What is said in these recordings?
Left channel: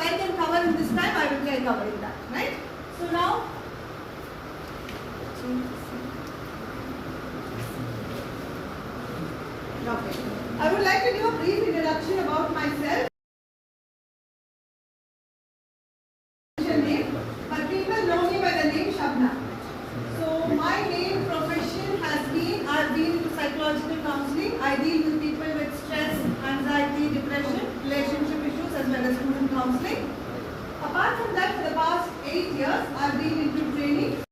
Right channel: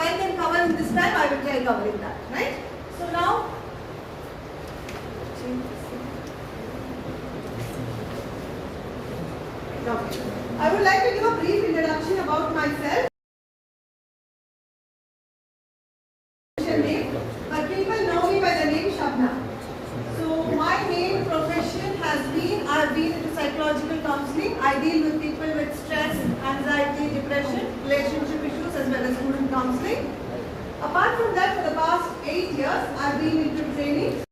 I can cover in this time, I will try covering that, right? So now, okay. I would like to give a brief introduction about myself. But people know me by the name Shabna. So my main profession has been, I've been in psychological counseling. I deal with people with stress, anxiety, depression, relationship issues as well as student counseling. Apart from that, for the past 8 years, I've been into training.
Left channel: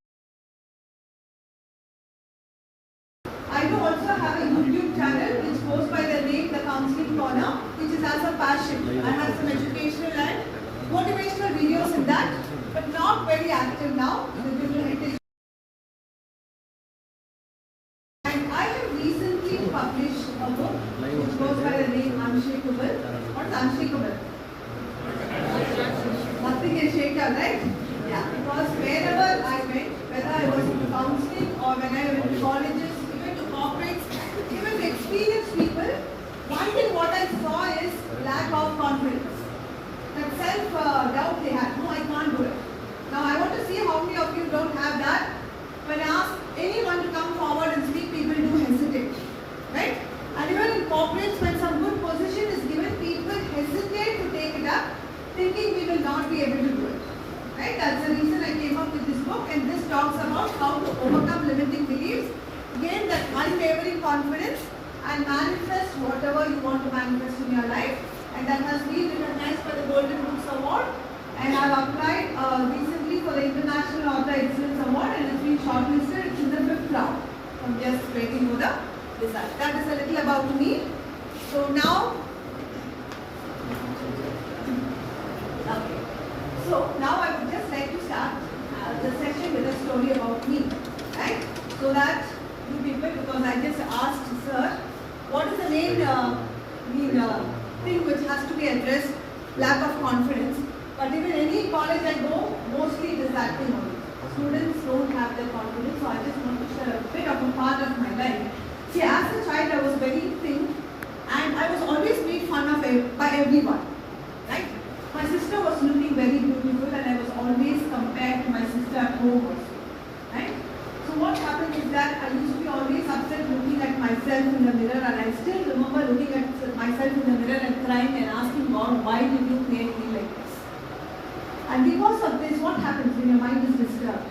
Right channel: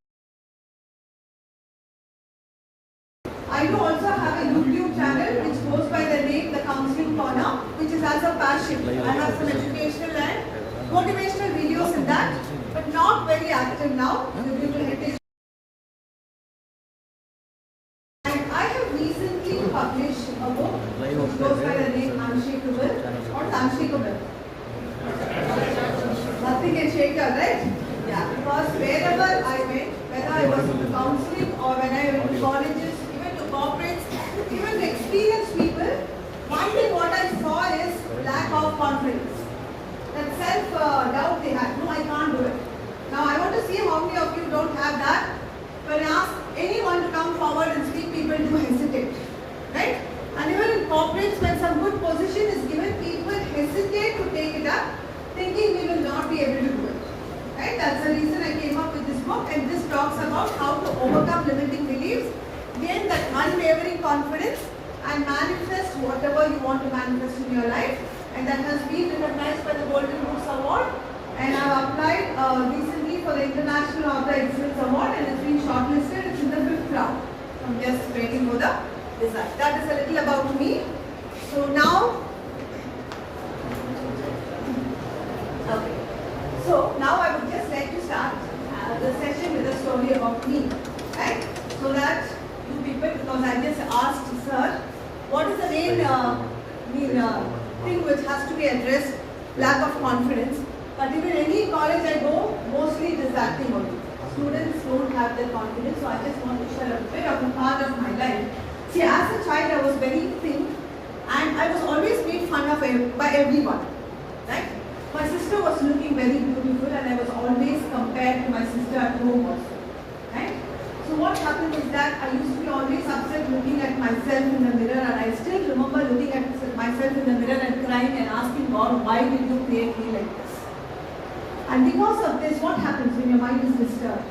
I do also have a YouTube channel which goes by the name The Counseling Corner, which is as a passion. I have some educational and motivational videos in that, but not very active now due to hectic. And I have recently published a book which goes by the name Unshakable. What's Unshakable? Nothing can shake out, right? Yeah, because wherever I went, whether I was in counseling or when I went to colleges, even to corporates, even to experienced people, one thing what I saw is lack of confidence. That self-doubt they had. No, I can't do it. Now I want to see how many of you don't have that. When I ask anyone to come forward and speak, people do hesitate. Right? And even in corporates, when some good position is given, people hesitate to take it up, thinking we will not be able to do it. Right? That's the reason I came up with this book, and this talks about how to overcome limiting beliefs, gain that unwavering confidence, and manifest whatever you want to manifest in your life. And that has been recognized by the Golden Books Award, and I have applied recently for the International Author Excellence Award, and it's been shortlisted. It's in the 5th round. I'm just waiting for the result. That is a little about me. So now, okay. So now I would just like to start the session with a story about me, right? So that you people, because I just asked sir, what is the main thing which has to be addressed, lack of confidence. But even any college I go, mostly it is that thing only. Students don't have that confidence, so I just want to share a bit of a part of my life. See, as a child I was very thin and I was always made fun of by everyone, right? My sister was looking very beautiful and I was always compared to my sister at home also, right? So what happened is that I used to be always upset looking at myself in the mirror, and I still remember looking at myself in the mirror and crying and asking God, why did you create me like this? And because of this, what happens when your mind is disturbed?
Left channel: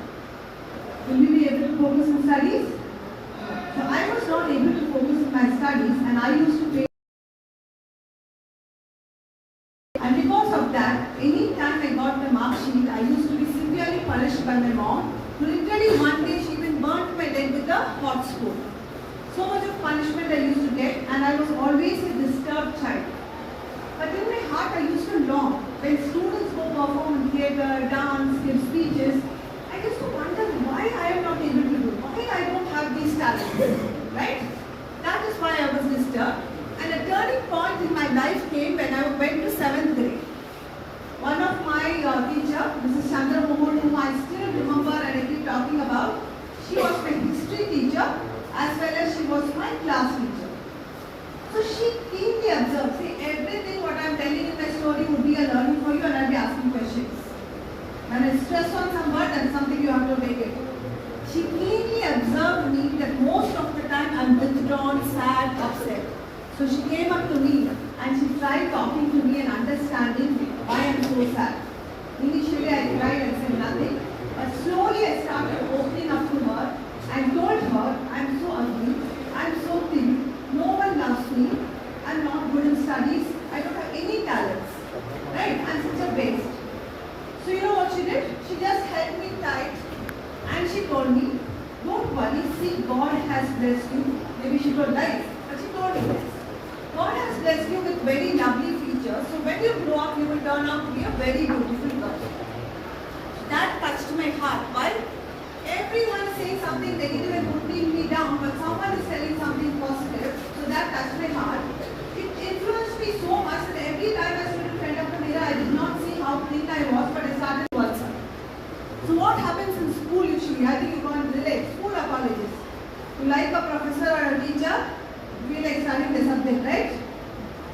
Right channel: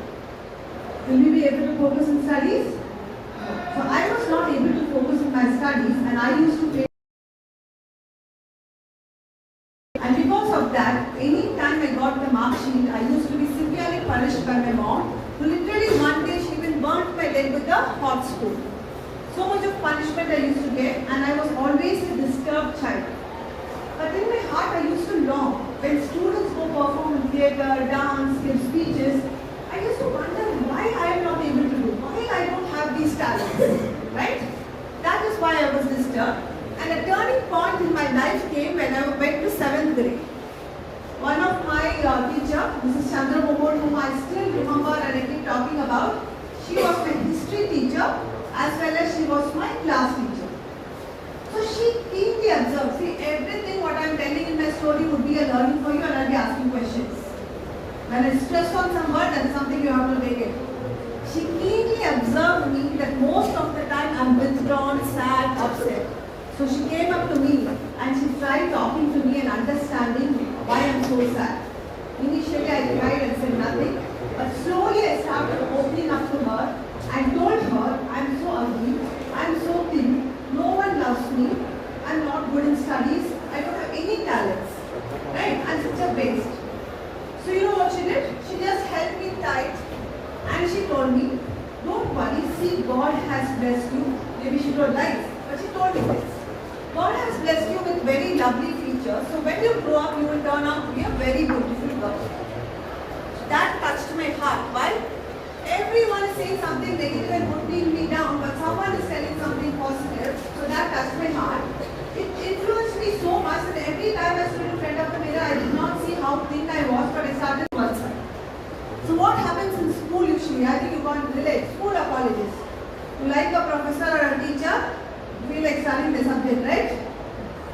Will you be able to focus in studies? So I was not able to focus in my studies, and I used to play. And because of that, any time I got the mark sheet, I used to be severely punished by my mom. Literally one day she even burnt my leg with a hot spoon. So much of punishment I used to get, and I was always a disturbed child. But in my heart I used to long. When students go perform in theatre, dance, give speeches, I used to wonder why I am not able to do, why I don't have these talents, right? That is why I was disturbed. And a turning point in my life came when I went to 7th grade. One of my teacher, Mrs. Chandra Mohan, whom I still remember and I keep talking about, she was my history teacher as well as she was my class teacher. So she keenly observed. See, everything what I am telling in my story would be a learning for you, and I will be asking questions. When I stress on some word, that's something you have to make it. She keenly observed me that most of the time I am withdrawn, sad, upset. So she came up to me and she tried talking to me and understanding why I am so sad. Initially I cried and said nothing, but slowly I started opening up to her and told her I am so ugly, I am so thin, no one loves me, I am not good in studies, I don't have any talents, right? I am such a waste. So you know what she did? She just held me tight and she told me, don't worry, see, God has blessed you. Maybe she told lies, but she told me this. God has blessed you with very lovely features. So when you grow up, you will turn out to be a very beautiful girl. That touched my heart. Why? Everyone is saying something negative and putting me down, but someone is telling something positive. So that touched my heart. It influenced me so much that every time I stood in front of the mirror, I did not see how thin I was, but I started to answer. So what happens in school usually? I think you can't relate. School apologies. You like a professor or a teacher, you feel like studying the subject, right?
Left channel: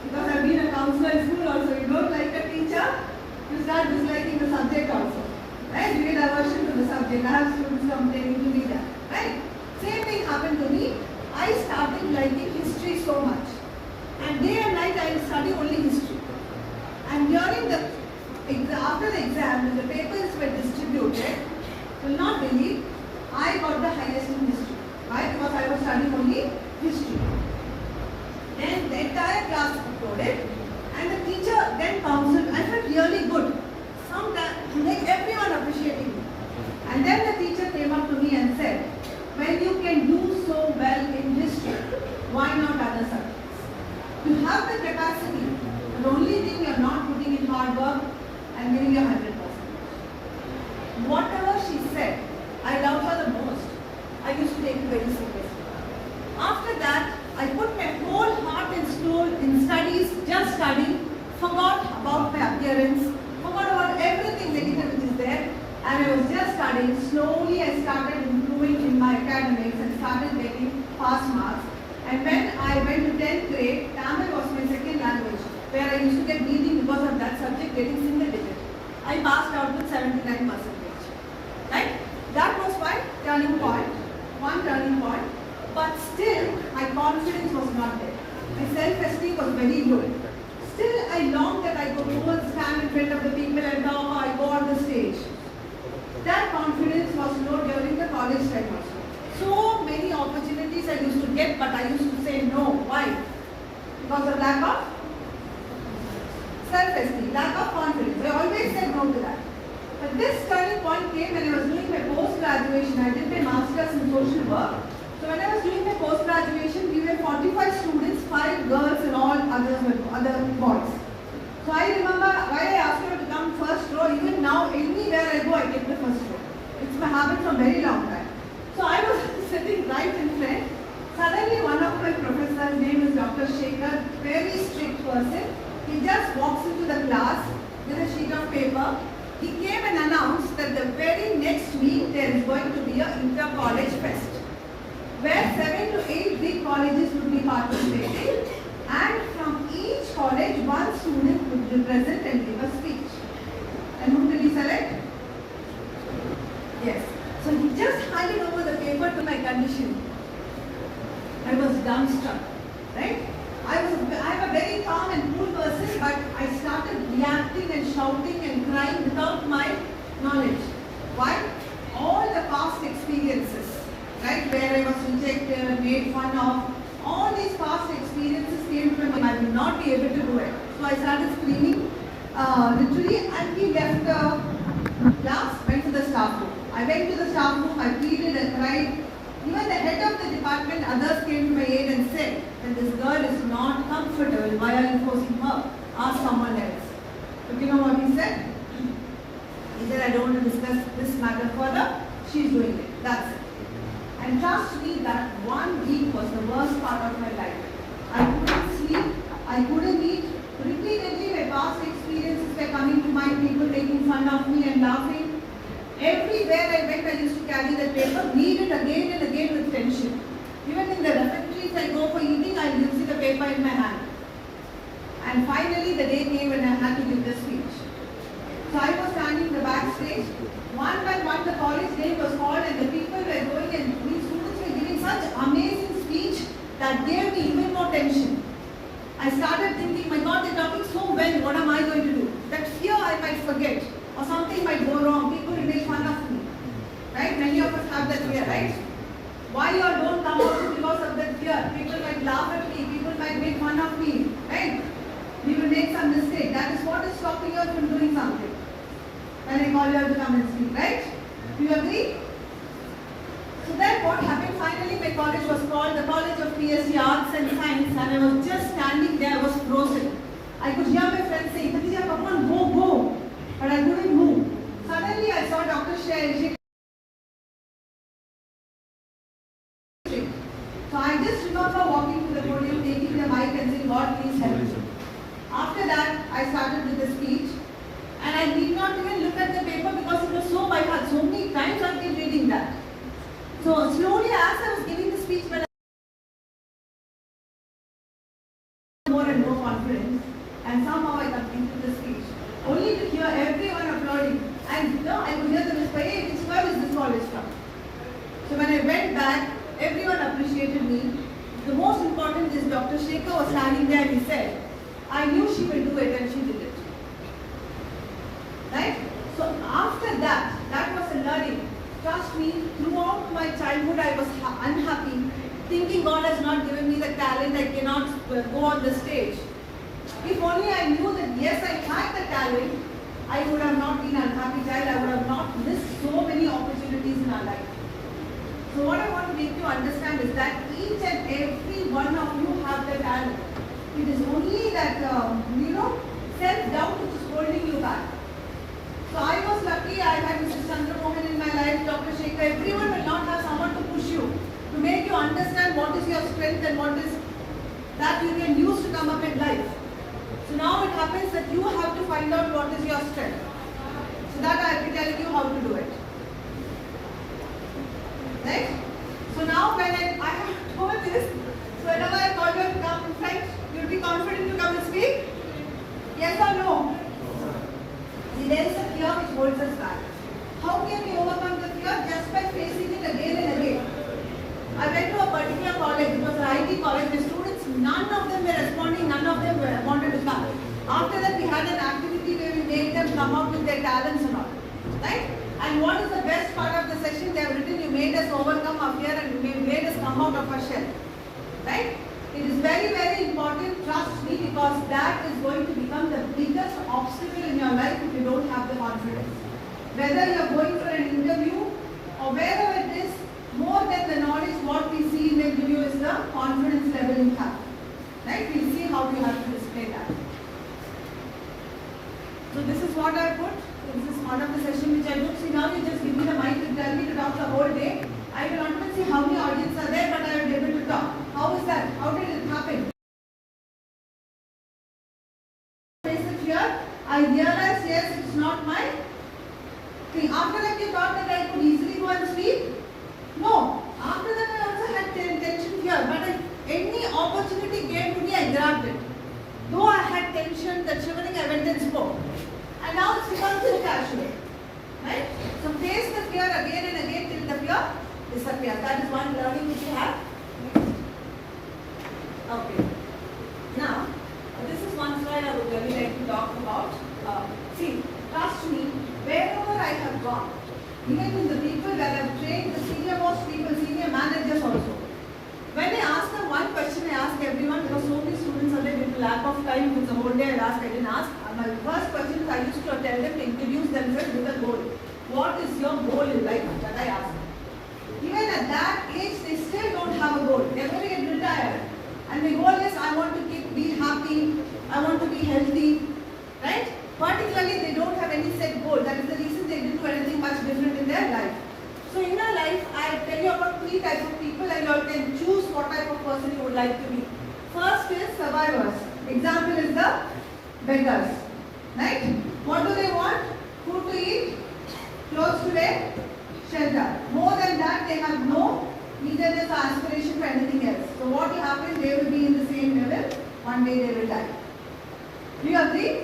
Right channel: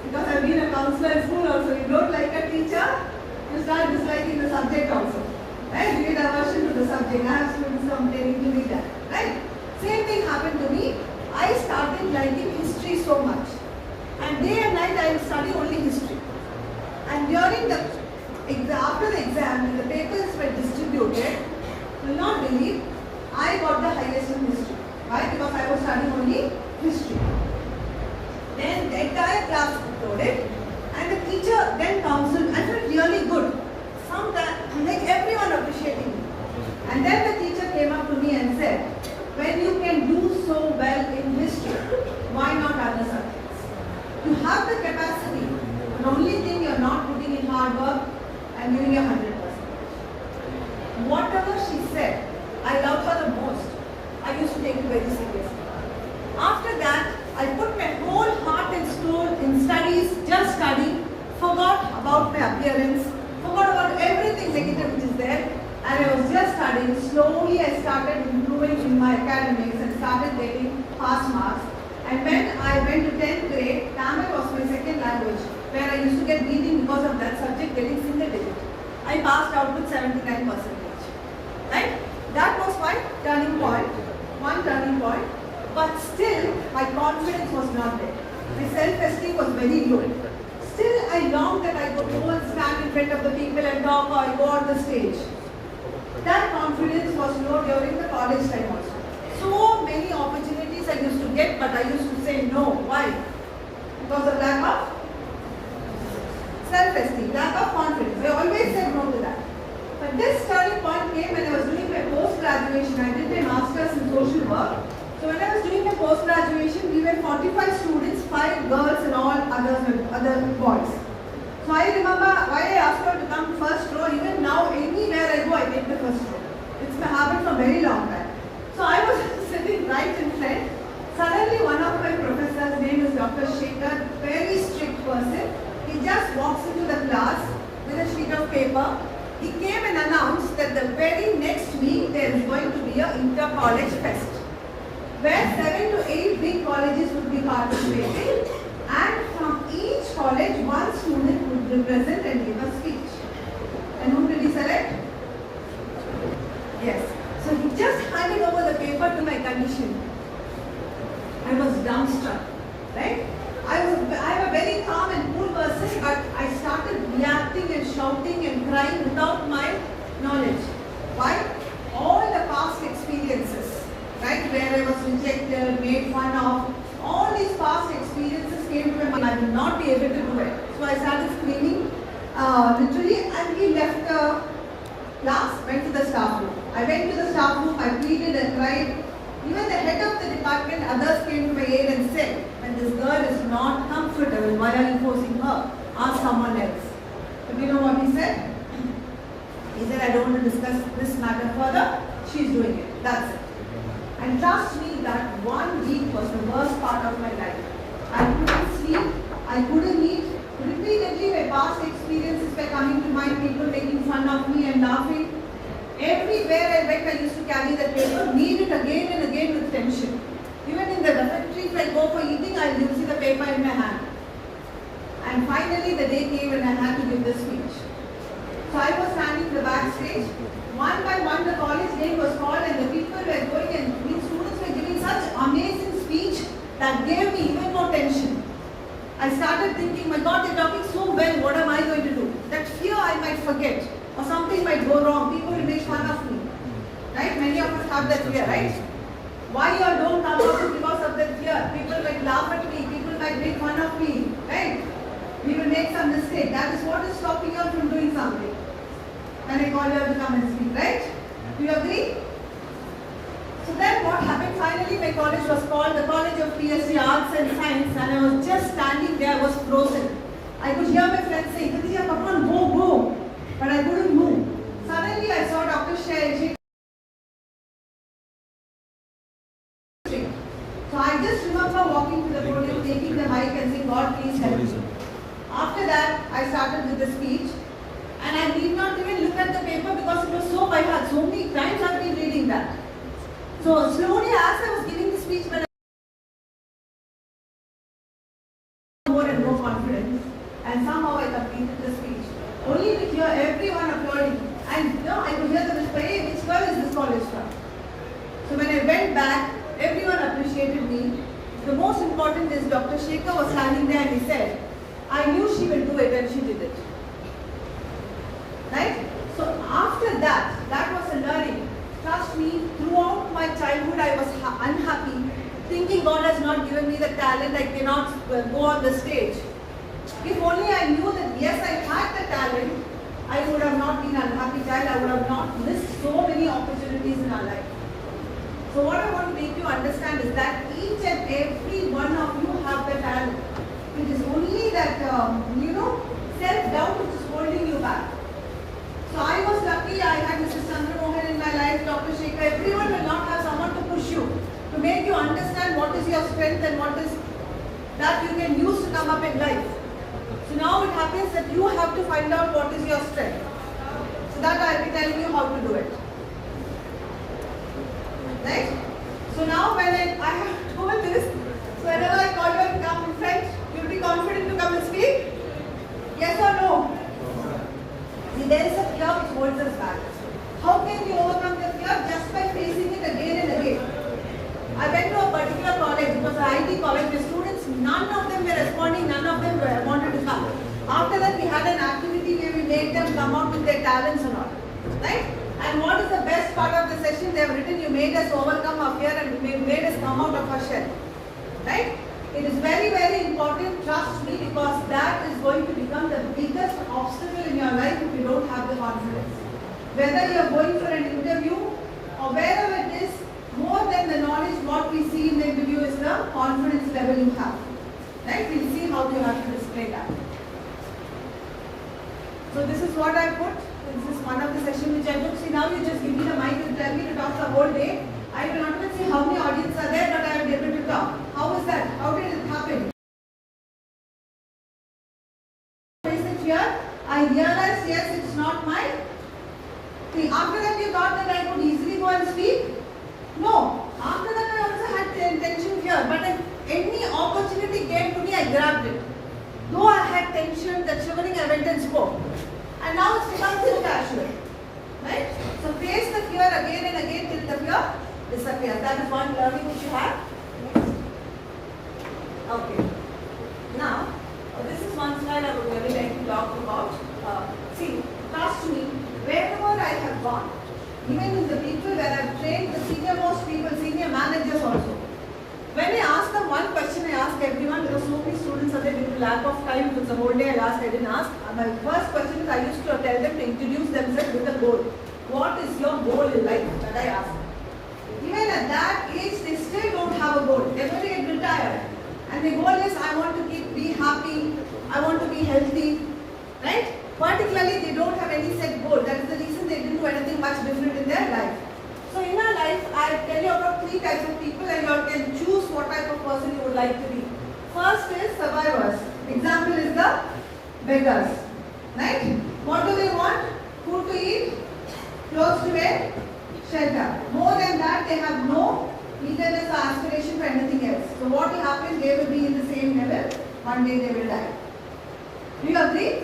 Because I've been a counselor in school also. You don't like a teacher, You start disliking the subject also. Right? You get aversion to the subject. I have students complaining to me that. Right? Same thing happened to me. I started liking history so much. And day and night I will study only history. And during after the exam, when the papers were distributed, you will not believe, I got the highest in history. Why? Because I was studying only history. Then the entire class applauded, and the teacher then counseled. I felt really good. Sometimes, like everyone appreciating me. And then the teacher came up to me and said, when you can do so well in history, why not other subjects? You have the capacity. The only thing you are not putting in hard work and giving you 100%. Whatever she said, I loved her the most. I used to take it very seriously. After that, I put my whole heart and soul in studies, just study, forgot about my appearance, forgot about everything negative which is there, and I was just studying. Slowly I started improving in my academics and started getting pass marks. And when I went to 10th grade, Tamil was my second language, where I used to get beating because of that subject getting single digit. I passed out with 79%. Right? That was my turning point, one turning point. But still, my confidence was not there. My self-esteem was very low. Still, I longed that I go and stand in front of the people and talk, or I go on the stage. That confidence was low during the college time also. So many opportunities I used to get, but I used to say no. Why? Because of lack of self-esteem, lack of confidence. I always said no to that. But this turning point came when I was doing my post-graduation. I did my master's in social work. So when I was doing my post-graduation, we were 45 students, 5 girls and all other boys. So I remember why I asked her to come first row. Even now, anywhere I go, I take the first row. It's my habit from very long time. So I was sitting right in front. Suddenly one of my professors, name is Dr. Shekhar, very strict person. He just walks into the class with a sheet of paper. He came and announced that the very next week there is going to be an inter-college fest, where 7 to 8 big colleges would be participating, and from each college one student would represent and give a speech. And whom did he select? Yes. So he just handed over the paper to my condition. I was dumbstruck, right? I'm a very calm and cool person, but I started reacting and shouting and crying without my knowledge. Why? All the past experiences, right, where I was rejected, made fun of, all these past experiences came to my mind. I would not be able to do it. So I started screaming, literally, and we left the class, went to the staff room. I went to the staff room, I pleaded and cried. Even the head of the department, others came to my aid and said, when this girl is not comfortable, why are you forcing her? Ask someone else. But you know what he said? He said, I don't want to discuss this matter further. She's doing it. That's it. And trust me, that 1 week was the worst part of my life. I couldn't sleep, I couldn't eat. Repeatedly, my past experiences were coming to mind, people making fun of me and laughing. Everywhere I went, I used to carry the paper, read it again and again with tension. Even in the dormitories, I go for eating, I will see the paper in my hand. And finally, the day came when I had to give the speech. So I was standing in the backstage. One by one, the college name was called, and the people were going, and these students were giving such amazing speech that gave me even more tension. I started thinking, my God, they're talking so well, what am I going to do? That fear I might forget, or something might go wrong, people will make fun of me. Right? Many of us have that fear, right? Why you all don't come out because of that fear? People might laugh at me, people might make fun of me, right? We will make some mistake. That is what is stopping you from doing something. When I call you to come and speak, right? Do you agree? So then what happened? Finally my college was called the College of PhD Arts and Science, and I was just standing there, I was frozen. I could hear my friends saying, Khatija, come on, go. But I couldn't move. Suddenly I saw Dr. Shekhar. So I just remember walking to the podium, taking the mic and saying, God, please help me. After that, I started with the speech. And I did not even look at the paper because it was so by heart. So many times I've been reading that. So slowly as I was giving the speech, but more and more confidence. And somehow hear everyone applauding. And no, I could hear them whisper, hey, which girl is this college from? So when I went back, everyone appreciated me. The most important is Dr. Shekhar was standing there and he said, I knew she will do it, and she did it. Right? So after that, that was a learning. Trust me, throughout my childhood I was unhappy, thinking God has not given me the talent, I cannot go on the stage. If only I knew that yes, I had the talent, I would have not been an unhappy child, I would have not missed so many opportunities in our life. So what I want to make you understand is that each and every one of you have the talent. It is only that, self-doubt which is holding you back. So I was lucky, I had Mrs. Chandra Mohan in my life, Dr. Shekhar. Everyone will not have someone to push you, to make you understand what is your strength and what is that you can use to come up in life. So now it happens that you have to find out what is your strength. So that I will be telling you how to do it. Right? So now when I have told this, so whenever I call you to come in front, you will be confident to come and speak? Yes or no? See, there is a fear which holds us back. How can we overcome the fear? Just by facing it again and again. I went to a particular college, it was an IT college, the students, none of them were responding, none of them wanted to come. After that we had an activity where we made them come up with their talents and all. Right? And what is the best part of the session? They have written, you made us overcome our fear and you made us come out of our shell. Right? It is very, very important, trust me, because that is going to become the biggest obstacle in your life if you don't have the confidence. Whether you are going for an interview or wherever it is, more than the knowledge, what we see in the interview is the confidence level you have. Right? We'll see how you have to display that. So this is what I put. This is one of the sessions which I took. See, now you just give me the mic and tell me to talk the whole day. I will not even see how many audience are there, but I am able to talk. How is that? How did it happen? Here, I realized, yes, it's not my thing. After that, you thought that I could easily go and speak? No. After that, I also had tension here. But if any opportunity came to me, I grabbed it. Though I had tension, that shivering, I went and spoke. And now it's become so casual. Right? So face the fear again and again till the fear disappears. That is one learning which you have. Okay. Now, this is one slide I would really like to talk about. See, trust me, wherever I have gone, even with the people that I have trained, the senior most people, senior managers also. When I ask them one question, I ask everyone, because so many students are there due to lack of time, if it's a whole day I didn't ask. My first question is, I used to tell them to introduce themselves with a goal. What is your goal in life? That I ask. Even at that age, they still don't have a goal. They will get retired. And the goal is, I want to be happy, I want to be healthy, right? Particularly, they don't have any set goal. That is the reason they didn't do anything much different in their life. So in our life, I tell you about 3 types of people and you all can choose what type of person you would like to be. First is survivors. Example is the beggars, right? What do they want? Food to eat, clothes to wear, shelter. More than that, they have no eagerness or aspiration for anything else. So what will happen? They will be in the same level. One day they will die. Do you agree?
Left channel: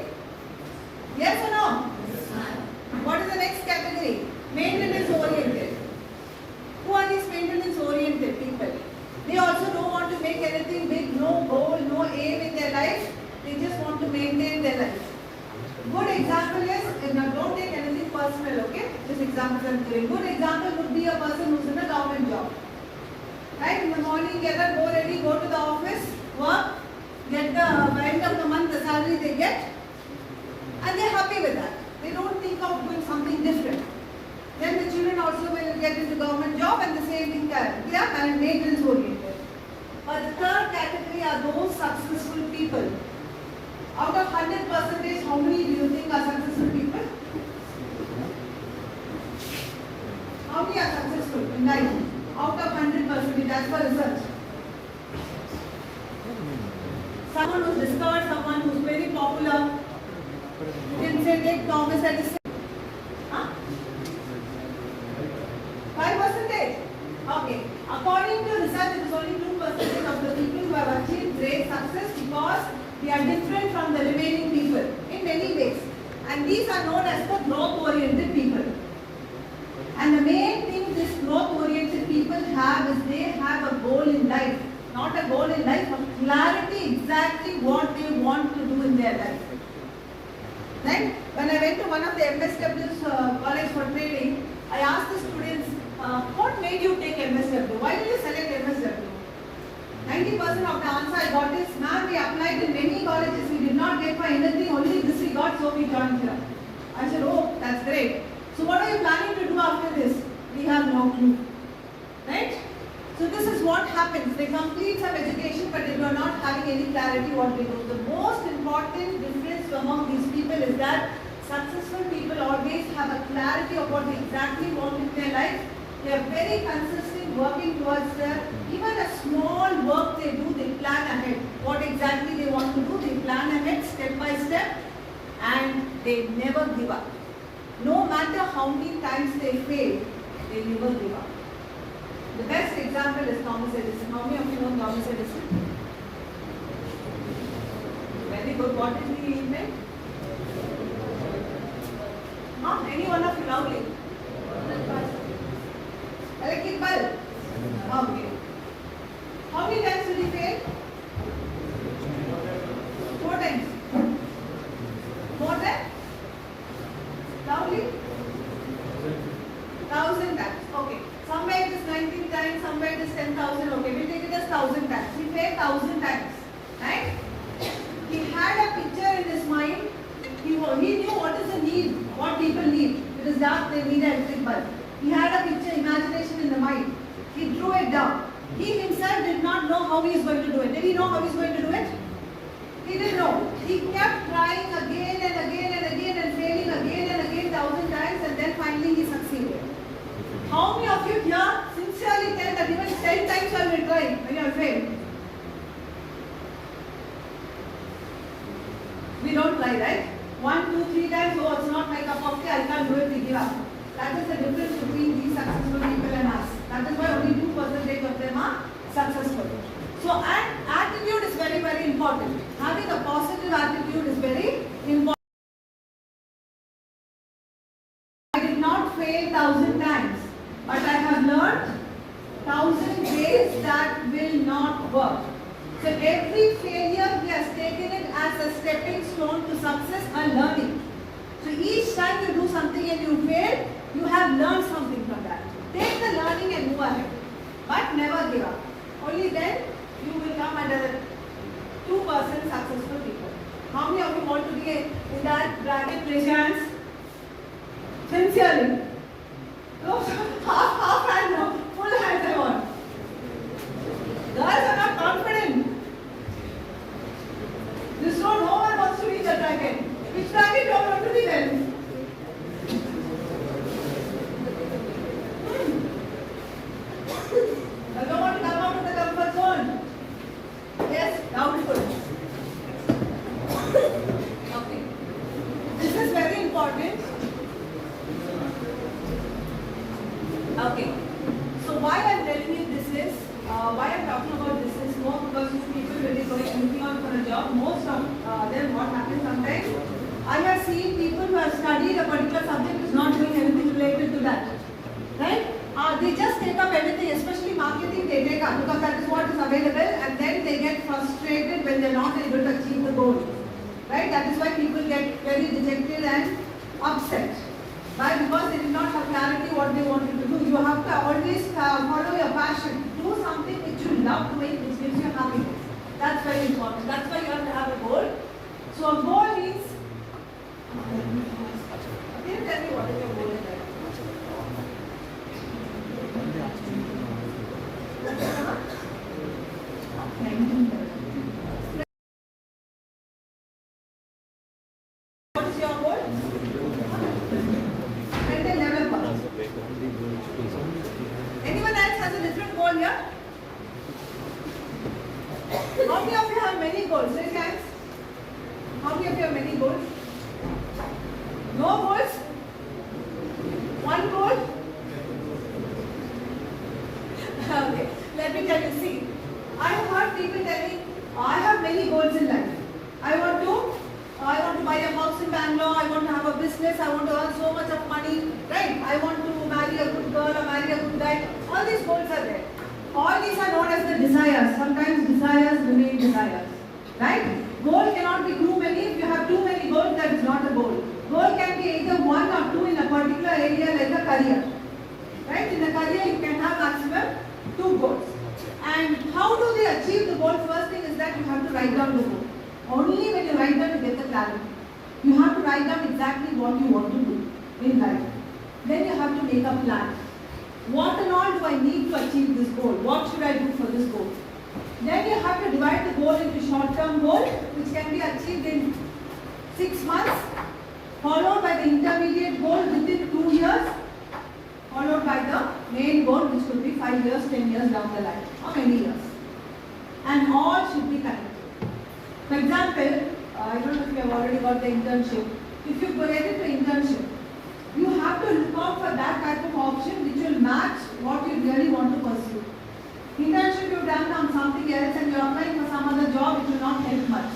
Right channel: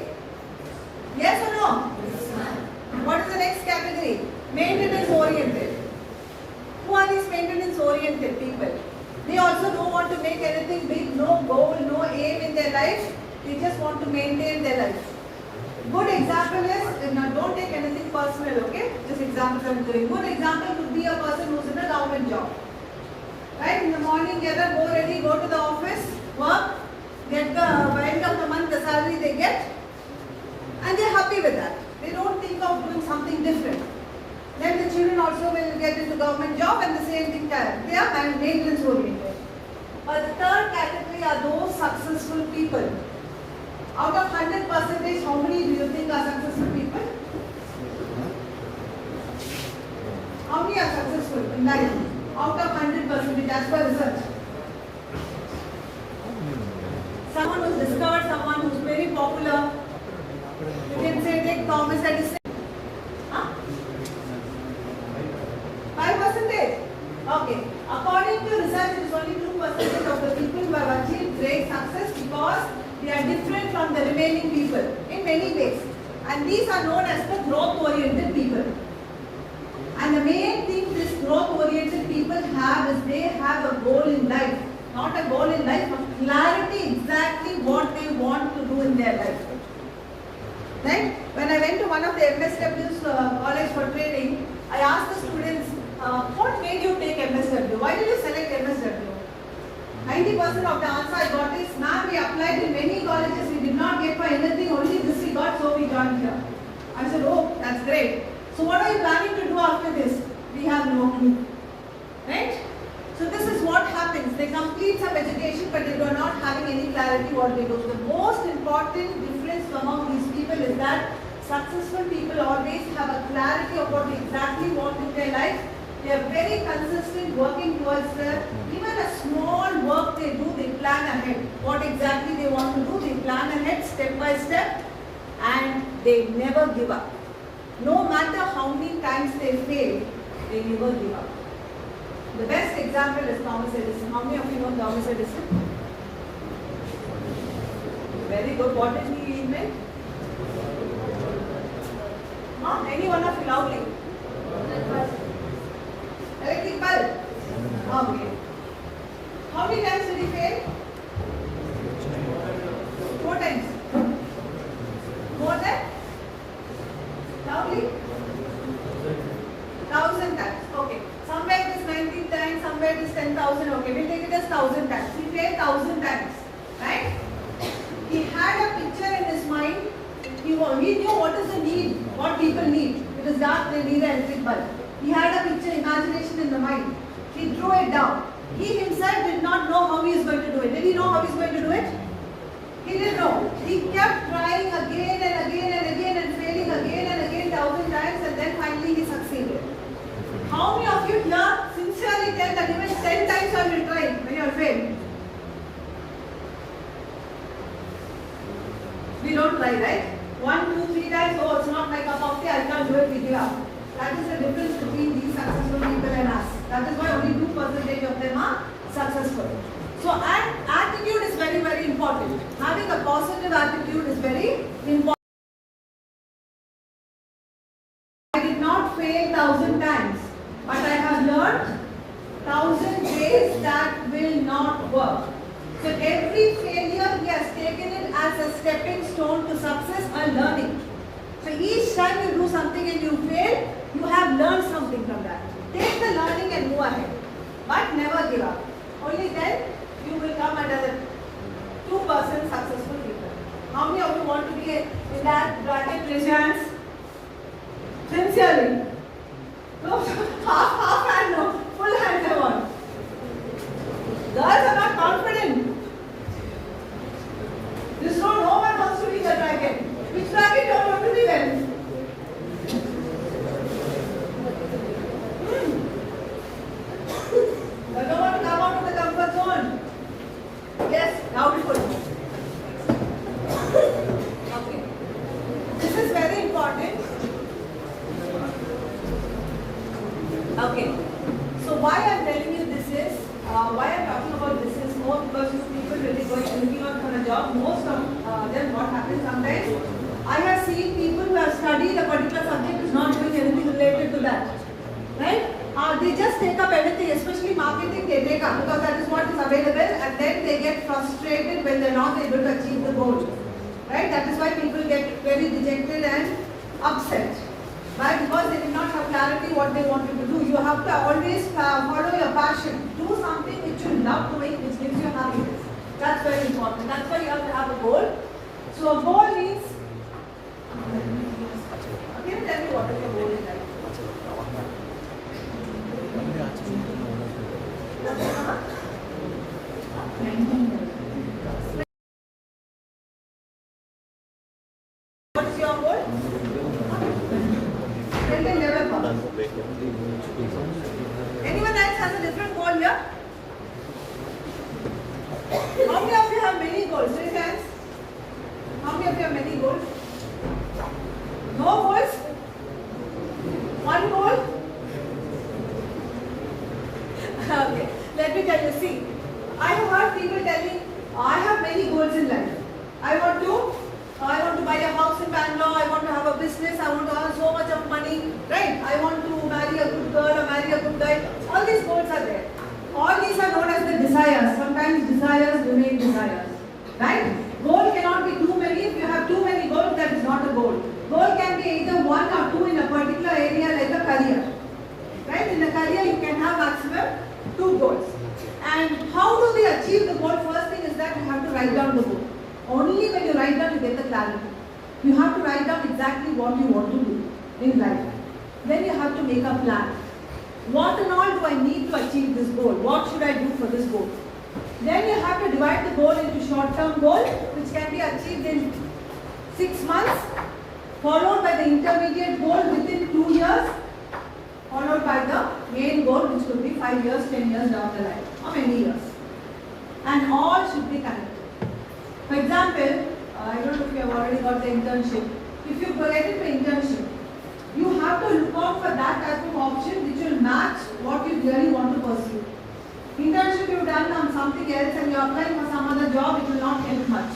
Yes or no? Yes, ma'am. What is the next category? Maintenance oriented. Who are these maintenance oriented people? They also don't want to make anything big, no goal, no aim in their life. They just want to maintain their life. Good example is, now don't take anything personal, okay? Just examples I'm doing. Good example would be a person who's in a government job. Right? In the morning, get up, go ready, go to the office, work, get the end of the month, the salary they get, and they're happy with that. They don't think of doing something different. Then the children also will get into government job and the same thing there. They are maintenance oriented. But the third category are those successful people. Out of 100%, how many do you think are successful people? How many are successful in life? Out of 100% as per research. Someone who's discovered, someone who's very popular. You can say take Thomas Edison. 5%? Okay. According to research, it is only 2% of the people who have achieved great success because they are different from the remaining people in many ways. And And these are known as the growth-oriented people. And the main thing these growth-oriented people have is they have a goal in life. Not a goal in life, but clarity exactly what they want to do in their life. Right? When I went to one of the MSW's college for training, I asked the students, what made you take MSW? Why did you select MSW? 90% of the answer I got is, ma'am, we applied in many colleges, we did not get for anything, only this we got, so we joined here. I said, oh, that's great. So what are you planning to do after this? We have no clue. Right? So this is what happens. They complete some education, but they are not having any clarity what they do. The most important difference among these people is that successful people always have a clarity of what they exactly want in their life. They are very consistent working towards that. Even a small work they do, they plan ahead. What exactly they want to do, they plan ahead step by step, and they never give up. No matter how many times they fail, they never give up. The best example is Thomas Edison. How many of you know Thomas Edison? Very good. What did he invent? Any one of you loudly? Electric bulb. Okay. How many times did he fail? 4 times. More than? Loudly? 1,000 times. Okay. Somewhere it is 19 times, somewhere it is 10,000. Okay, we'll take it as 1,000 times. He failed 1,000 times. Right? He had a picture in his mind. He knew what is the need, what people need. It is dark, they need an electric bulb. He had a picture, imagination in the mind. He threw it down. He himself did not know how he is going to do it. Did he know how he is going to do it? He didn't know. He kept trying again and again and again and failing again and again 1,000 times, and then finally he succeeded. How many of you here sincerely tell that even 10 times I will try when you are failed? We don't try, right? 1, 2, 3 times, oh, it's not my cup of tea, I can't do it, we give up. That is the difference between these successful people and us. That is why only 2% of them are successful. So, attitude is very, very important. Having a positive attitude is very important. I did not fail 1,000 times, but I have learned 1,000 ways that will not work. So every failure he has taken it as a stepping stone to success and learning. So each time you do something and you fail, you have learned something from that. Take the learning and move ahead. But never give up. Only then you will come under the 2% successful people. How many of you want to be in that bracket? Raise your hands. Sincerely. No, half hand no. Full hands I want. Girls are not confident. This row, no one wants to be in the bracket. Which bracket do you want to be then? I don't want to come out of the comfort zone. Yes, doubtful. Okay. This is very important. Okay. So why I am telling you this is, why I am talking about this is more because people really going looking out for a job. Most of them, what happens sometimes, I have seen people who have studied a particular subject is not doing anything related to that. Right? They just take up everything, especially marketing, they take up because that is what is available, and then they get frustrated when they are not able to achieve the goal. Right? That is why people get very dejected and upset. Why? Because they did not have clarity what they wanted to do. You have to always follow your passion. Do something which you love doing, which gives you happiness. That's very important. That's why you have to have a goal. So a goal means, can you tell me what is your goal in life? What is your goal? Anyone else has a different goal here? How many of you have many goals? Raise hands. How many of you have many goals? I want to earn so much of money, right? I want to marry a good girl or marry a good guy. All these goals are there. All these are known as the desires. Sometimes desires remain desires, right? Goal cannot be too many. If you have too many goals, that is not a goal. Goal can be either one or two in a particular area like a career, right? In a career, you can have maximum 2 goals. And how do we achieve the goal? First thing is that you have to write down the goal. Only when you write down, you get the clarity. You have to write down exactly what you want to do in life. Then you have to make a plan. What and all do I need to achieve this goal? What should I do for this goal? Then you have to divide the goal into short-term goal, which can be achieved in 6 months, followed by the intermediate goal within 2 years, followed by the main goal, which could be 5 years, 10 years down the line, or many years. And all should be connected. For example, I don't know if you have already got the internship. If you get into internship, you have to look out for that type of option which will match what you really want to pursue. Internship you've done on something else and you're applying for some other job, it will not help much.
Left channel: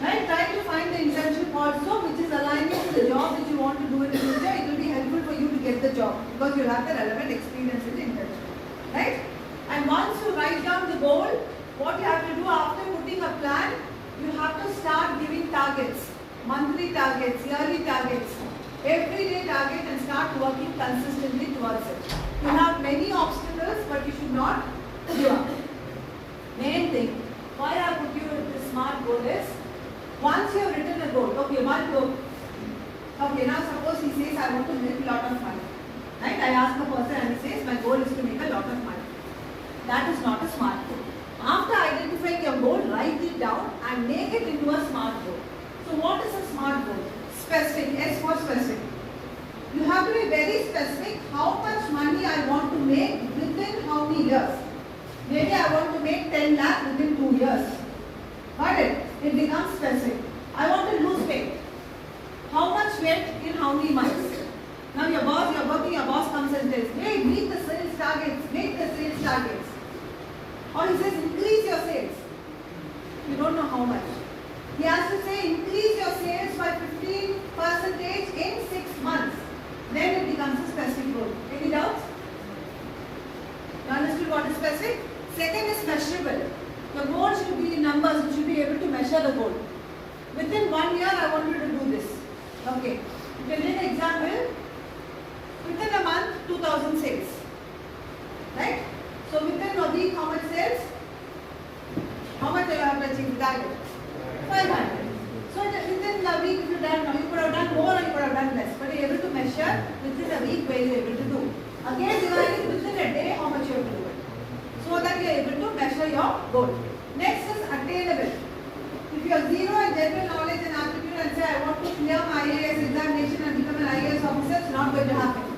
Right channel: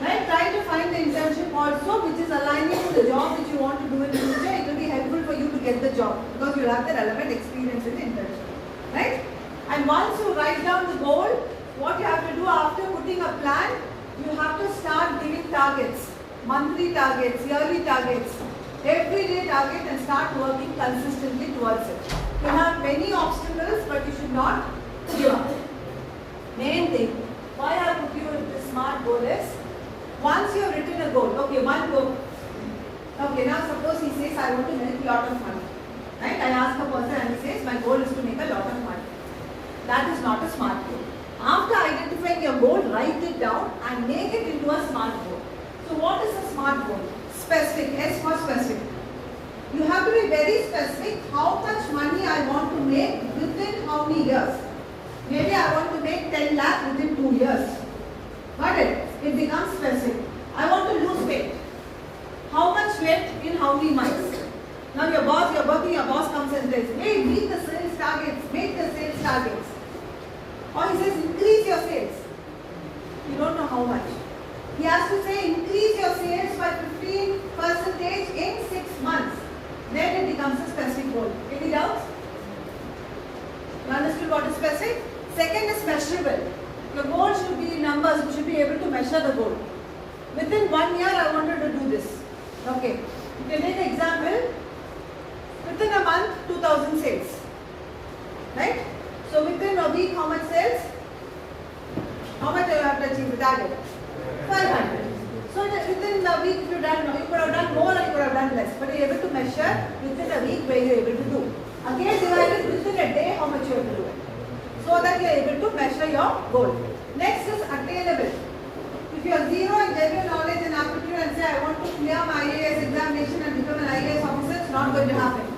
Right? Try to find the internship also which is aligning to the job which you want to do in the future. It will be helpful for you to get the job because you'll have the relevant experience in the internship. Right? And once you write down the goal, what you have to do after putting a plan, you have to start giving targets, monthly targets, yearly targets, everyday target and start working consistently towards it. You have many obstacles but you should not give up. Main thing, why I put you in the SMART goal is, once you have written a goal, okay, one goal. Okay, now suppose he says, I want to make a lot of money. Right? I ask a person and he says, my goal is to make a lot of money. That is not a SMART goal. After identifying your goal, write it down and make it into a SMART goal. So what is a SMART goal? Specific, S for specific. You have to be very specific how much money I want to make within how many years. Maybe I want to make 10 lakh within 2 years. Got it? It becomes specific. I want to lose weight. How much weight in how many months? Now your boss, you're working, your boss comes and says, hey, meet the sales targets, make the sales targets. Or he says, increase your sales. You don't know how much. He has to say, increase your sales by 15% in 6 months. Then it becomes a specific goal. Any doubts? You understood what is specific? Second is measurable. Your goal should be in numbers. You should be able to measure the goal. Within 1 year, I wanted to do this. Okay. You can take an example. Within a month, 2,000 sales. Right? So within a week, how much sales? How much you have to achieve the target? 500. So within the week, if you could have done more or you could have done less. But you're able to measure within a week where you're able to do. Again, divided within a day, how much you have to do. So that you're able to measure your goal. Next is attainable. If you are zero in general knowledge and aptitude and say, I want to clear my IAS examination and become an IAS officer, it's not going to happen.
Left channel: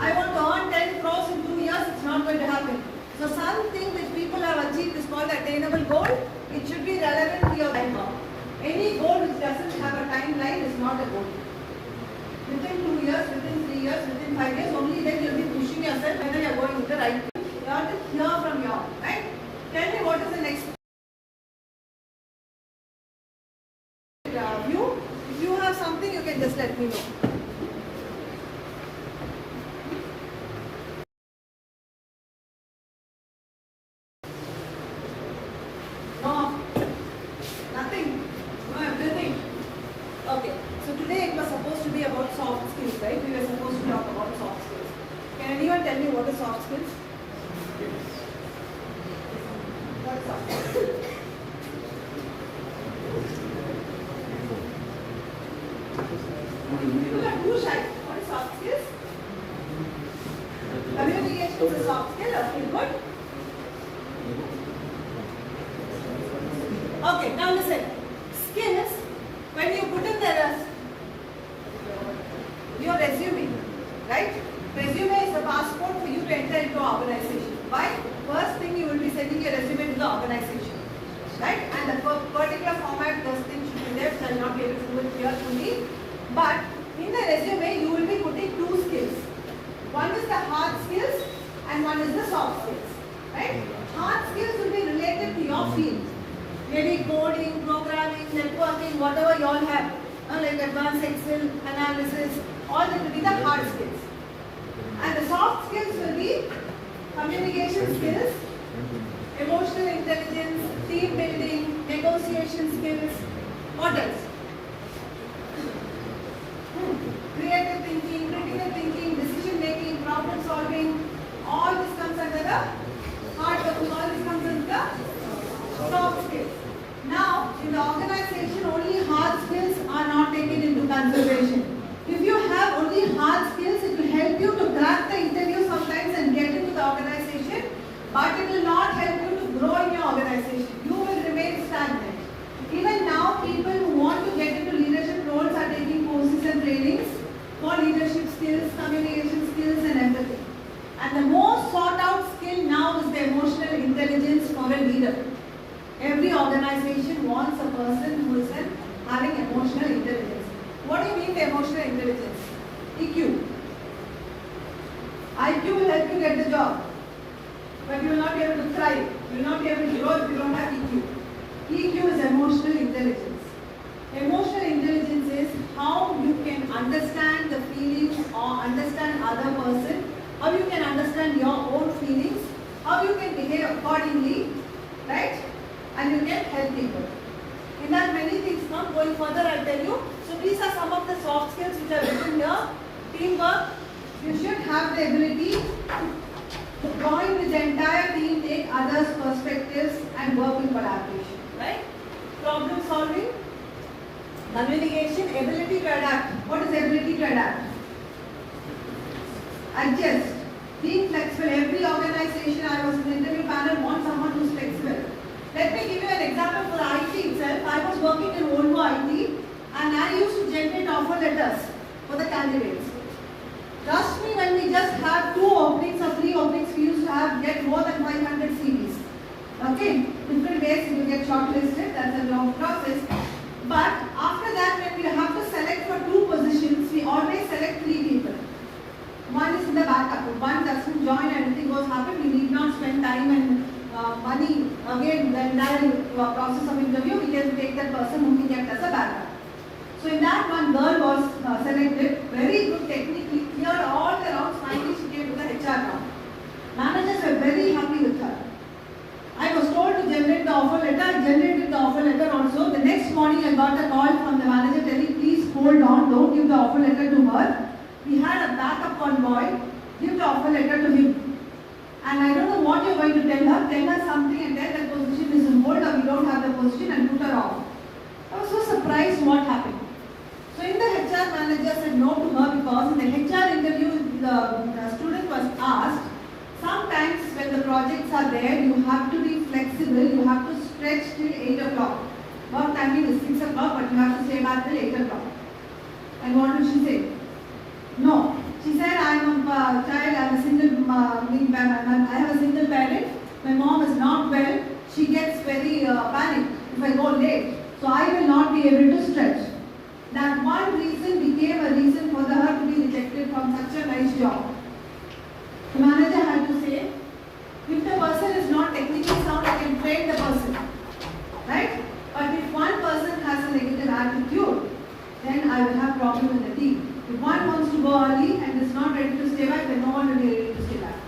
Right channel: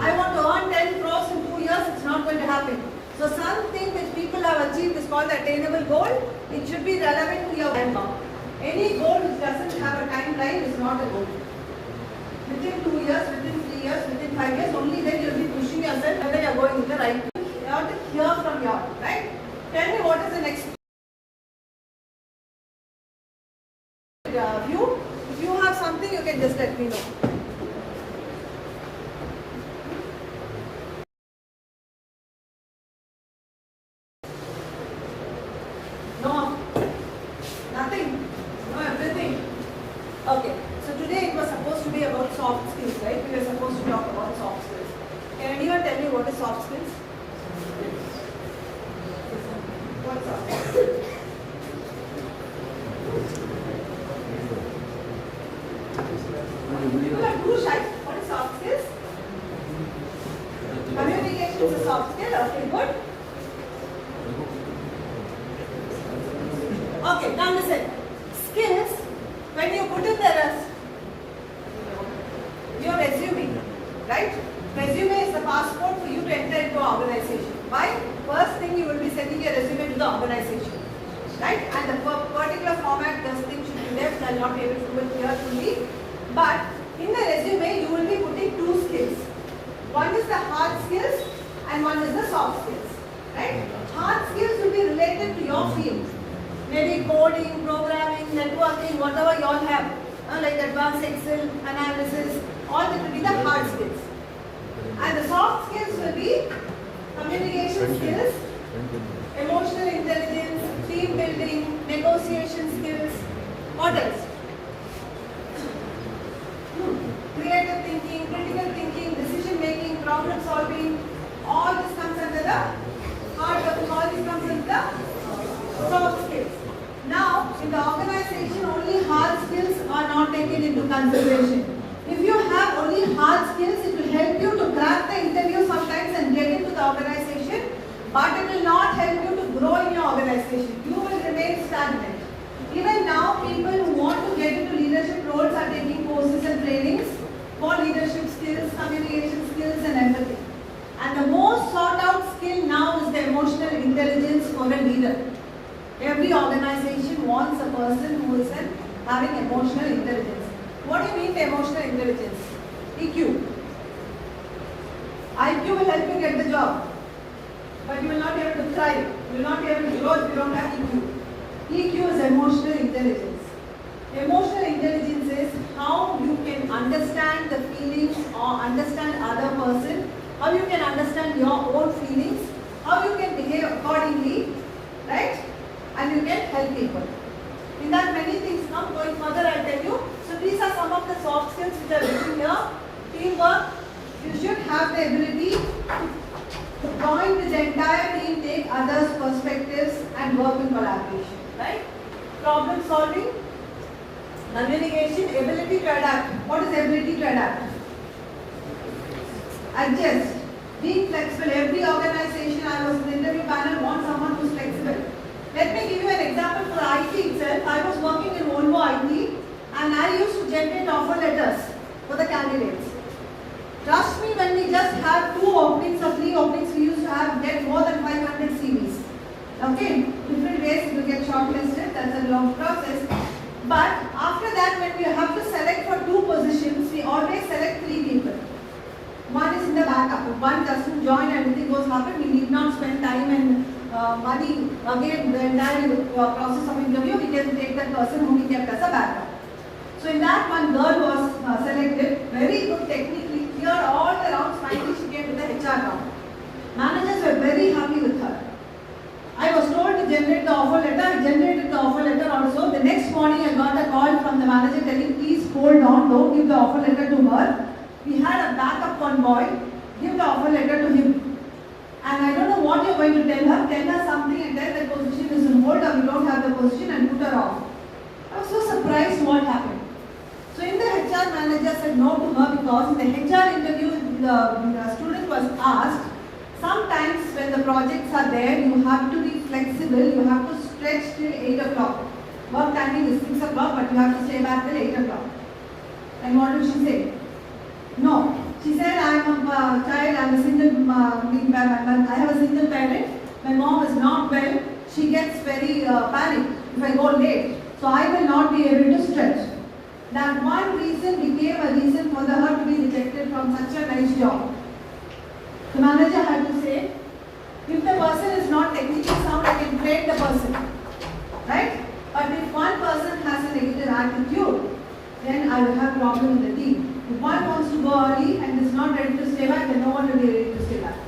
I want to earn 10 crores in 2 years, it's not going to happen. So something which people have achieved is called the attainable goal. It should be relevant to your RankBook. Any goal which doesn't have a timeline is not a goal. Within 2 years, within 3 years, within 5 years, only then you'll be pushing yourself whether you're going with the right way. You have to hear from you, right? Tell me what is the next view. If you have something, you can just let me know. No, nothing, no everything. Okay, so today it was supposed to be about soft skills, right? We were supposed to talk about soft skills. Can anyone tell me what is soft skills? What is soft skills? People are too shy. What is soft skills? Communication is a soft skill. Okay, good. Okay, now listen. Skills, when you put in your resume, right? Resume is the passport for you to enter into an organization. Why? First thing, you will be sending your resume to the organization, right? And the particular format, those things should be left. I will not be able to do it here fully. But in the resume, you will be putting 2 skills. One is the hard skills and one is the soft skills, right? Hard skills will be related to your field. Maybe coding, programming, networking, whatever you all have. Like advanced Excel, analysis, innovative thinking, critical thinking, decision making, problem solving, all this comes under the hard work, all this comes under the soft skills. Now, in the organization, only hard skills are not taken into consideration. If you have only hard skills, it will help you to crack the interview sometimes and get into the organization, but it will not help you to grow in your organization. You will remain stagnant. Even now, people who want to get into leadership roles are taking courses and trainings for leadership skills, communication skills and empathy. And the most sought out skill now is the emotional intelligence for a leader. Every organization wants a person who is having emotional intelligence. What do you mean by emotional intelligence? EQ. IQ will help you get the job, but you will not be able to thrive. You will not be able to grow if you don't have EQ. EQ is emotional intelligence. Emotional intelligence is how you can understand the feelings or understand other person, how you can understand your own feelings, how you can behave accordingly, right? And you can help people. In that many things come. Going further, I'll tell you. So these are some of the soft skills which are written here. Teamwork. You should have the ability to join with the entire team, take others' perspectives and work in collaboration. Right? Problem solving. Communication. Ability to adapt. What is ability to adapt? Adjust. Being flexible. Every organization, I was in the interview panel, wants someone who's flexible. Let me give you an example for IT itself. I was working in Volvo IT and I used to generate offer letters for the candidates. Trust me, when we just had 2 openings or 3 openings, we used to get more than 500 CVs. Okay, different ways it will get shortlisted, that's a long process. But after that, when we have to select for 2 positions, we always select 3 people. One is in the backup. If one doesn't join, anything goes happen, we need not spend time and money again when that is process of interview, we can take that person whom we kept as a backup. So in that, one girl was selected, very good technically, cleared all the rounds, finally she came to the HR round. Managers were very happy with her. I was told to generate the offer letter. I generated the offer letter also. The next morning I got a call from the manager telling, please hold on, don't give the offer letter to her. We had a backup convoy, give the offer letter to him. And I don't know what you're going to tell her something and tell that position is on hold or we don't have the position and put her off. I was so surprised what happened. So in the HR manager said no to her because in the HR interview the student was asked, sometimes when the projects are there, you have to be flexible, you have to stretch till 8 o'clock. Work timing is 6 o'clock but you have to stay back till 8 o'clock. And what did she say? No. She said, I am a child, I am a single, I have a single parent, my mom is not well, she gets very panicked if I go late, so I will not be able to stretch. That one reason became a reason for her to be rejected from such a nice job. The manager had to say, if the person is not technically sound, I can train the person, right? But if one person has a negative attitude, then I will have problem in the team. If one wants to go early and is not ready to stay back, then no one will be ready to stay back.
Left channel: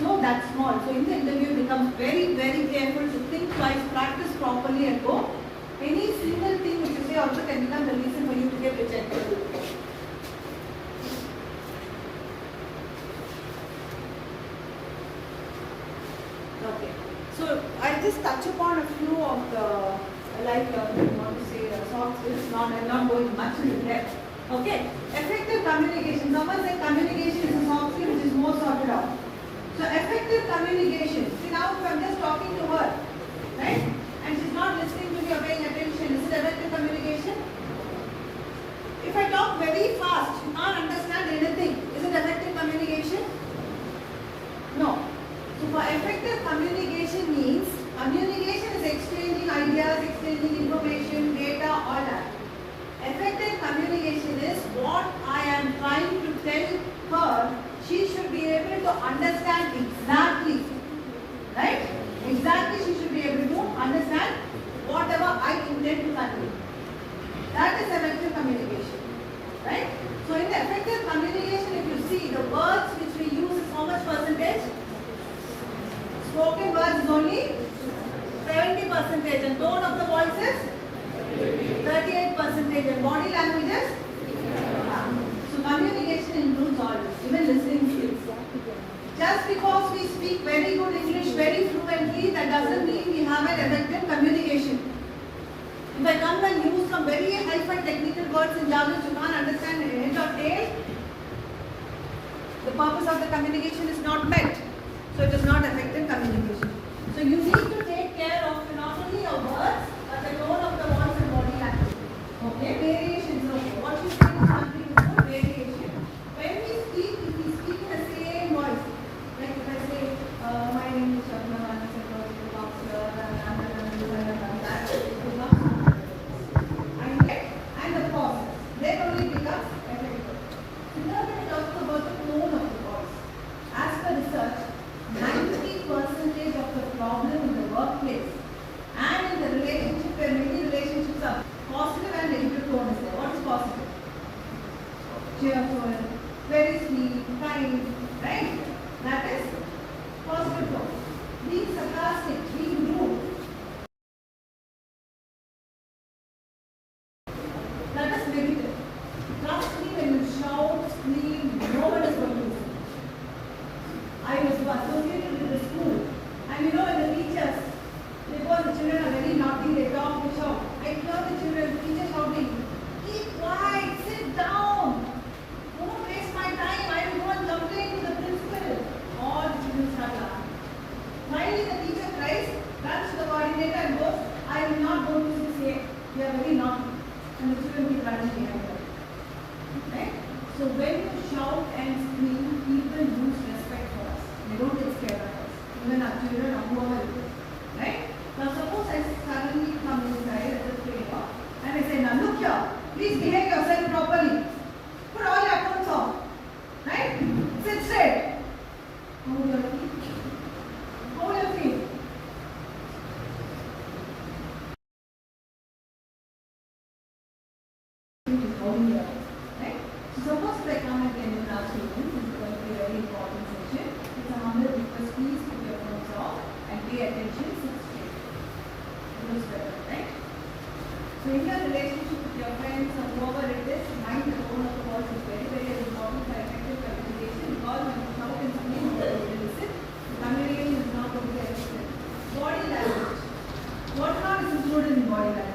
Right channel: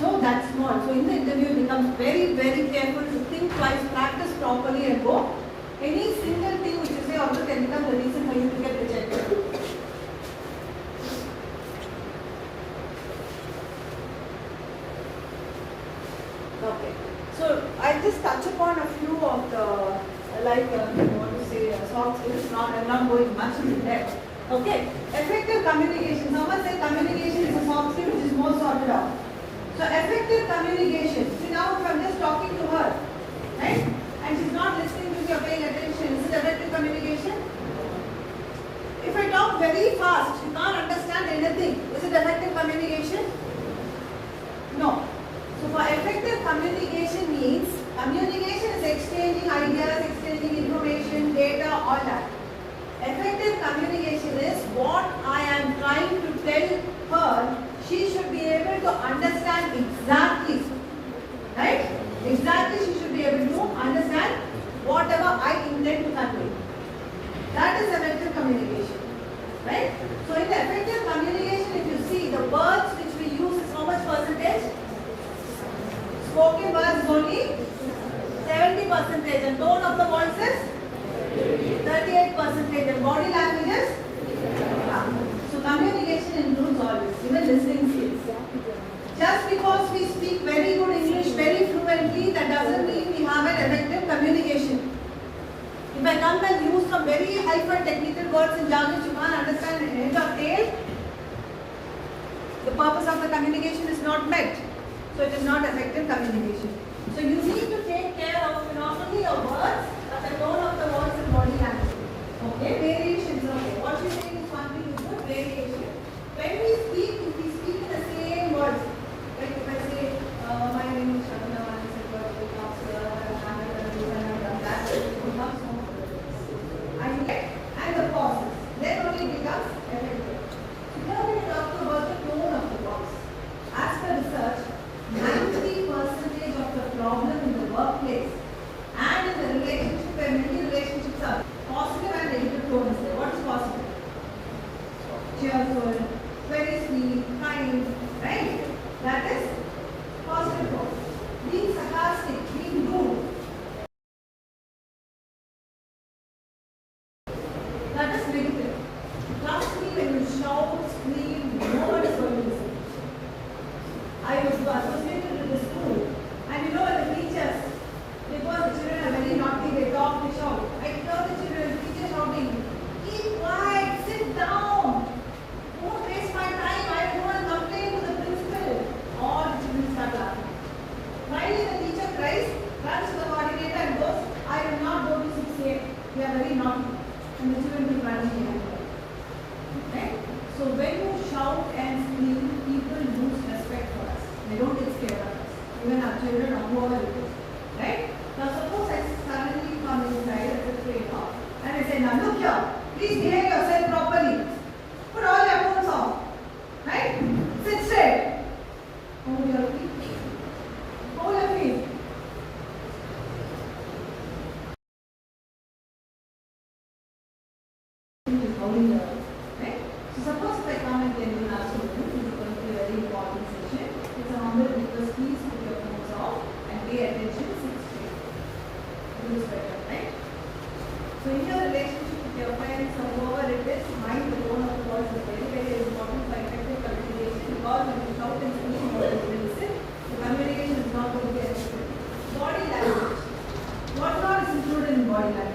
So that's small. So in the interview, it becomes very, very careful to think twice, practice properly and go. Any single thing which you say also can become the reason for you to get rejected. Okay. So I just touch upon a few of the, you want to say, soft skills. I'm not going much into depth. Okay, effective communication. Someone said communication is a soft skill which is more sorted out. So effective communication. See now if I'm just talking to her, right? And she's not listening to me or paying attention. Is it effective communication? If I talk very fast, she can't understand anything. Is it effective communication? No. So for effective communication means, communication is exchanging ideas, exchanging information, data, all that. Effective communication is what I am trying to tell her, she should be able to understand exactly, right? Exactly, she should be able to understand whatever I intend to convey. That is effective communication, right? So in the effective communication, if you see the words which we use is how much percentage? Spoken words is only 70% and tone of the voice is 38% and body language is? So communication very good English very fluently, that doesn't mean we have an effective communication. If I come and use some very high-fun technical words in jargon you can't understand end of tail, the purpose of the communication is not met. So it is not effective communication. So you need to take care of not only your words, but the tone of the voice and body language. Okay, variations. Okay, what you think is something is good variation. When we speak, if we speak in the same words, like if I say, my name is Shabana, I am a psychological counselor, I have done this and I have done that, it becomes not and the pauses, then only becomes effective. So now we talk about the tone of the voice. As per research, 90% of the problem in the workplace and in the relationship, where many relationships are positive and negative tone is there. What is positive? Cheerful, very sweet, kind, right? That is positive tone. Being sarcastic, being rude, that is negative. Trust me, when you shout, scream, no one is going to listen. I was associated with the school, and you know when the teachers, because the children are very naughty, they talk, they shout. I hear the children, the teacher shouting, keep quiet, sit down, don't waste my time, I don't want to complain to the principal. All the children start laughing. Finally the teacher cries, runs to the coordinator and goes, I will not go to 6A, they are very naughty. And the children keep running behind her. Right? So when you shout and scream, people lose respect for us. They don't get scared of us. Even our children or whoever it is. Right? Now suppose I suddenly come inside as a trainer and I say, now look here, please behave yourself properly. Put all your phones off. Right? Sit straight. Hold your feet. Hold your feet. Right? So suppose if I come and tell you now children, this is going to be a very important session. It's a humble request, please put your phones off and pay attention, sit straight. It is better, right? So in your relationship with your friends or whoever it is, mind the tone of the voice is very, very important for effective communication, because when you shout and scream, nobody will listen. The communication is not going to be effective. Body language. What all is included in body language?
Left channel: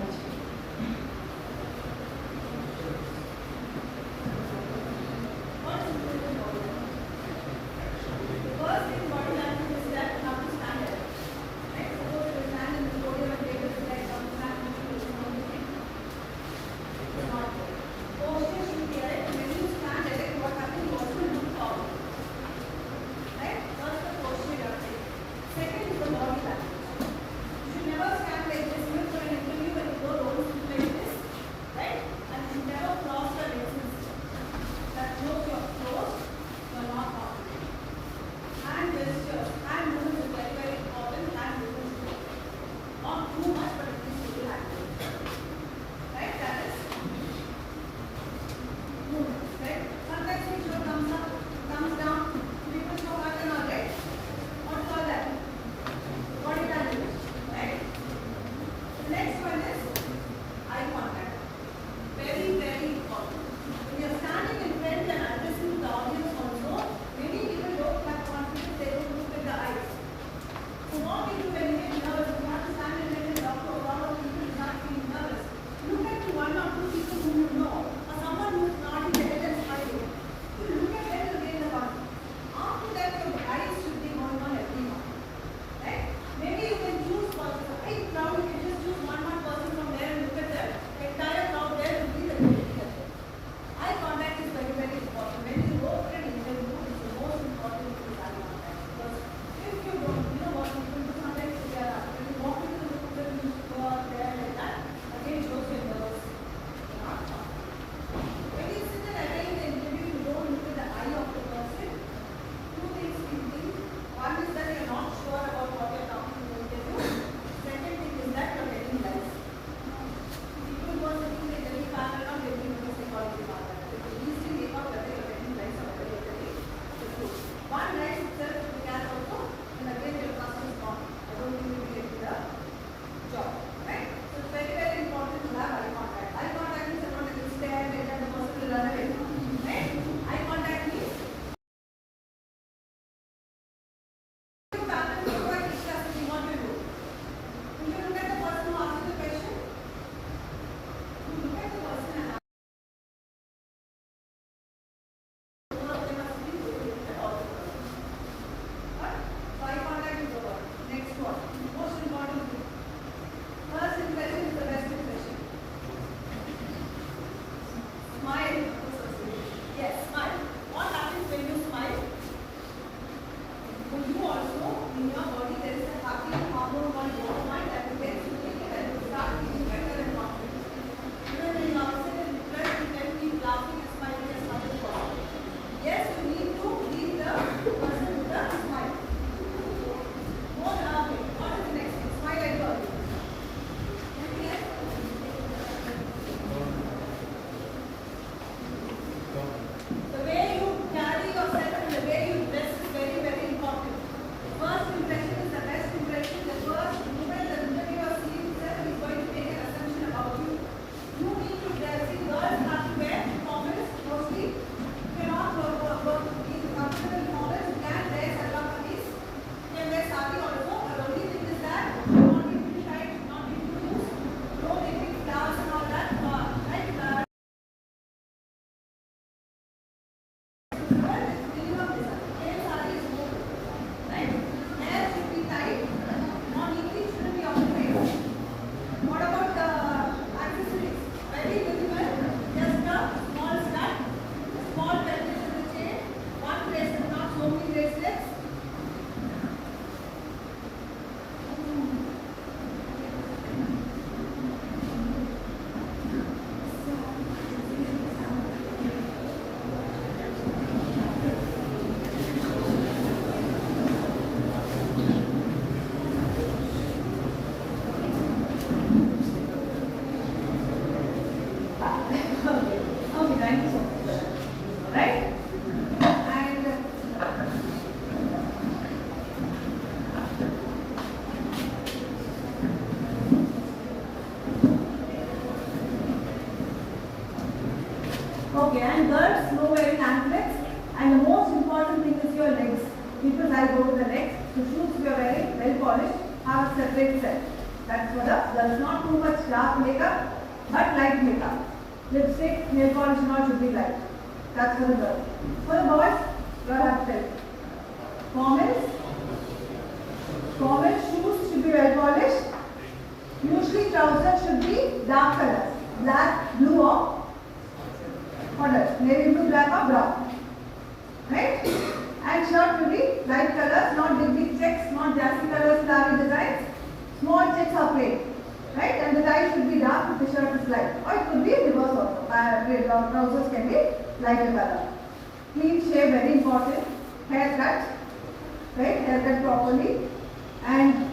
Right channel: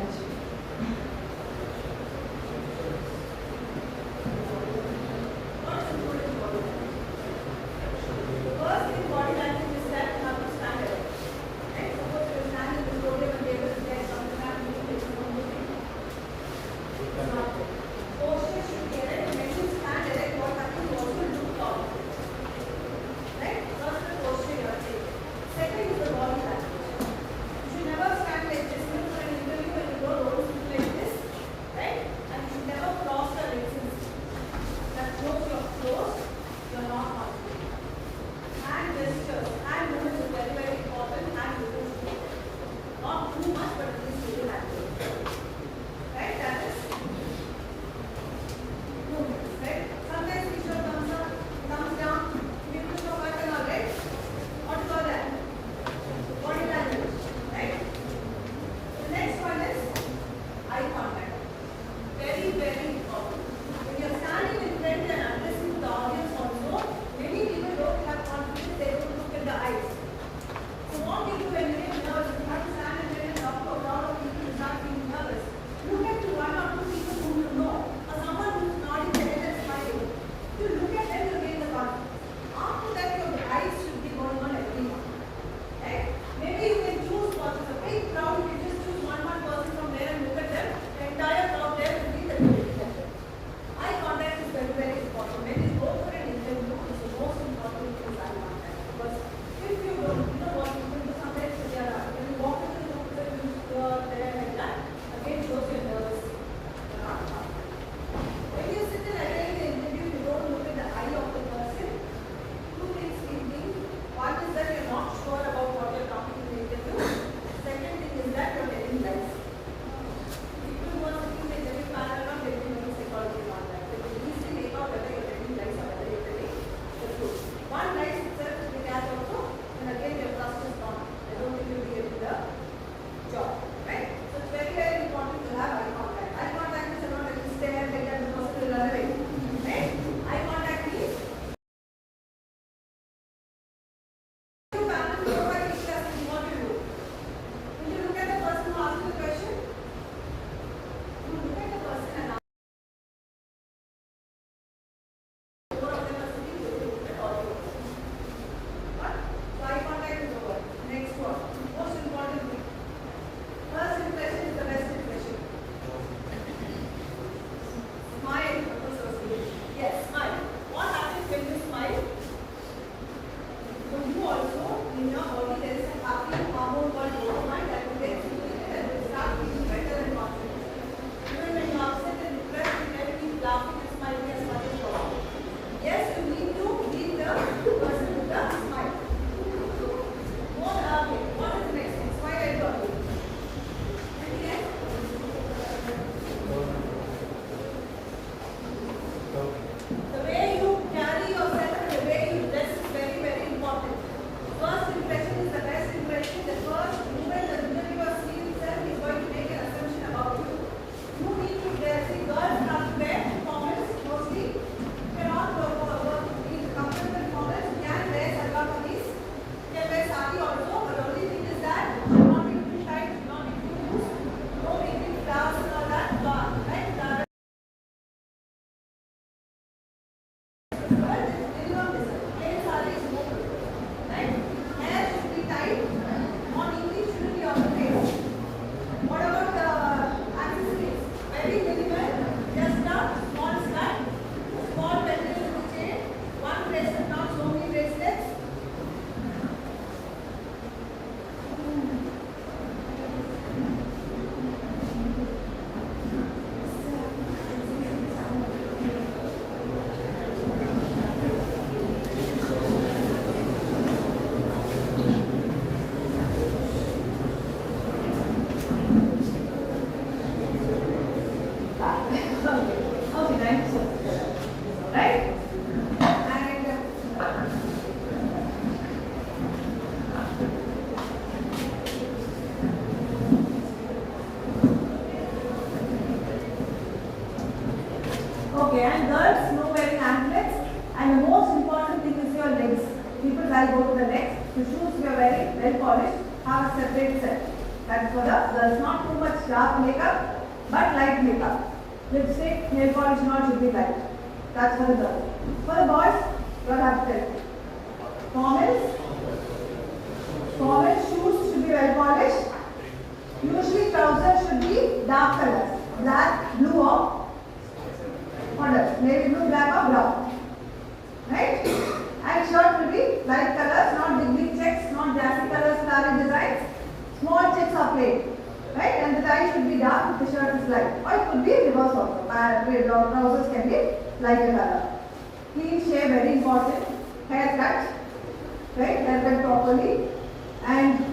go to the next. The shoes we are wearing, well polished, have a separate set. That's for the girls. Not too much dark makeup, but light makeup. Lipstick, nail polish, not should be light. That's for the girls. For the boys, you have to tell. Formal shoes should be well polished. Usually trousers should be dark colors. Black, blue or what else? Navy blue, black or brown. Right? And shirt will be light colors, not big checks, not jazzy colors, flowery designs. Small checks are plain. Right? And the tie should be dark if the shirt is light. Or it could be reverse also. Trousers can be lighter color. Clean shave, very important. Haircut. Right? Haircut properly. And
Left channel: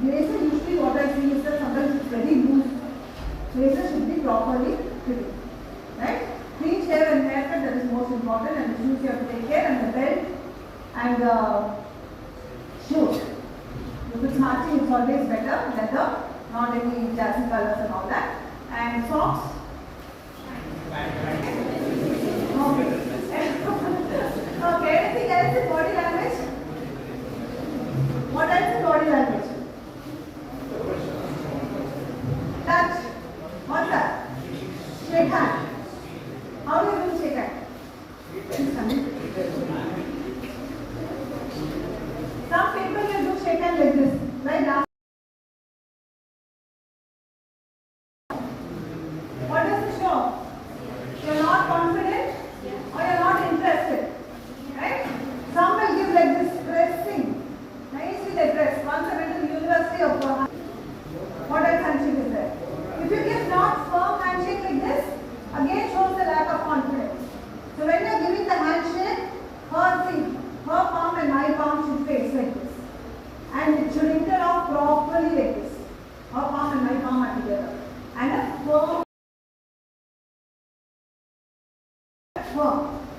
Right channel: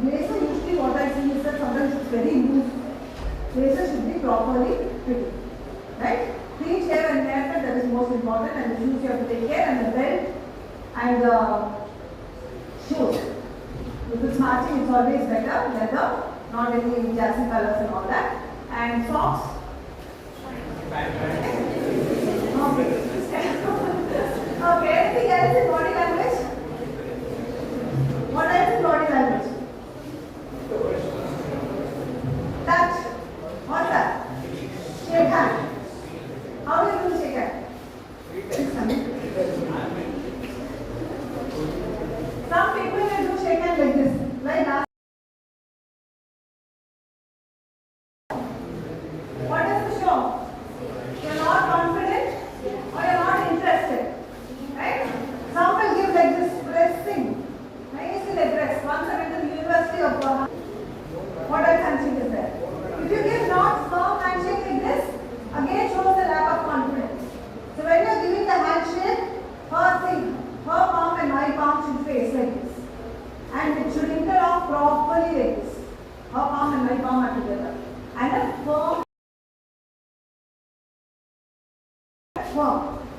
blazer, usually what I see is that sometimes it's very loose. Blazer should be properly fitted. Right? Clean shave and haircut, that is most important, and the shoes you have to take care, and the belt and the shoes. If it's matching, it's always better. Leather, not any jazzy colors and all that. And socks. Okay. Okay, anything else in body language? What else in body language? Touch. What's that? Shake hand. How do you do shake hand? Some people will do shake hand like this. Like that. What does it show? You're not confident or you're not interested. Right? Some will give like this, pressing. Nicely they press. Once I went to the University of what else handshake is there? If you give not firm handshake like this, again shows the lack of confidence. So when you are giving the handshake, her palm and my palm should face like this. And it should interlock properly like this. Her palm and my palm are together. And a firm.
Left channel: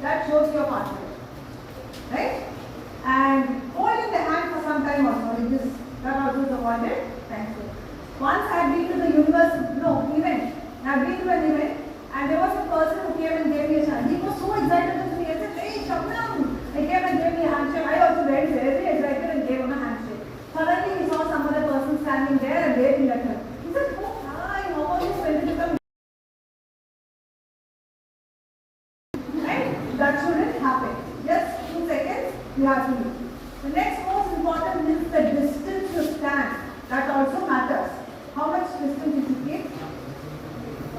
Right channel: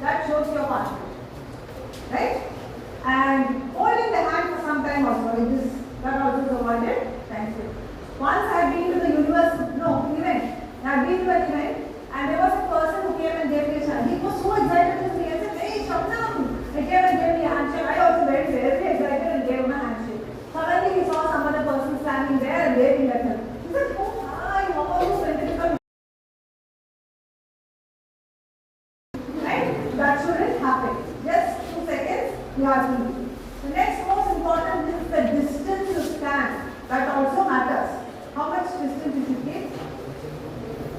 That shows your confidence. Right? And holding the hand for some time also, like this, that also is avoided. Thank you. Once I had been to the event. I had been to an event and there was a person who came and gave me a hand. He was so excited to me. I said, hey, Shabnam. He came and gave me a handshake. I also very excited and gave him a handshake. Suddenly he saw some other person standing there and waving at him. He said, oh, hi, how are you? When did you come? Right? That shouldn't happen. Just 2 seconds, you have to do. The next most important is the distance you stand. That also matters. How much distance you should keep?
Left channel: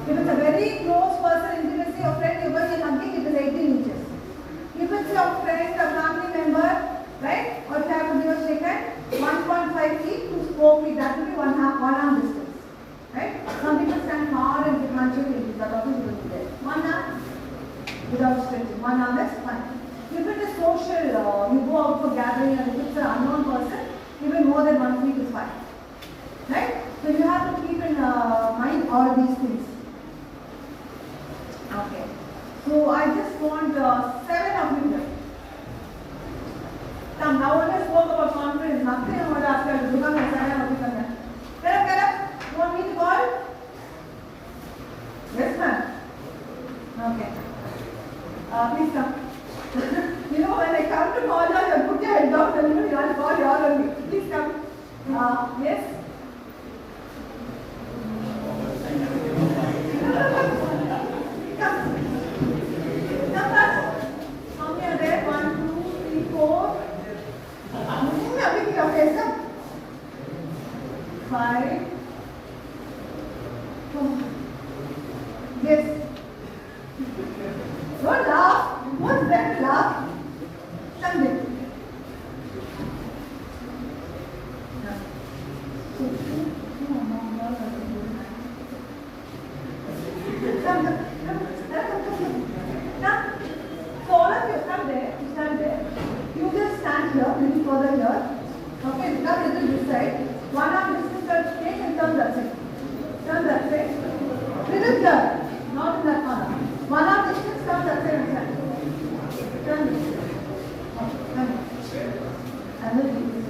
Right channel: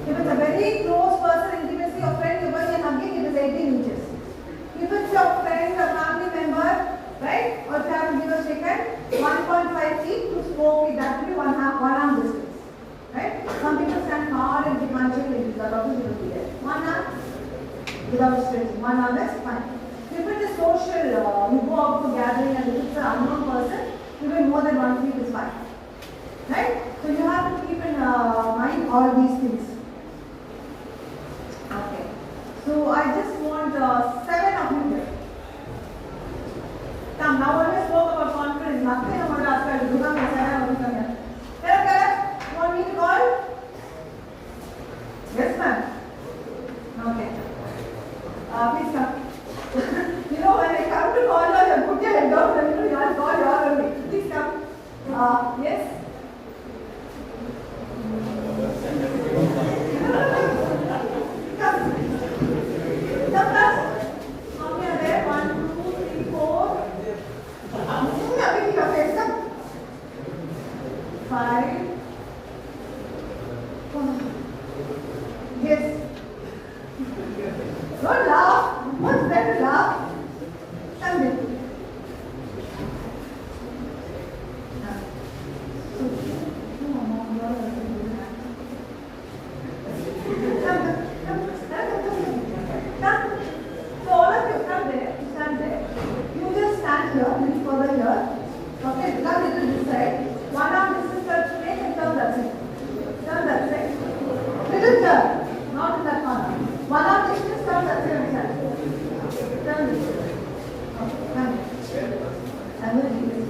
If it's a very close person, intimacy of friend, you're hugging, it is 18 inches. If it's your friend, a family member, right? Or if you have to give a shake hand, 1.5 feet to 4 feet, that will be one arm distance. Right? Some people stand hard and give handshake like this, that also will be there. One arm without stretching. One arm is fine. If it is social, we go out for gathering and if it's an unknown person, even more than 1 feet is fine. Right? So you have to keep in mind all these things. Okay. So I just want 7 of you here. Come, now when I spoke about confidence, nothing I want to ask you to give up 7 of you here. Kara, you want me to call? Yes, ma'am. Okay. Please come. You know, when I come to call you, I put your head down and you all call you all only. Please come. Yes? Yes. Don't laugh. What's better laugh? Sunday. So all of you stand there. You just stand here, a little further here. Okay, now little this side. One arm distance, take and turn that side. Turn that side. Little turn, not in that corner. One arm distance, turn that side. Turn this. Okay, turn it. And then do this.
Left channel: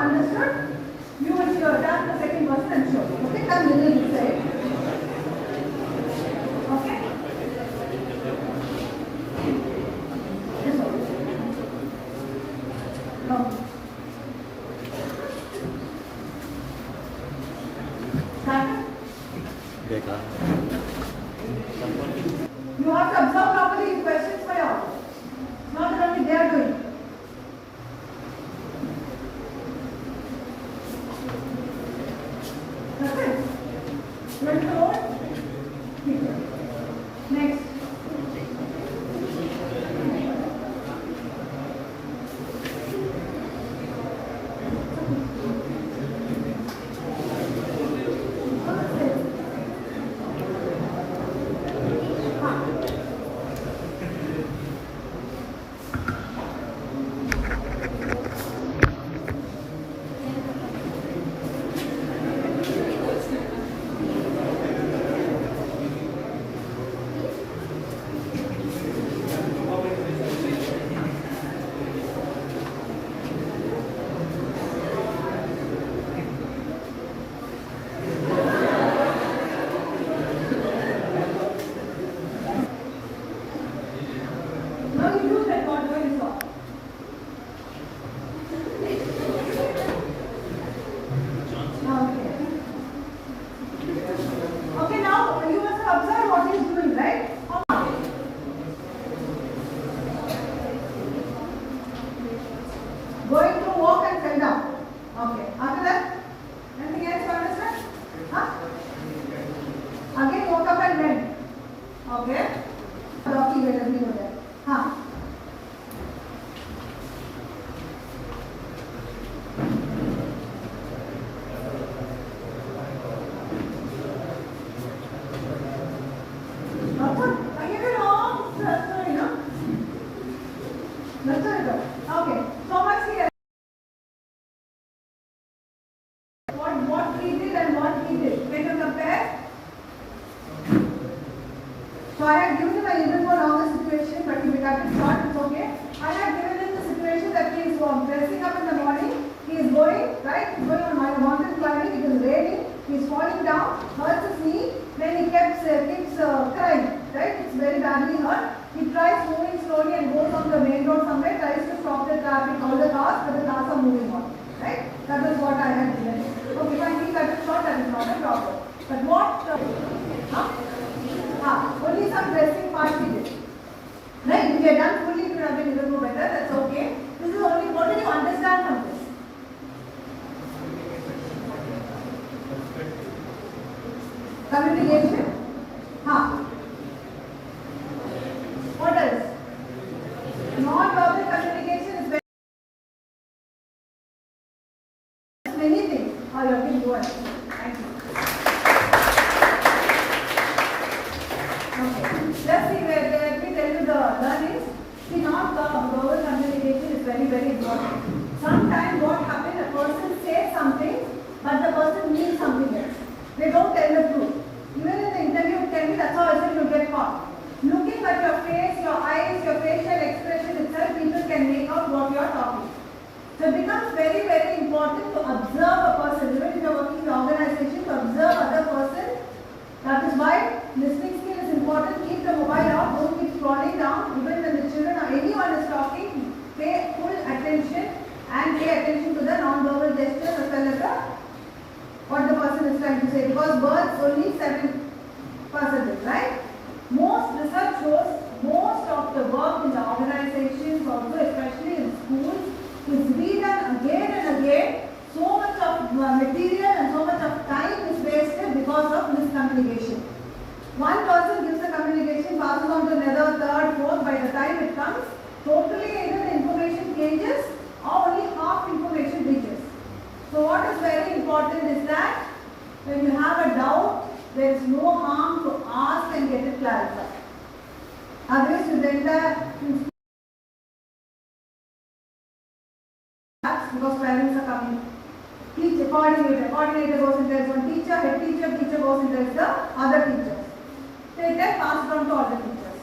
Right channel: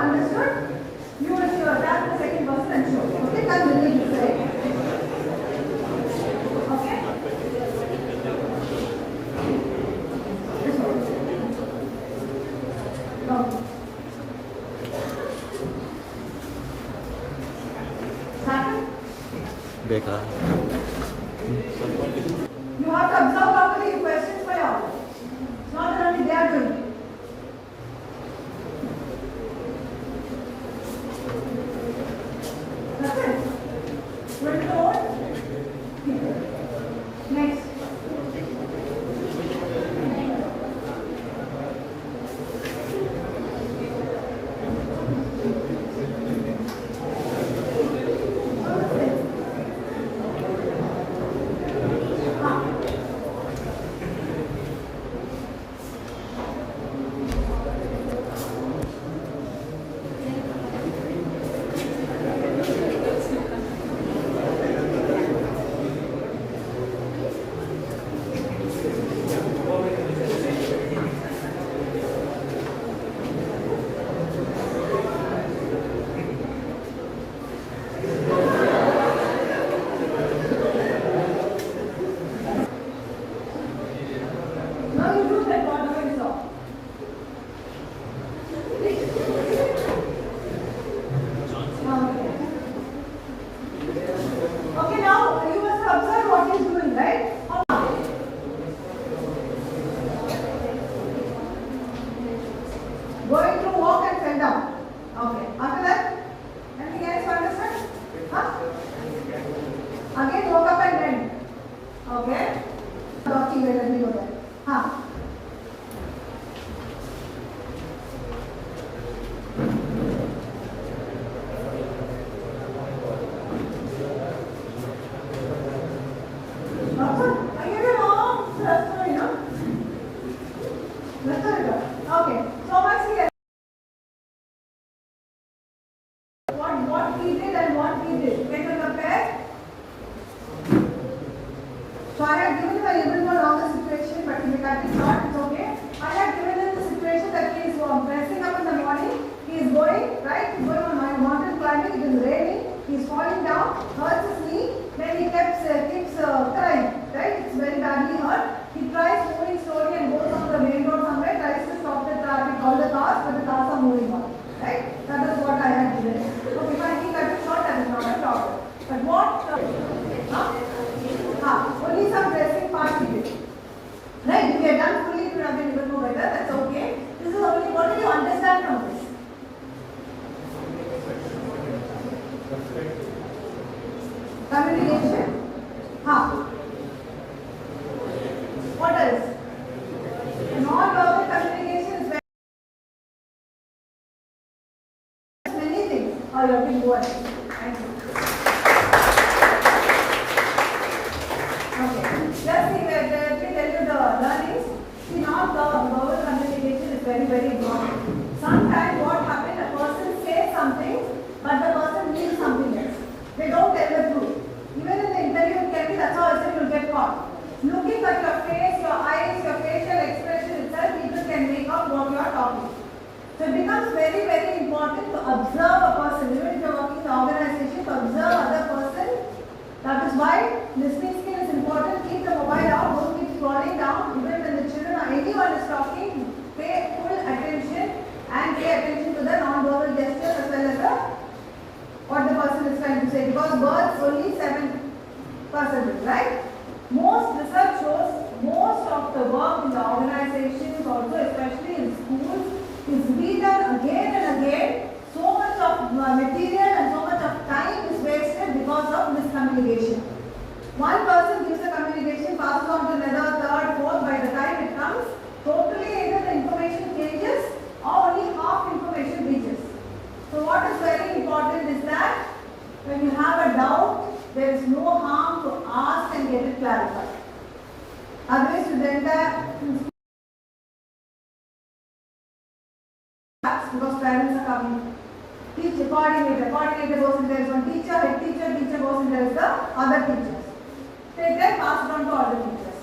understood, you will tap the second person and show. Okay, come with me this side. Okay? This one. Okay. Second. Becca. You have to observe properly the questions for you. It's not that only they are doing. That's it. Roll forward. Next. Now you use that whatever you saw. Okay. Okay, now you must observe what he is doing, right? Going to walk and fell down. Okay. After that, anything else to understand? Huh? Again, walk up and bend. Okay. Talking will let me go there. Huh? Okay, so much here. What he did and what he did. Can you compare? So I had given him a little more longer situation, but he cut it short, it's okay. I had given him the situation that he is dressing up in the morning, he is going, right, he is going on my mountain climbing, it is raining, he is falling down, hurts his knee, then he keeps crying, right, it's very badly hurt. He tries moving slowly and goes on the main road somewhere, tries to stop the traffic, all the cars, but the cars are moving on, right? That is what I had given him. Okay, fine, he cut it short, that is not a problem. But what, only some dressing part he did. Right, if we had done fully, it would have been even more better, that's okay. This is only, what do you understand from this? Communication. What else? Non-verbal communication is very many things. Oh, you can go ahead. Thank you. Okay. Just see where let me tell you the learnings. See, non-verbal communication is very, very important. Sometimes what happens, a person says something, but the person means something else. They don't tell the truth. Even in the interview, you tell me that's all, so you get caught. Looking at your face, your eyes, your facial expression itself, people can make out what you are talking. So it becomes very, very important to observe a person. Even if you are working in the organization, to observe other person. That is why listening skill is important. Keep the mobile out, don't keep scrolling down. Even when the children or anyone is talking, pay full attention and pay attention to the non-verbal gestures as well as what the person is trying to say. Because words only 7%, right? Most research shows most of the work in the organizations, also especially in schools, is being done again and again. So much of material and so much of time is wasted because of miscommunication. One person gives a communication, passes on to another, third, fourth. By the time it comes, totally either the information changes or only half information reaches. So what is very important is that when you have a doubt, there is no harm to ask and get it clarified. Otherwise, you the entire because parents are coming. Teacher, coordinator goes and tells one teacher, head teacher goes and tells the other teachers. They then pass it on to other teachers.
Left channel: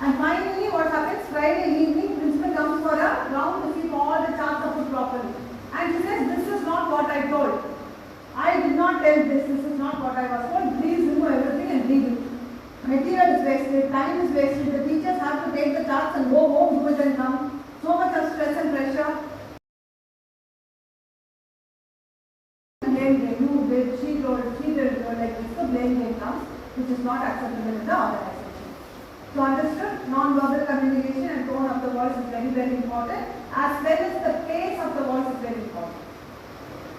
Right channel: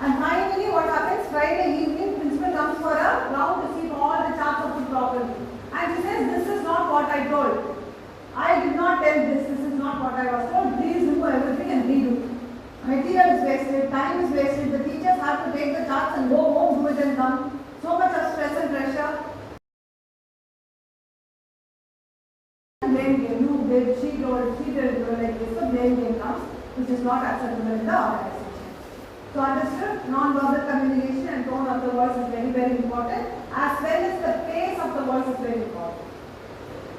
And finally, what happens? Friday evening, principal comes for a round to see if all the charts are put properly. And she says, what I told. I did not tell this is not what I was told. Please remove everything and redo. Material is wasted, time is wasted. The teachers have to take the charts and go home, do it and come. So much of stress and pressure. Blame game. You did, she told, she did, like this. So blame game comes, which is not acceptable in the organization. So understood, non-verbal communication and tone of the voice is very, very important, as well as the pace of the voice is very important.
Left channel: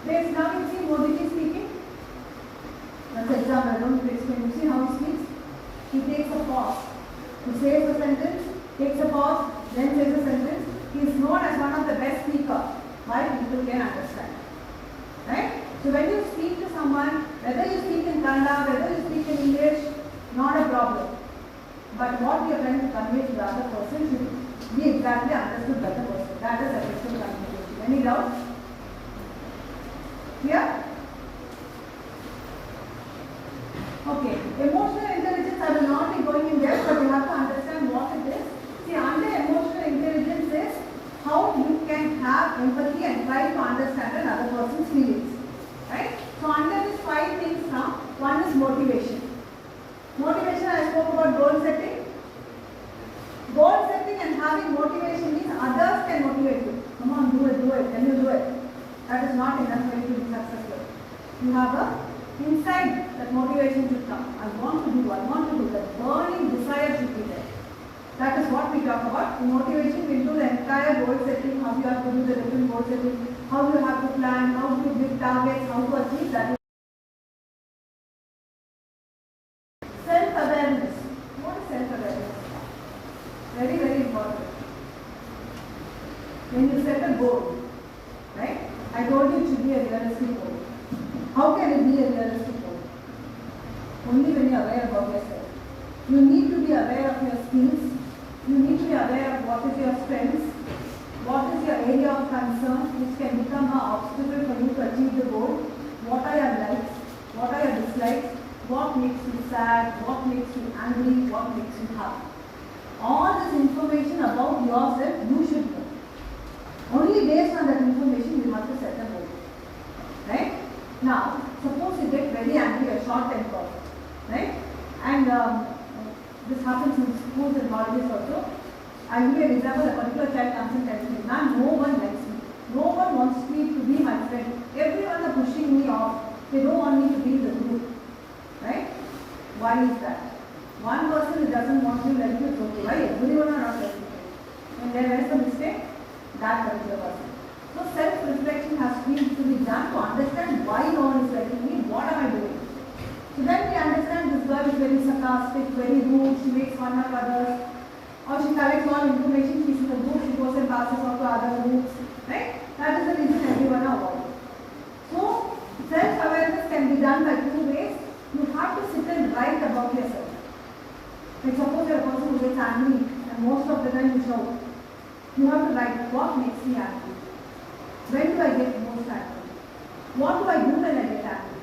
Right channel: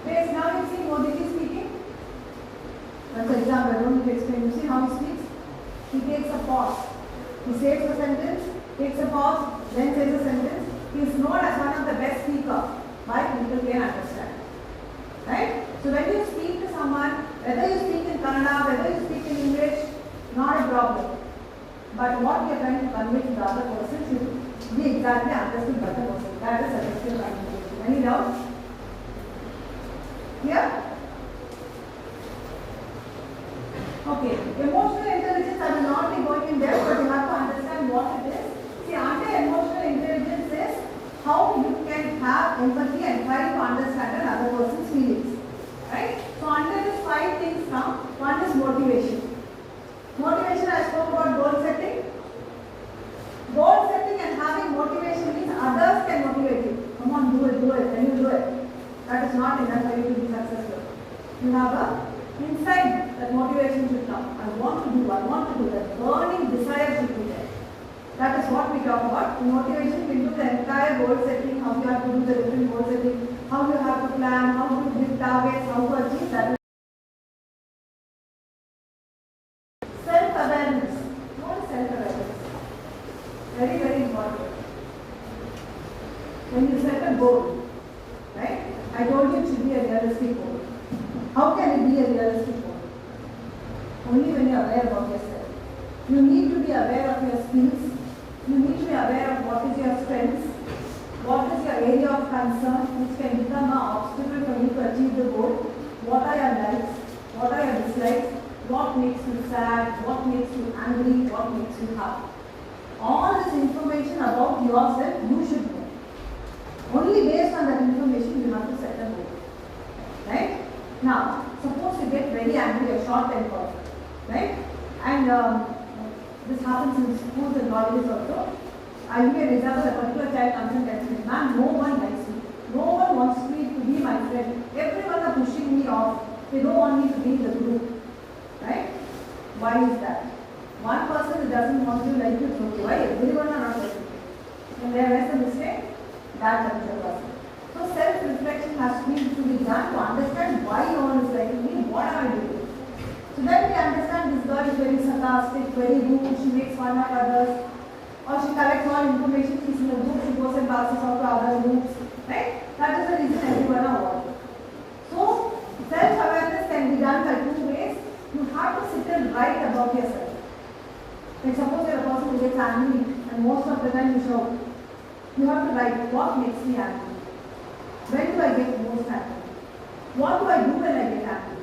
Pace, now you see Modi ji speaking. That's the example, I don't need to explain. You see how he speaks? He takes a pause. He says a sentence, takes a pause, then says a sentence. He is known as one of the best speakers. Why? People can understand. Right? So when you speak to someone, whether you speak in Kannada, whether you speak in English, not a problem. But what you are trying to convey to the other person should be exactly understood by the person. That is effective communication. Any doubts? Yeah? Okay. Emotional intelligence, I will not be going in depth, but you have to understand what it is. See, under emotional intelligence is how you can have empathy and try to understand another person's feelings. Right? So under these 5 things now, one is motivation. Motivation, I spoke about goal setting. Goal setting and having motivation means others can motivate you. Come on, do it, then you do it. That is not enough for you to be successful. You have a inside that motivation should come. I want to do that. Burning desire should be there. That is what we talk about. In motivation, we do the entire goal setting, how you have to do the different goal setting, how you have to plan, how to give targets, how to achieve that. Self-awareness. What is self-awareness? Very, very important. When you set a goal, right? I told you it should be a realistic goal. How can it be a realistic goal? Only when you are aware about yourself. You need to be aware of your skills. You need to be aware of what is your strengths, what is your area of concern, which can become an obstacle for you to achieve the goal. What are your likes? What are your dislikes? What makes you sad? What makes you angry? What makes you happy? All this information about yourself you should know. Only based on that information you have to set a goal. Right? Now, suppose you get very angry or short tempered, right? And this happens in schools and colleges also. I give an example, a particular child comes and tells me, ma'am, no one likes me. No one wants me to be my friend. Everyone are pushing me off. They don't want me to be in the group. Right? Why is that? One person who doesn't want you like you, it's okay. Why? Everyone are not liking you. And where is the mistake? That particular person. So self-reflection has to be done to understand why no one is liking me, what am I doing? So then we understand this girl is very sarcastic, very rude, she makes fun of others, or she collects all information, she's in the group, she goes and passes on to other groups, right? That is the reason everyone are avoiding. So self-awareness can be done by 2 ways. You have to sit and write about yourself. Like suppose you are a person who gets angry and most of the time you shout. You have to write what makes me angry. When do I get most angry? What do I do when I get angry?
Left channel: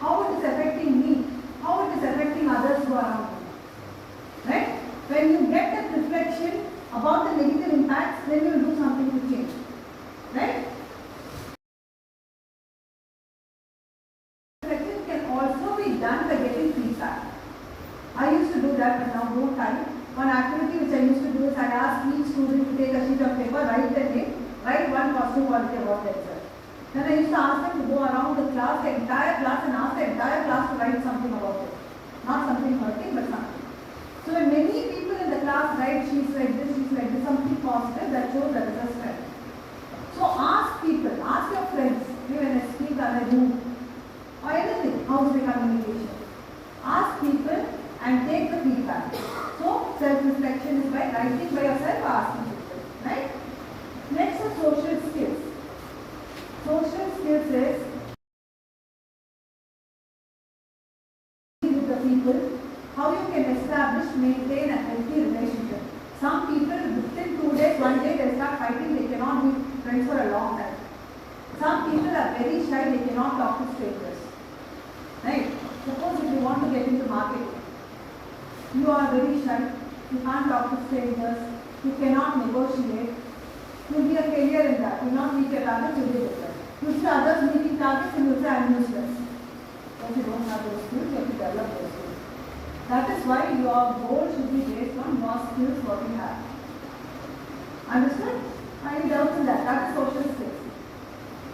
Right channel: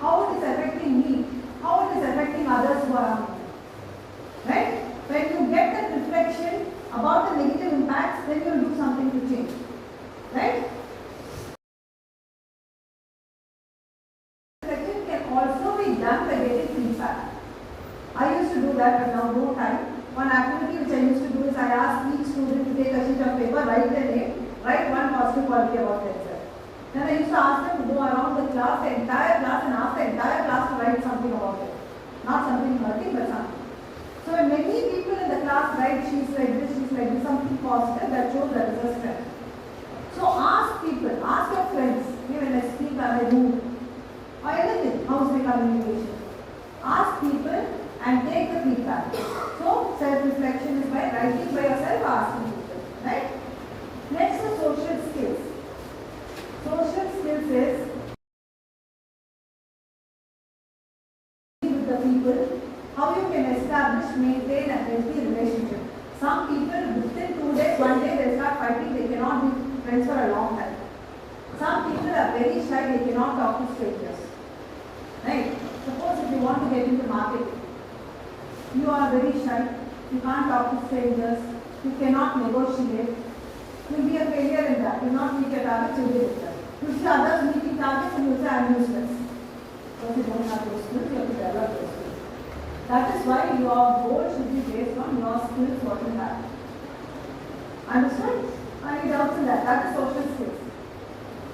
How it is affecting me? How it is affecting others who are around me? Right? When you get that reflection about the negative impacts, then you will do something to change. Right? Reflection can also be done by getting feedback. I used to do that, but now no time. One activity which I used to do is I ask each student to take a sheet of paper, write their name, write one positive quality about themselves. Then I used to ask them to go around the class, the entire class, and ask the entire class to write something about it. Not something hurting, but something. So when many people in the class write she's like this, something positive, that shows that is a strength. So ask people, ask your friends, when I speak, am I rude? Or anything, how is my communication? Ask people and take the feedback. So self-reflection is by writing by yourself or asking people. Right? Next is social skills. Social skills is with the people, how you can establish, maintain a healthy relationship. Some people within 2 days, 1 day they start fighting, they cannot be friends for a long time. Some people are very shy, they cannot talk to strangers. Right? Suppose if you want to get into marketing, you are very shy, you can't talk to strangers, you cannot negotiate, you will be a failure in that, you will not meet your targets, you will be better. You see others meeting I'm useless. Because you don't have those skills, you have to develop those skills. That is why your goal should be based on your skills, what you have. Understood? Any doubts in that? That is social skills.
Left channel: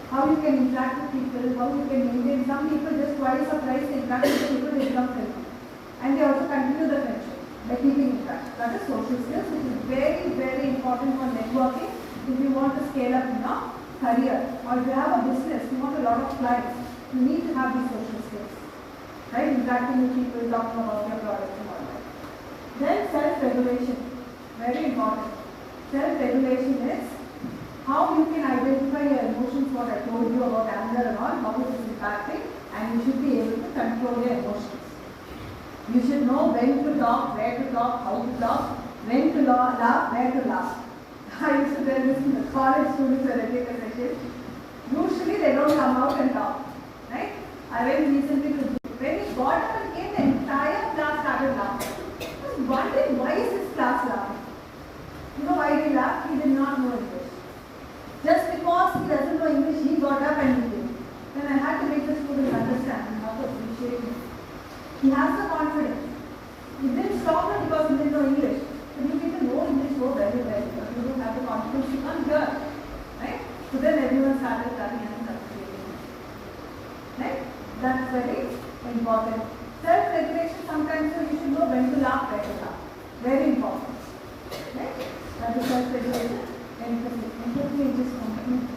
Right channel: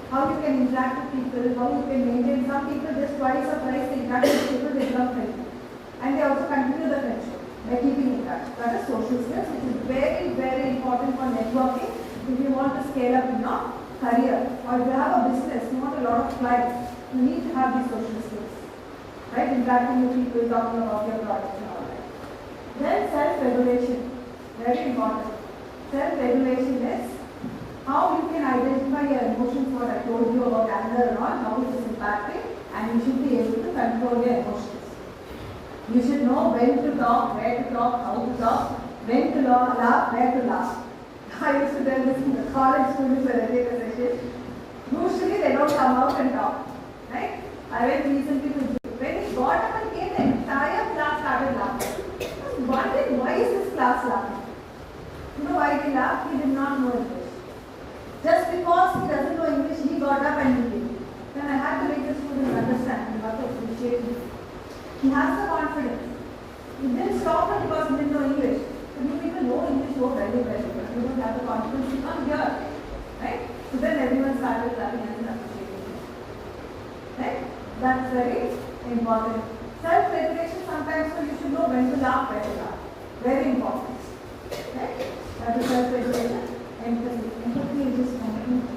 How you can interact with people, how you can maintain. Some people just twice or thrice they interact with people, they become friends. And they also continue the friendship by keeping in touch. That is social skills, which is very, very important for networking if you want to scale up in your career. Or if you have a business, you want a lot of clients, you need to have these social skills. Right? Interacting with people, talking about your products and all that. Then self-regulation. Very important. Self-regulation is how you can identify your emotions, what I told you about anger and all, how it is impacting, and you should be able to control your emotions. You should know when to talk, where to talk, how to talk, when to laugh, where to laugh. I used to tell this to the college students when I take a session. Usually they don't come out and talk. Right? I went recently to when he got up and came, the entire class started laughing. I was wondering, why is this class laughing? You know why they laughed? He did not know English. Just because he doesn't know English, he got up and he did. Then I had to make the student understand and have to appreciate him. He has the confidence. He didn't stop him because he didn't know English. But you people know English so very, very well. You don't have the confidence to come here. Right? So then everyone started clapping and appreciating him. Right? That's very important. Self-regulation sometimes, so you should know when to laugh, where to laugh. Very important. Right? That is self-regulation. Empathy. Empathy is just something.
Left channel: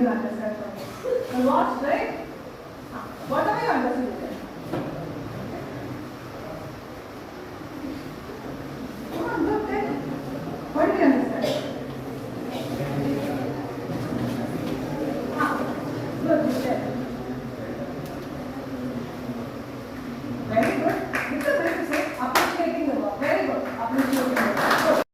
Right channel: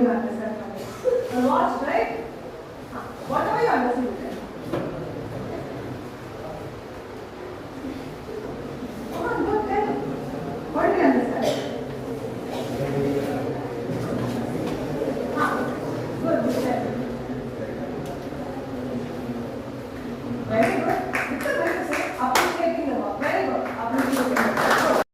do you understand from it? You watched, right? Whatever you understood. Come on, good, then. What do you understand? Good, you said. Very good. It's a way to say appreciating the work. Very good. Appreciating the work.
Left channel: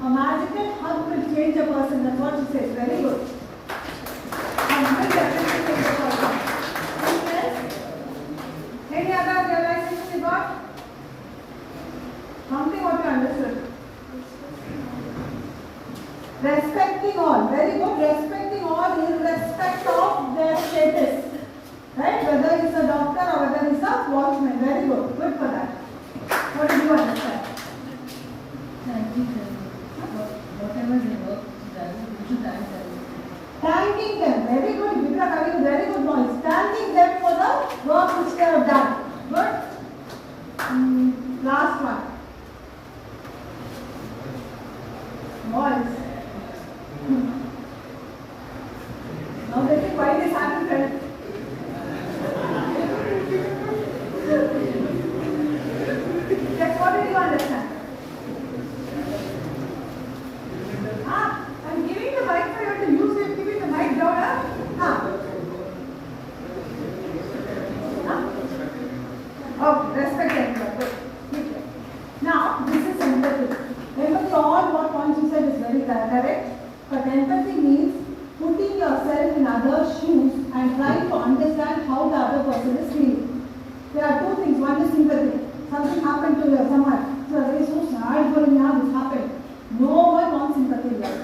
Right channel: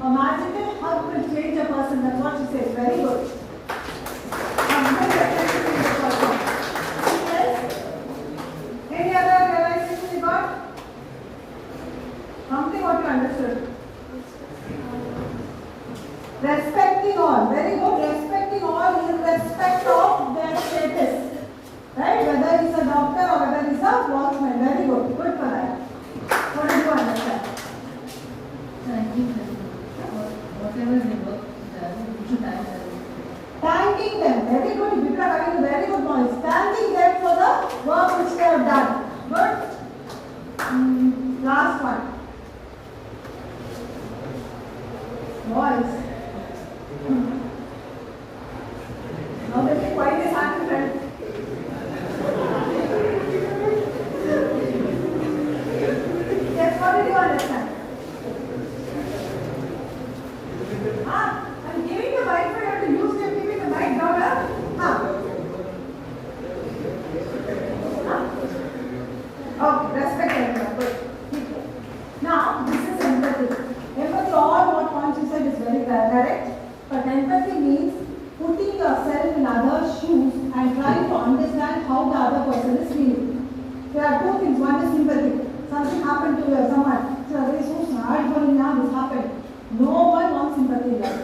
A magical hug will change a person. That's what she says. Very good. Any other realizations you got? Something what you understood. Respecting all. Very good. Respecting all irrespective of their status. Right? Whether he's a doctor or whether he's a watchman. Very good. Good for that. What do you understand? Whatever they work, we should thank them. Thanking them. Very good. You are having very good noise. Thanking them for the work which they have done. Good. Last one. Voice. Now they think why this happened. Yes, what did you understand? I'm giving the mic for you to use it. Giving the mic down. Okay, respect everyone. Good. Keep it. Now, this is empathy. Empathy, all what points you said is very correct. But empathy means putting yourself in others' shoes and trying to understand how the other person is feeling. There are two things. One is sympathy. Something happened to someone. So they are so sad for me now this happened. No one wants sympathy here.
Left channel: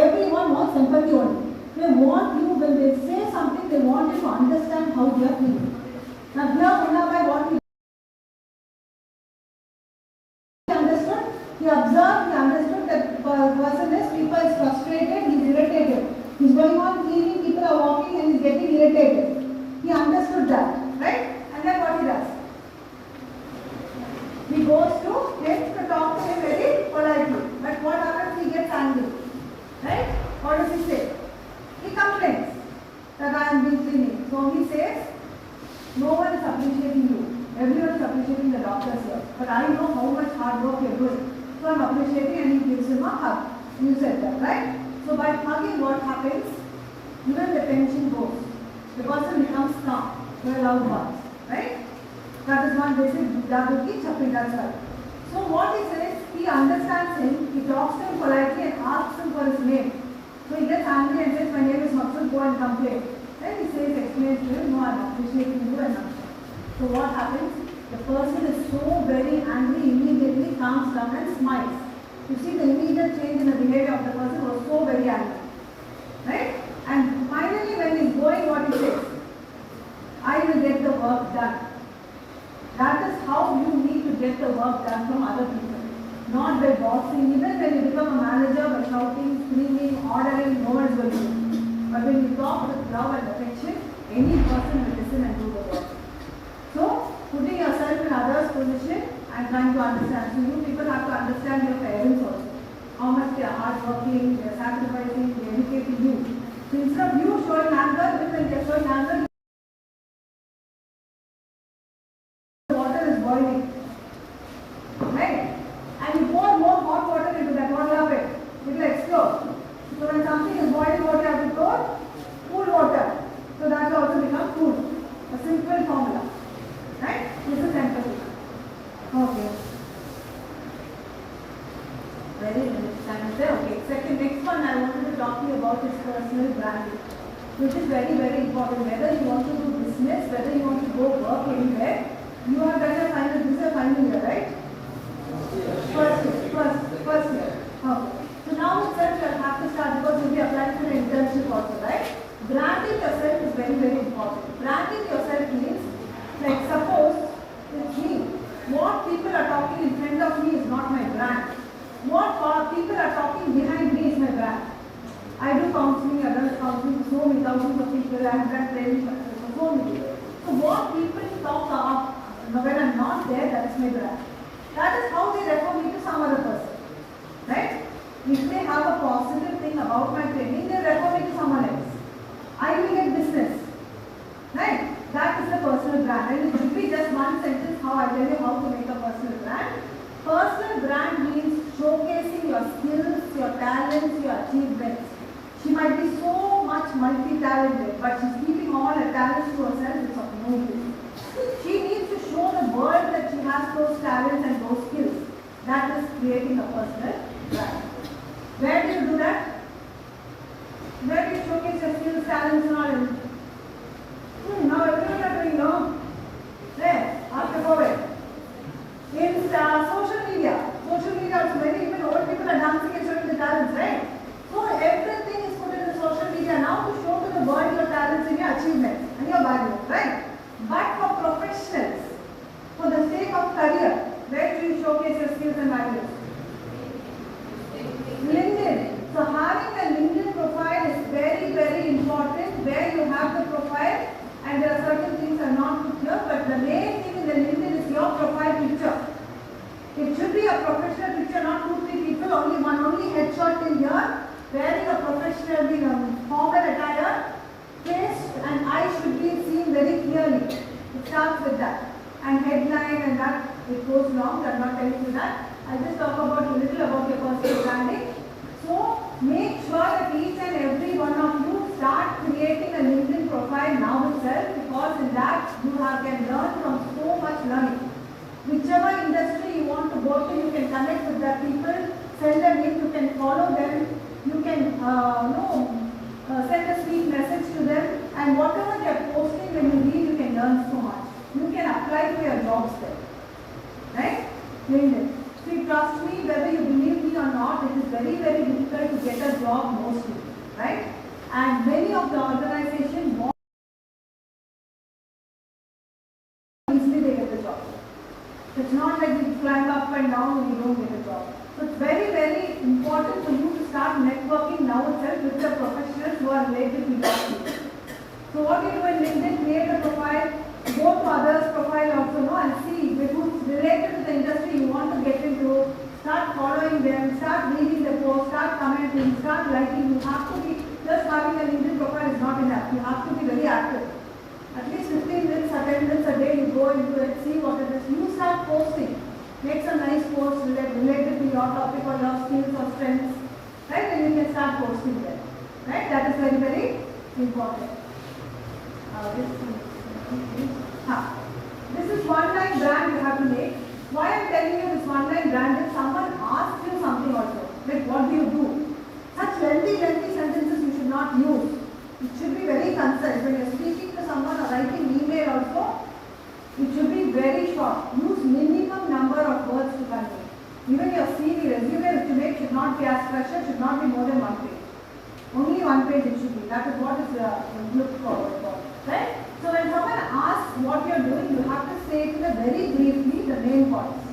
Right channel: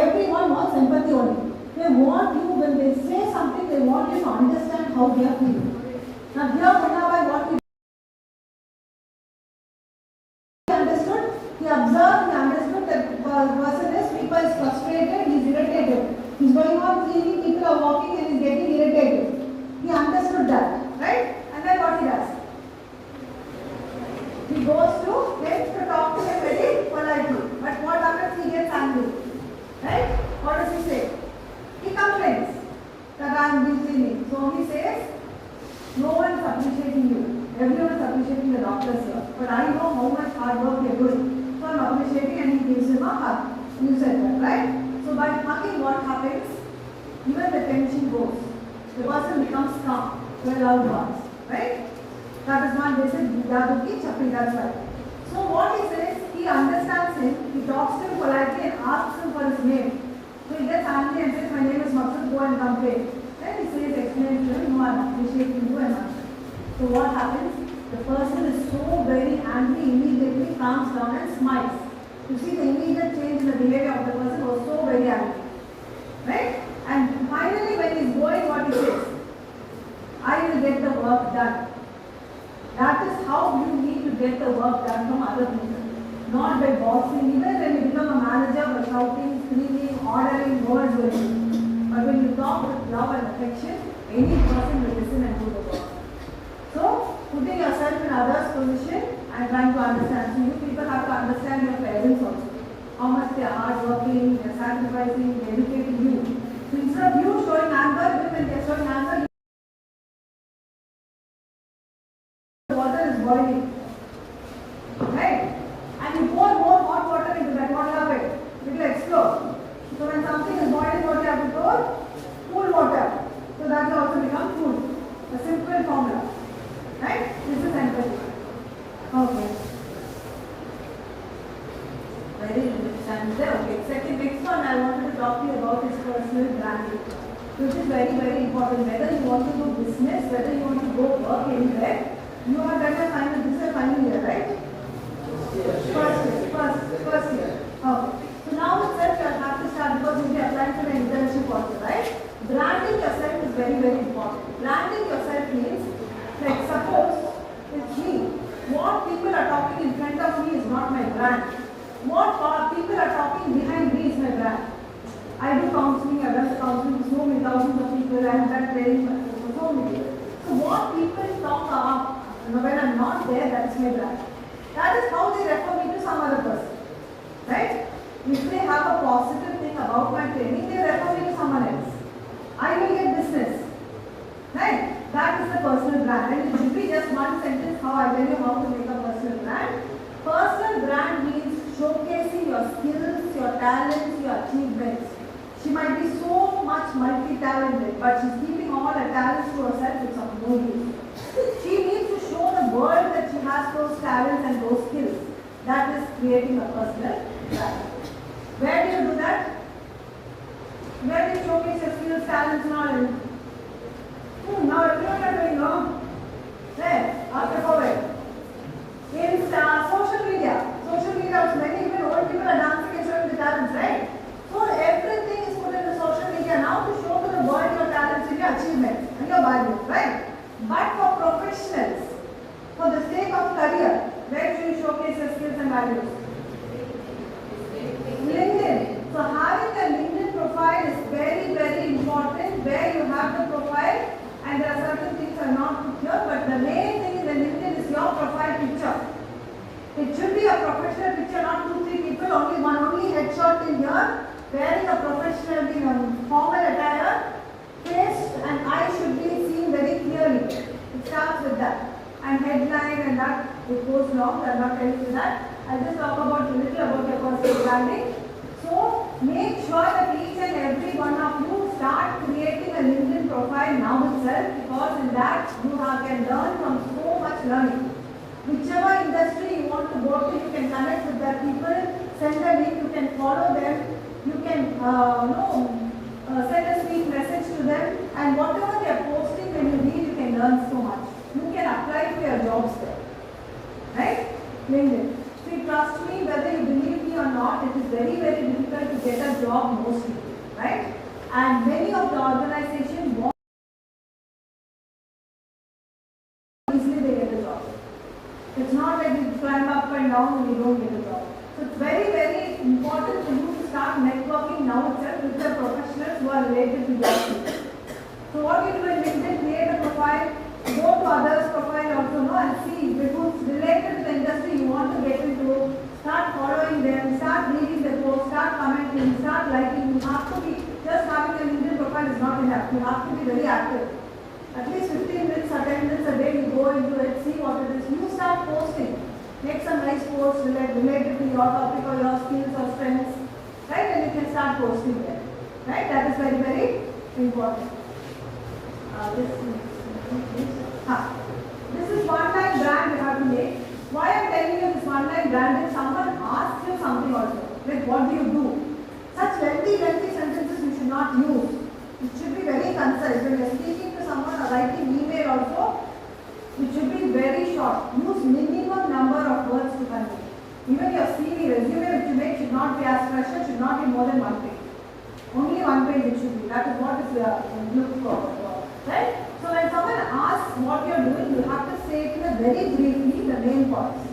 Everyone wants empathy only. They want people, when they say something, they want you to understand how they are feeling. Now here, Munnabai, what he understood, he observed, he understood that the person is, people is frustrated, he is irritated. He is going on cleaning, people are walking and he is getting irritated. He understood that, right? And then what he does? He goes to him to talk to him very politely. But what happens? He gets angry. Right? What does he say? He complains that I am being cleaning. So he says, no one is appreciating you. Everyone is appreciating the doctors here. But I know how much hard work you are doing. So I am appreciating, and he gives him a hug. You said that, right? So by hugging, what happens? Even the tension goes. The person becomes calm. To a loud voice. Right? That is one basic Vidyabuddhi Chappi, that's right. So what he says, he understands him, he talks to him politely and asks him for his name. So he gets angry and says, my name is Maksud, go and complain. Then he says, explain to him, no, I am appreciating you and answer. So what happens? The person is so very angry, immediately calms down and smiles. You see the immediate change in the behavior of the person was so very angry. Right? And finally when he is going, what he says? I will get the work done. That is how you need to get the work done from other people. Not by bossing. Even when you become a manager, by shouting, screaming, ordering, no one's will do. But when you talk with love and affection, any person will listen and do the work. So, putting yourself in others' position and trying to understand. So, you people have to understand your parents also. How much they are hardworking, they are sacrificing, they are educating you. So, instead of you showing anger, when they are showing anger, boiling. Right? And you pour more hot water into that, what happens? It will explode. So when something is boiling, what you have to pour? Cool water. So that will also become cool. A simple formula. Right? This is empathy. Okay. Very good. Okay. Second, next one I wanted to talk to you about is personal branding. Which is very, very important. Whether you want to do business, whether you want to go work anywhere, you have done a final, this is a final year, right? Yes. First year. Okay. So now itself you will have to start because you will be applying for an internship also, right? Branding yourself is very, very important. Branding yourself means, like suppose it's me. What people are talking in front of me is not my brand. What people are talking behind me is my brand. I do counseling, I run counseling to so many thousands of people, I have done training for so many people. So what people talk are, when I'm not there, that's my brand. That is how they refer me to some other person. Right? If they have a positive thing about my training, they refer me to someone else. I will get business. Right? That is a personal brand. And it should be just one sentence how I tell you how to make a personal brand. Personal brand means showcasing your skills, your talents, your achievements. She might be so much multi-talented, but she's keeping all her talents to herself. It's of no use. She needs to show the world that she has those talents and those skills. That is creating a personal brand. Where do you do that? Where do you showcase your skills, talents, knowledge? Now everyone are doing wrong. Where? After COVID. In social media. Social media, many people, old people are dancing and showing the talents, right? So everything is put in the social media now to show to the world your talents and your achievements and your value, right? But for professionals, for the sake of career, where do you showcase your skills and values? LinkedIn. So having a LinkedIn profile is very, very important, where you have the profile and there are certain things are not put here, but the main thing in the LinkedIn is your profile picture. It should be a professional picture, not 2-3 people, only headshot in here, wearing a professional formal attire, face and eyes should be seen very clearly. It starts with that. And headline and that, it goes long, I am not telling you that. I will just talk about a little about your personal branding. So make sure that each and every one of you start creating a LinkedIn profile now itself, because in that you can learn from so much learning. Whichever industry you want to go to, you can connect with their people, send a link, you can follow them, you can send a sweet message to them, and whatever they are posting, when you read, you can learn so much. You can apply for your jobs there. Right? LinkedIn. So you trust me, whether you believe me or not, it is very, very difficult to get a job mostly. Right? And many of the organizations want easily they get the job. It's not like you climb up and down and you don't get a job. So it's very, very important for you to start networking now itself with the professionals who are related to your field. So what you do in LinkedIn, create a profile, go to others' profile also, and see who's related to the industry you want to get into. Start following them, start reading the posts, start commenting, start liking. You have to be, just having a LinkedIn profile is not enough. You have to be very active. At least 15 minutes or 10 minutes a day, you go into it, see what it is. You start posting. Make some nice posts related to your topic or your skills or strengths. Right? And you can start posting them. Right? That is very, very important. This is one-line brand you have to make. Why I am telling you this one-line brand is someone asks you something also. Like, what do you do? Such lengthy sentences you should not use. It should be very concise. When you are speaking to someone or writing email also, it should be very short. Use minimum number of words to convey. Even your CV, resume which you make should not be as structured, should not be more than 1 page. Only 1 page it should be. That is what is looked forward for. Right? So when someone asks what you are doing, you have to say it very briefly the main points.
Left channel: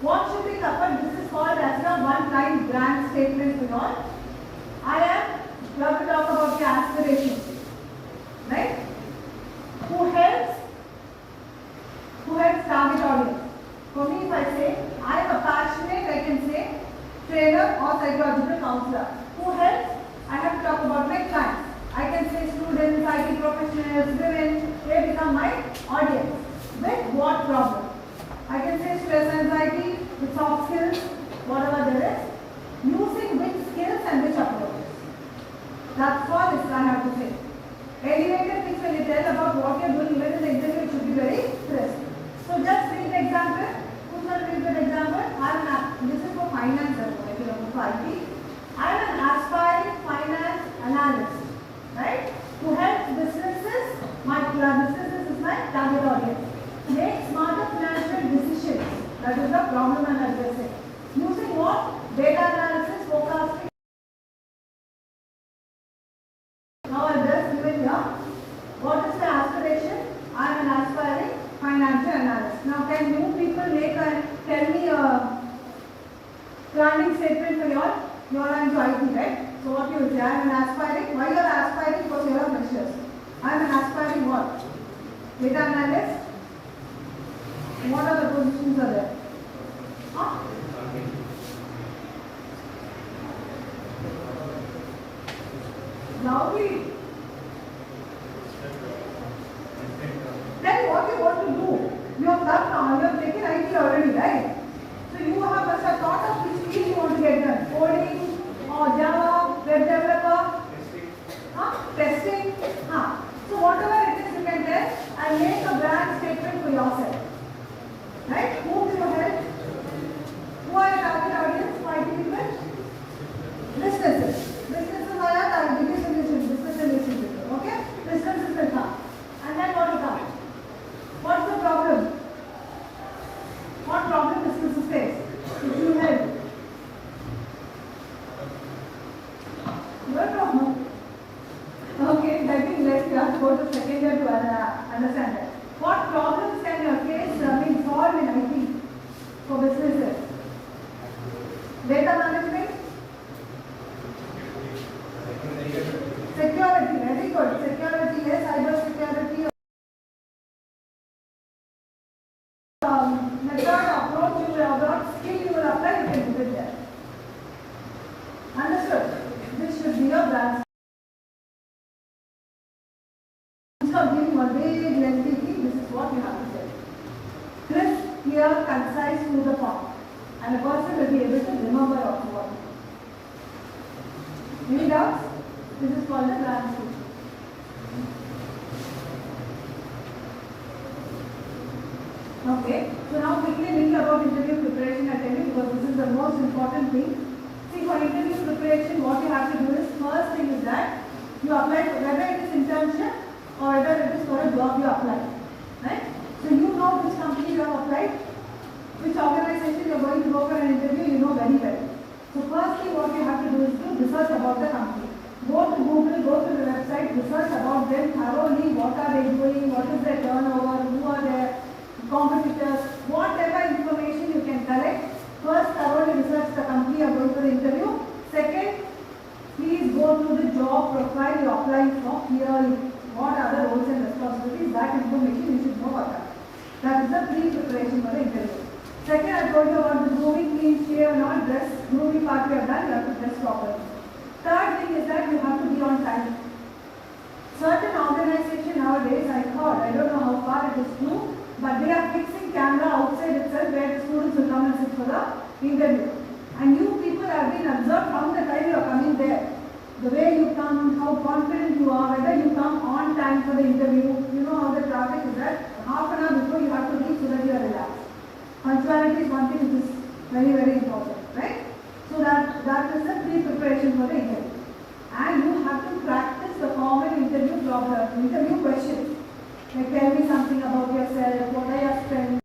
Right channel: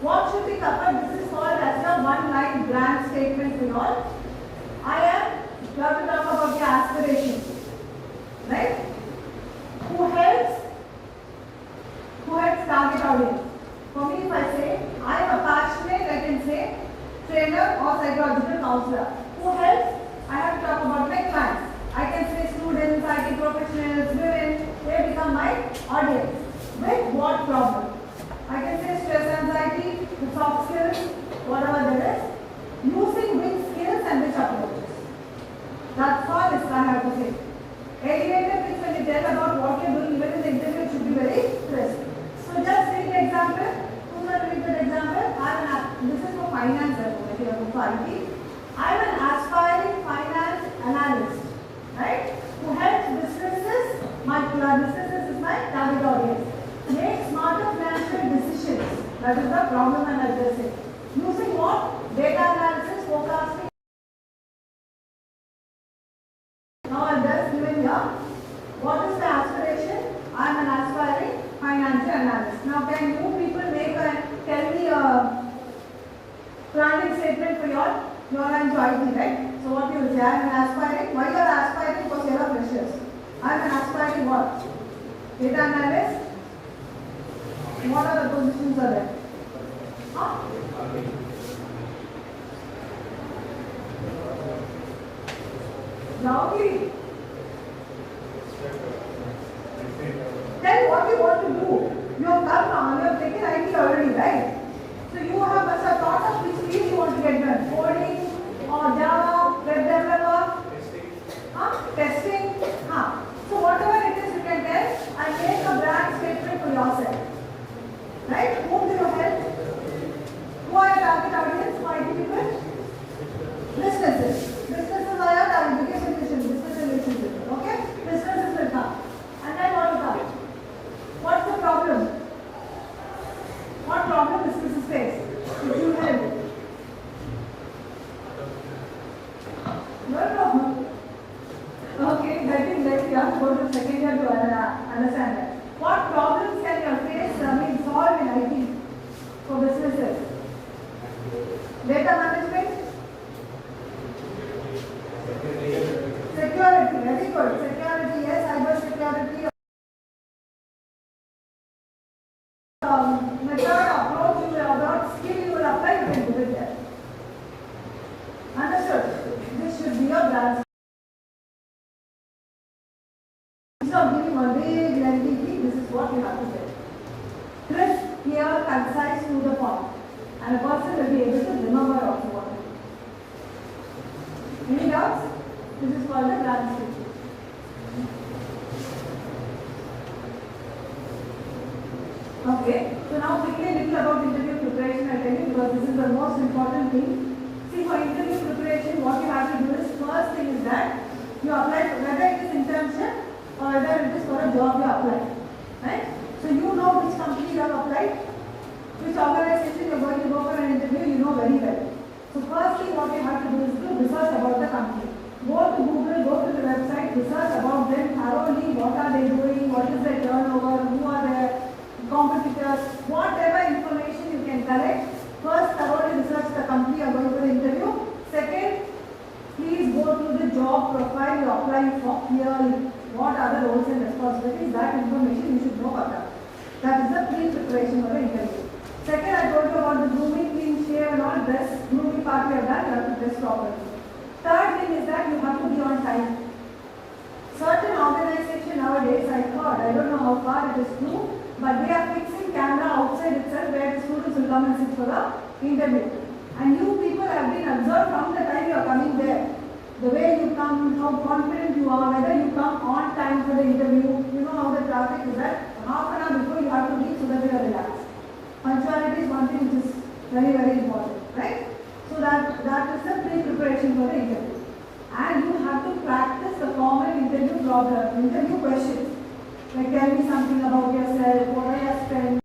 What should be covered? This is called as a one-line brand statement to all. You have to talk about your aspirations. Right? Who helps target audience? For me, if I say, I am a passionate, I can say, trainer or psychological counselor. Who helps? I have to talk about my clients. I can say students, IT professionals, women, they become my audience. With what problem? I can say stress, anxiety, the soft skills, whatever there is. Using which skills and which approaches. That's all this I have to say. Elevator pitch, when you tell about what you are doing, even in the interview, it should be very crisp. So just take an example. Who's going to give an example? This is for finance, if you are for IT. I am an aspiring finance analyst, right? Who helps businesses. My businesses is my target audience. Make smarter financial decisions. That is the problem I'm addressing. Using what? Data analysis, forecasting. Now I just given here. What is the aspiration? I am an aspiring financial analyst. Now can you people tell me a planning statement for your into IT, right? So what you will say, I am an aspiring. Why you are aspiring? Because you are precious. I am an aspiring what? Data analyst. What are the positions are there? Huh? Lovely. Then what you want to do? You have done, you have taken IT already, right? So you have a thought of which field you want to get done. Coding or Java, web developer, testing. So whatever it is you can tell, I make a brand statement for yourself. Right? Whom do you help? Who are your target audience? For IT people? Businesses. Businesses are your target business relationship. Okay? Businesses will come. And then what will come? What's the problem? What problem businesses face? If you help. No. Okay, I think let's go to second year to understand that. What problems can you face being solved in IT for businesses? Data management? Security, very good. Security, yes, cyber security. Method, approach, you will adopt, skill you will apply, you can do it there. Understood? This should be your brand. Instead of giving a big lengthy thing, this is what you have to say. Crisp, clear, concise, to the point. And a person will be able to remember also what you do. Any doubts? This is called the brand speech. Okay, so now quickly think about interview preparation, I tell you, because this is the most important thing. See, for interview preparation, what you have to do is, first thing is that you apply, whether it is internship or whether it is for a job you apply. Right? So you know which company you have applied, which organization you are going to go for an interview, you know very well. So first thing what you have to do is to research about the company. Go to Google, go to the website, research about them thoroughly, what are they doing, what is their turnover, who are their competitors, whatever information you can collect. First, thoroughly research the company you are going for the interview. Second, please go to the job profile you are applying for clearly. What are the roles and responsibilities? That information you should know about that. That is the pre-preparation for the interview. Second, I told you about the grooming, clean shave and all dress. Grooming part you have done, you have to dress properly. Third thing is that you have to be on time. Certain organization nowadays, I heard, I don't know how far it is true, but they are fixing camera outside itself where the students will come and sit for the interview. And you people have been observed from the time you are coming there. The way you come, how confident you are, whether you come on time for the interview. You know how the traffic is at. Half an hour before you have to leave so that you are relaxed. Punctuality is one thing which is very, very important, right? So that is the pre-preparation for the interview. And you have to practice the common interview questions. Like tell me something about yourself, what are your strengths.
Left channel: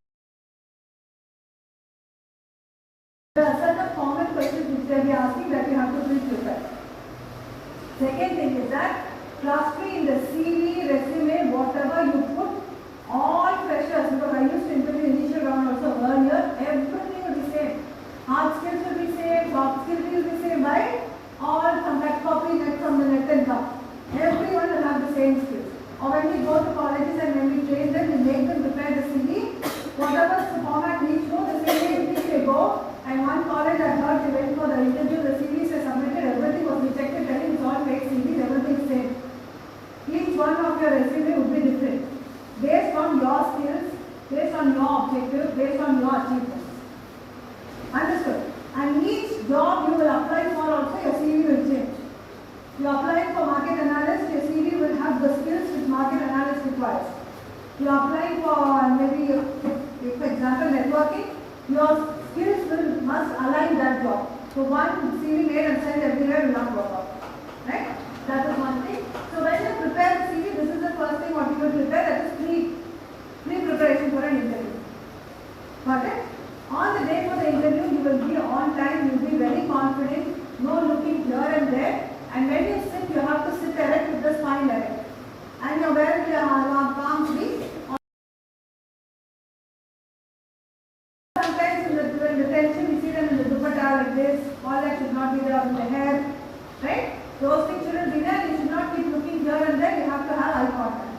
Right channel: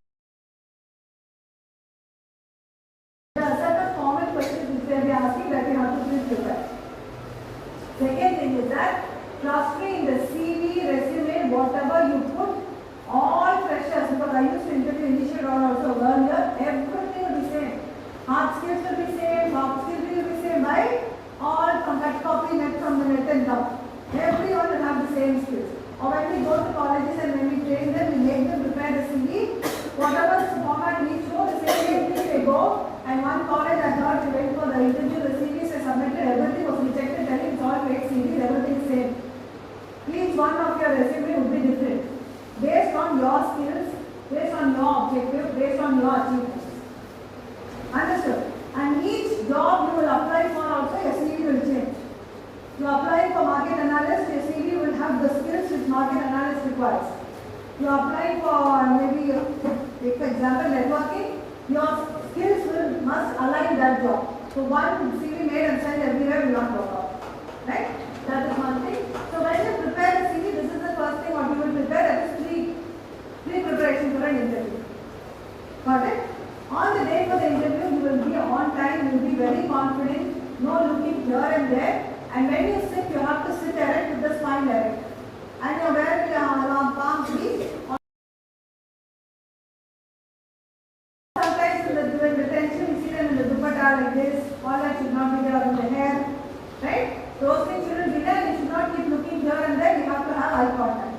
There are certain common questions which they will be asking that you have to pre-prepare. Second thing is that clustering in the CV, resume, whatever you put, all freshers, because I used to interview initial round also earlier, everything will be same. Hard skills will be same, soft skills will be same, right? All from that copy net from the net and come. Everyone will have the same skills. Or when we go to colleges and when we train them, we make them prepare the CV. Whatever the format we show, the same thing they go. And one college I heard they went for the interview, the CVs were submitted, everything was rejected, telling it's all fake CVs, everything is same. Each one of your resume would be different. Based on your skills, based on your objective, based on your achievements. Understood? And each job you will apply for also, your CV will change. You apply for market analyst, your CV will have the skills which market analyst requires. You apply for maybe, for example, networking, your skills must align that job. So one CV made and sent everywhere will not work out. Right? That is one thing. So when you prepare a CV, this is the first thing what you will prepare, that is pre-preparation for an interview. Got it? On the day for the interview, you will be on time, you will be very confident, no looking here and there. And when you sit, you have to sit erect with the spine erect. And you wear your palms be. Sometimes in the retention, you see them in the dupatta like this. All that should not be there in the hair. Right? Those things shouldn't be there. You should not keep looking here and there. You have to have eye contact.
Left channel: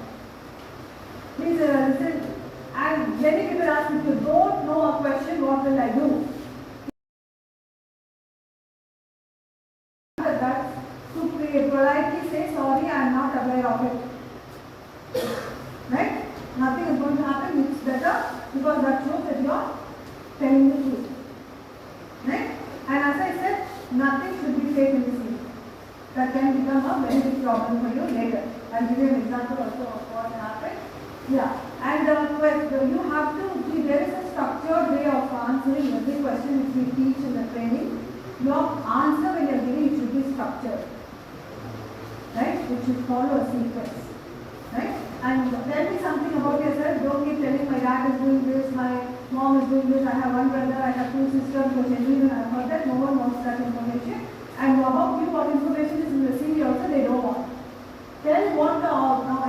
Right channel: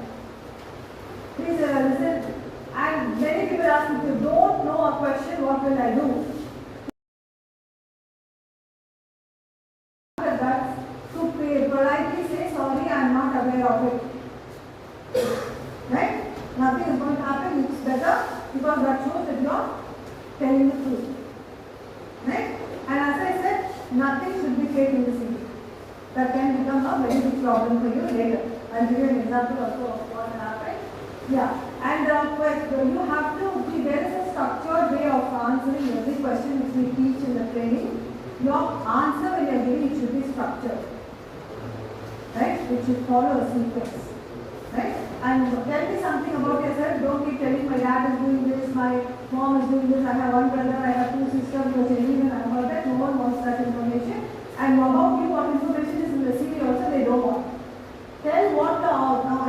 Please listen. And many people ask, if you don't know a question, what will I do? because that shows that you are telling the truth. Right? And as I said, nothing should be fake in the CV. That can become a very big problem for you later. I'll give you an example also of what happened. Yeah. And you have to, there is a structured way of answering every question which we teach in the training. Your answer when you are giving it should be structured. Right? It should follow a sequence. Right? And tell me something about yourself. Don't keep telling my dad is doing this, my mom is doing this, I have one brother, I have two sisters, which anyone I heard that. No one wants that information. And about you, what information is in the CV also they don't want. Tell what the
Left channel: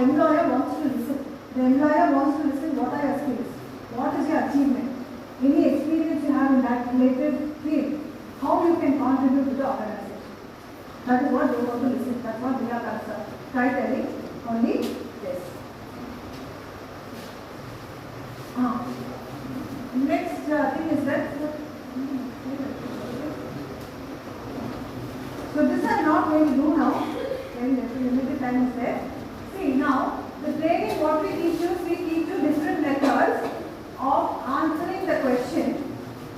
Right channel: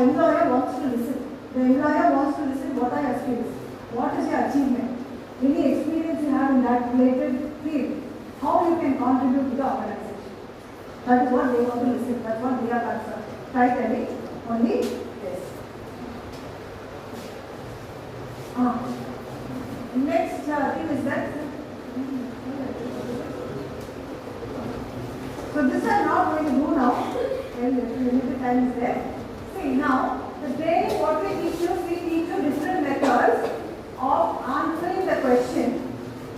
employer wants to listen. The employer wants to listen what are your skills, what is your achievement, any experience you have in that related field, how you can contribute to the organization. That is what they want to listen. That's what we are try telling only this. Next thing is that. So this I am not going to do now. When the limited time is there. See now. The training, what we teach you different methods of answering the question,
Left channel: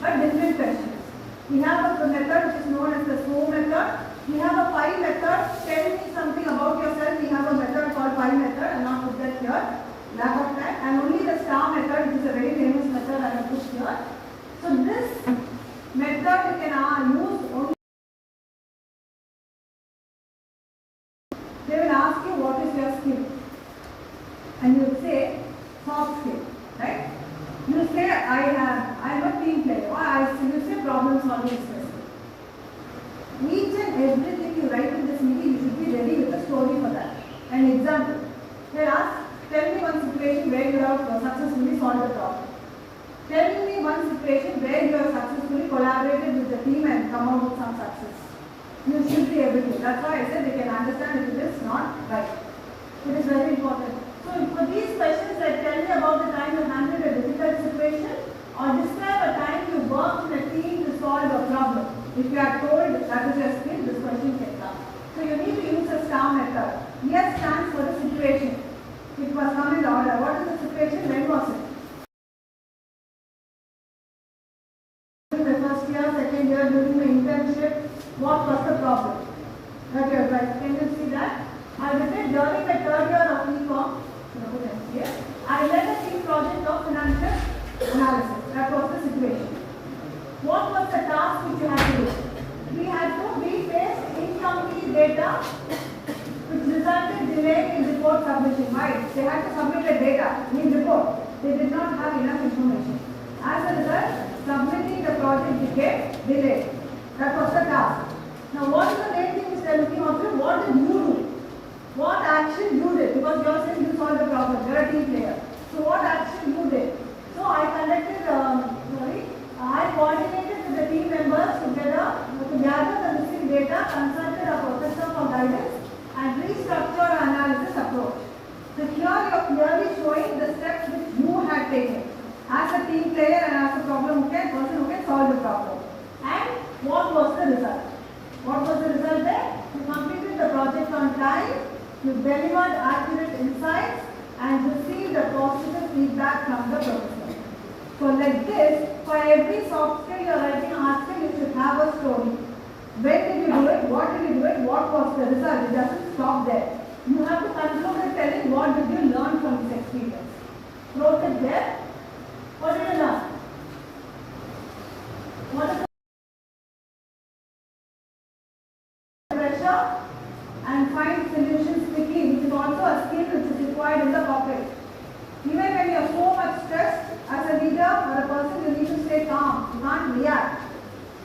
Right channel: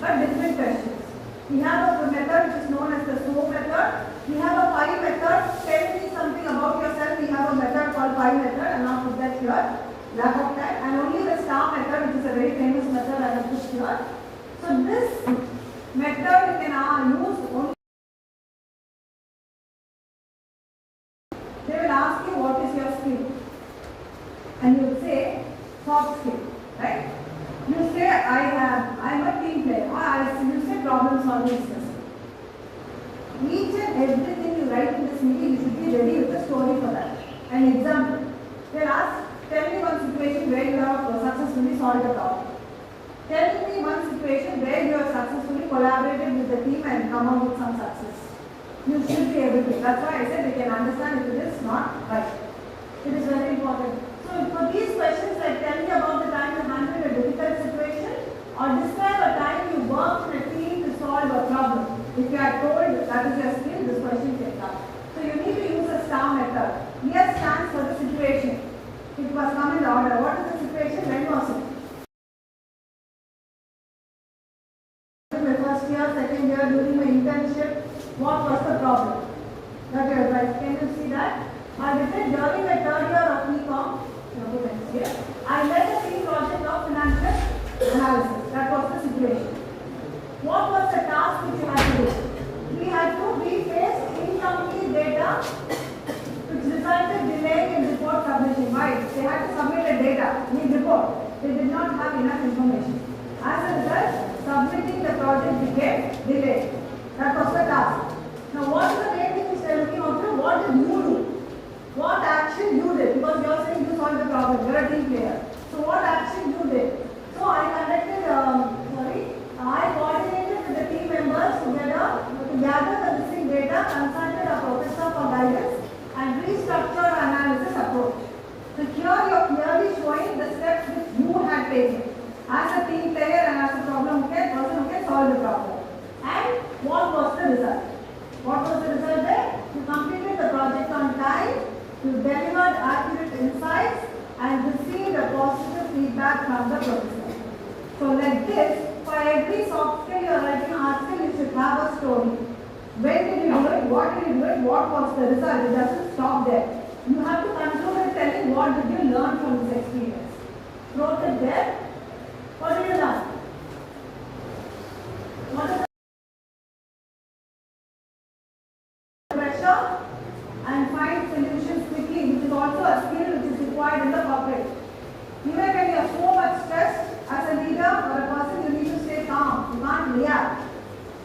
but different questions. We have a method which is known as the SO method. We have a PI method. Tell me something about yourself. We have a method called PI method. I will not put that here. Lack of time. And only the STAR method, which is a very famous method, I have put here. So this method you can use only. They will ask you what is your skill. And you say soft skill, right? You say I'm a team player, or you say problem solving skills. Each and everything you write in the CV, you should be ready with a story for that. An example. They ask, tell me one situation where you have successfully solved a problem. Tell me one situation where you have successfully collaborated with the team and come out with some success. You should be able to. That's why I said they can understand if it is not right. It is very important. So for these questions, like tell me about the time you handled a difficult situation or describe a time you worked in a team to solve a problem. If you are told that is your skill, this question can come. So you need to use a STAR method. S stands for the situation. It must come in order. What is the situation? When was it? My first year, second year, during my internship, what was the problem? That you are right. Can you see that? I did it during my third year of e-com. I led a team project of financial analysis. That was the situation. What was the task which you had to do? We faced incomplete data which resulted delay in report submission. Why? They had to submit the data in report. They did not have enough information. As a result, submitting the project became delayed. That was the task. Now what is the main thing which they are looking after? What did you do? What action you did? Because you are saying you solved the problem. You are a team player. So what action you did? So I conducted, I coordinated with the team members together to gather the missing data, consulted a professor for guidance and restructured our analysis approach. So here you are clearly showing the steps which you had taken as a team player and as a problem person who can solve the problem. And what was the result? What was the result there? You completed the project on time. You delivered accurate insights and received a positive feedback from the professor. So like this, for every soft skill or every hard skill, you should have a story. When did you do it? What did you do it? What was the result? It doesn't stop there. You have to conclude with telling what did you learn from this experience. Wrote it there. What did you learn? What is pressure and find solutions quickly, which is also a skill which is required in the corporate. Even when you are so much stressed as a leader or a person, you need to stay calm. You can't react.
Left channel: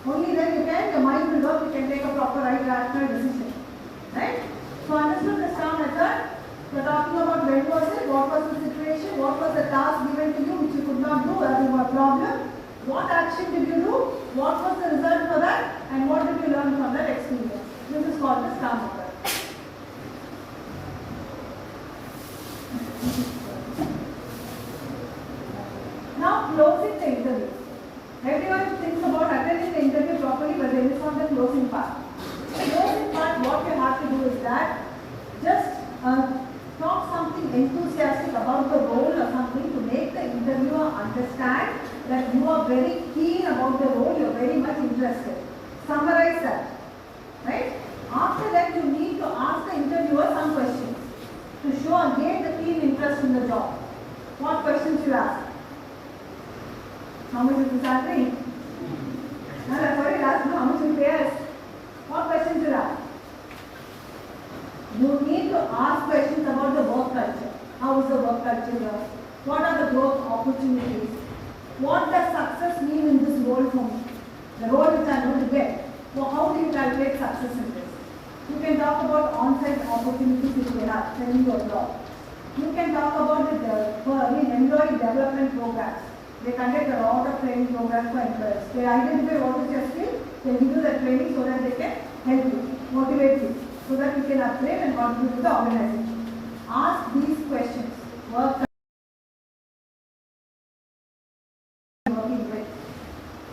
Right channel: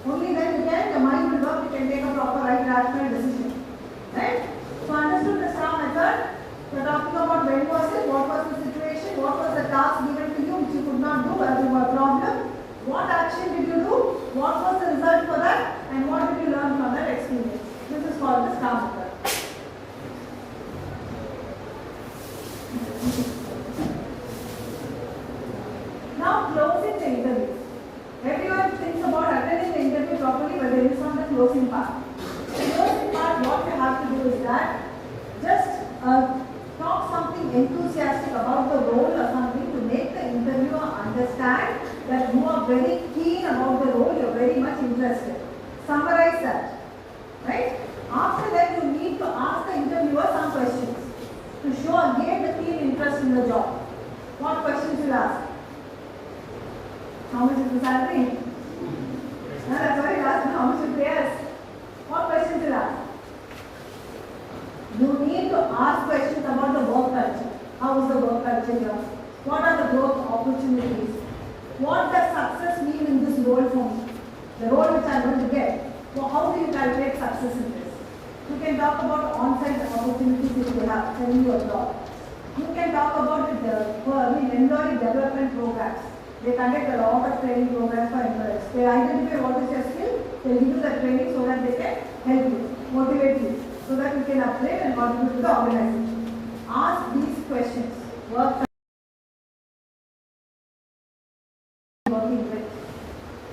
Only then your mind will work, you can take a proper right rational decision. Right? So understood the STAR method. We are talking about when was it, what was the situation, what was the task given to you which you could not do as a problem, what action did you do, what was the result for that, and what did you learn from that experience. This is called the STAR method. Now closing the interview. Everyone thinks about attending the interview properly, but there is not the closing part. The closing part, what you have to do is that just talk something enthusiastic about the role or something to make the interviewer very keen about the role, you're very much interested. Summarize that. Right? After that, you need to ask the interviewer some questions to show again the keen interest in the job. What questions you ask? How much is the salary? No, that's what you ask. No, how much is the pay? What questions you ask? You need to ask questions about the work culture. How is the work culture here? What are the growth opportunities? What does success mean in this role for me? The role which I am going to get. So how do you calculate success in this? You can talk about on-site opportunities if you have when you apply. You can talk about the employee development programs. They conduct a lot of training programs for employees. They identify what is your skill, they give you the training so that they can help you, motivate you, so that you can upgrade and contribute to the organization. Ask these questions. Work working with.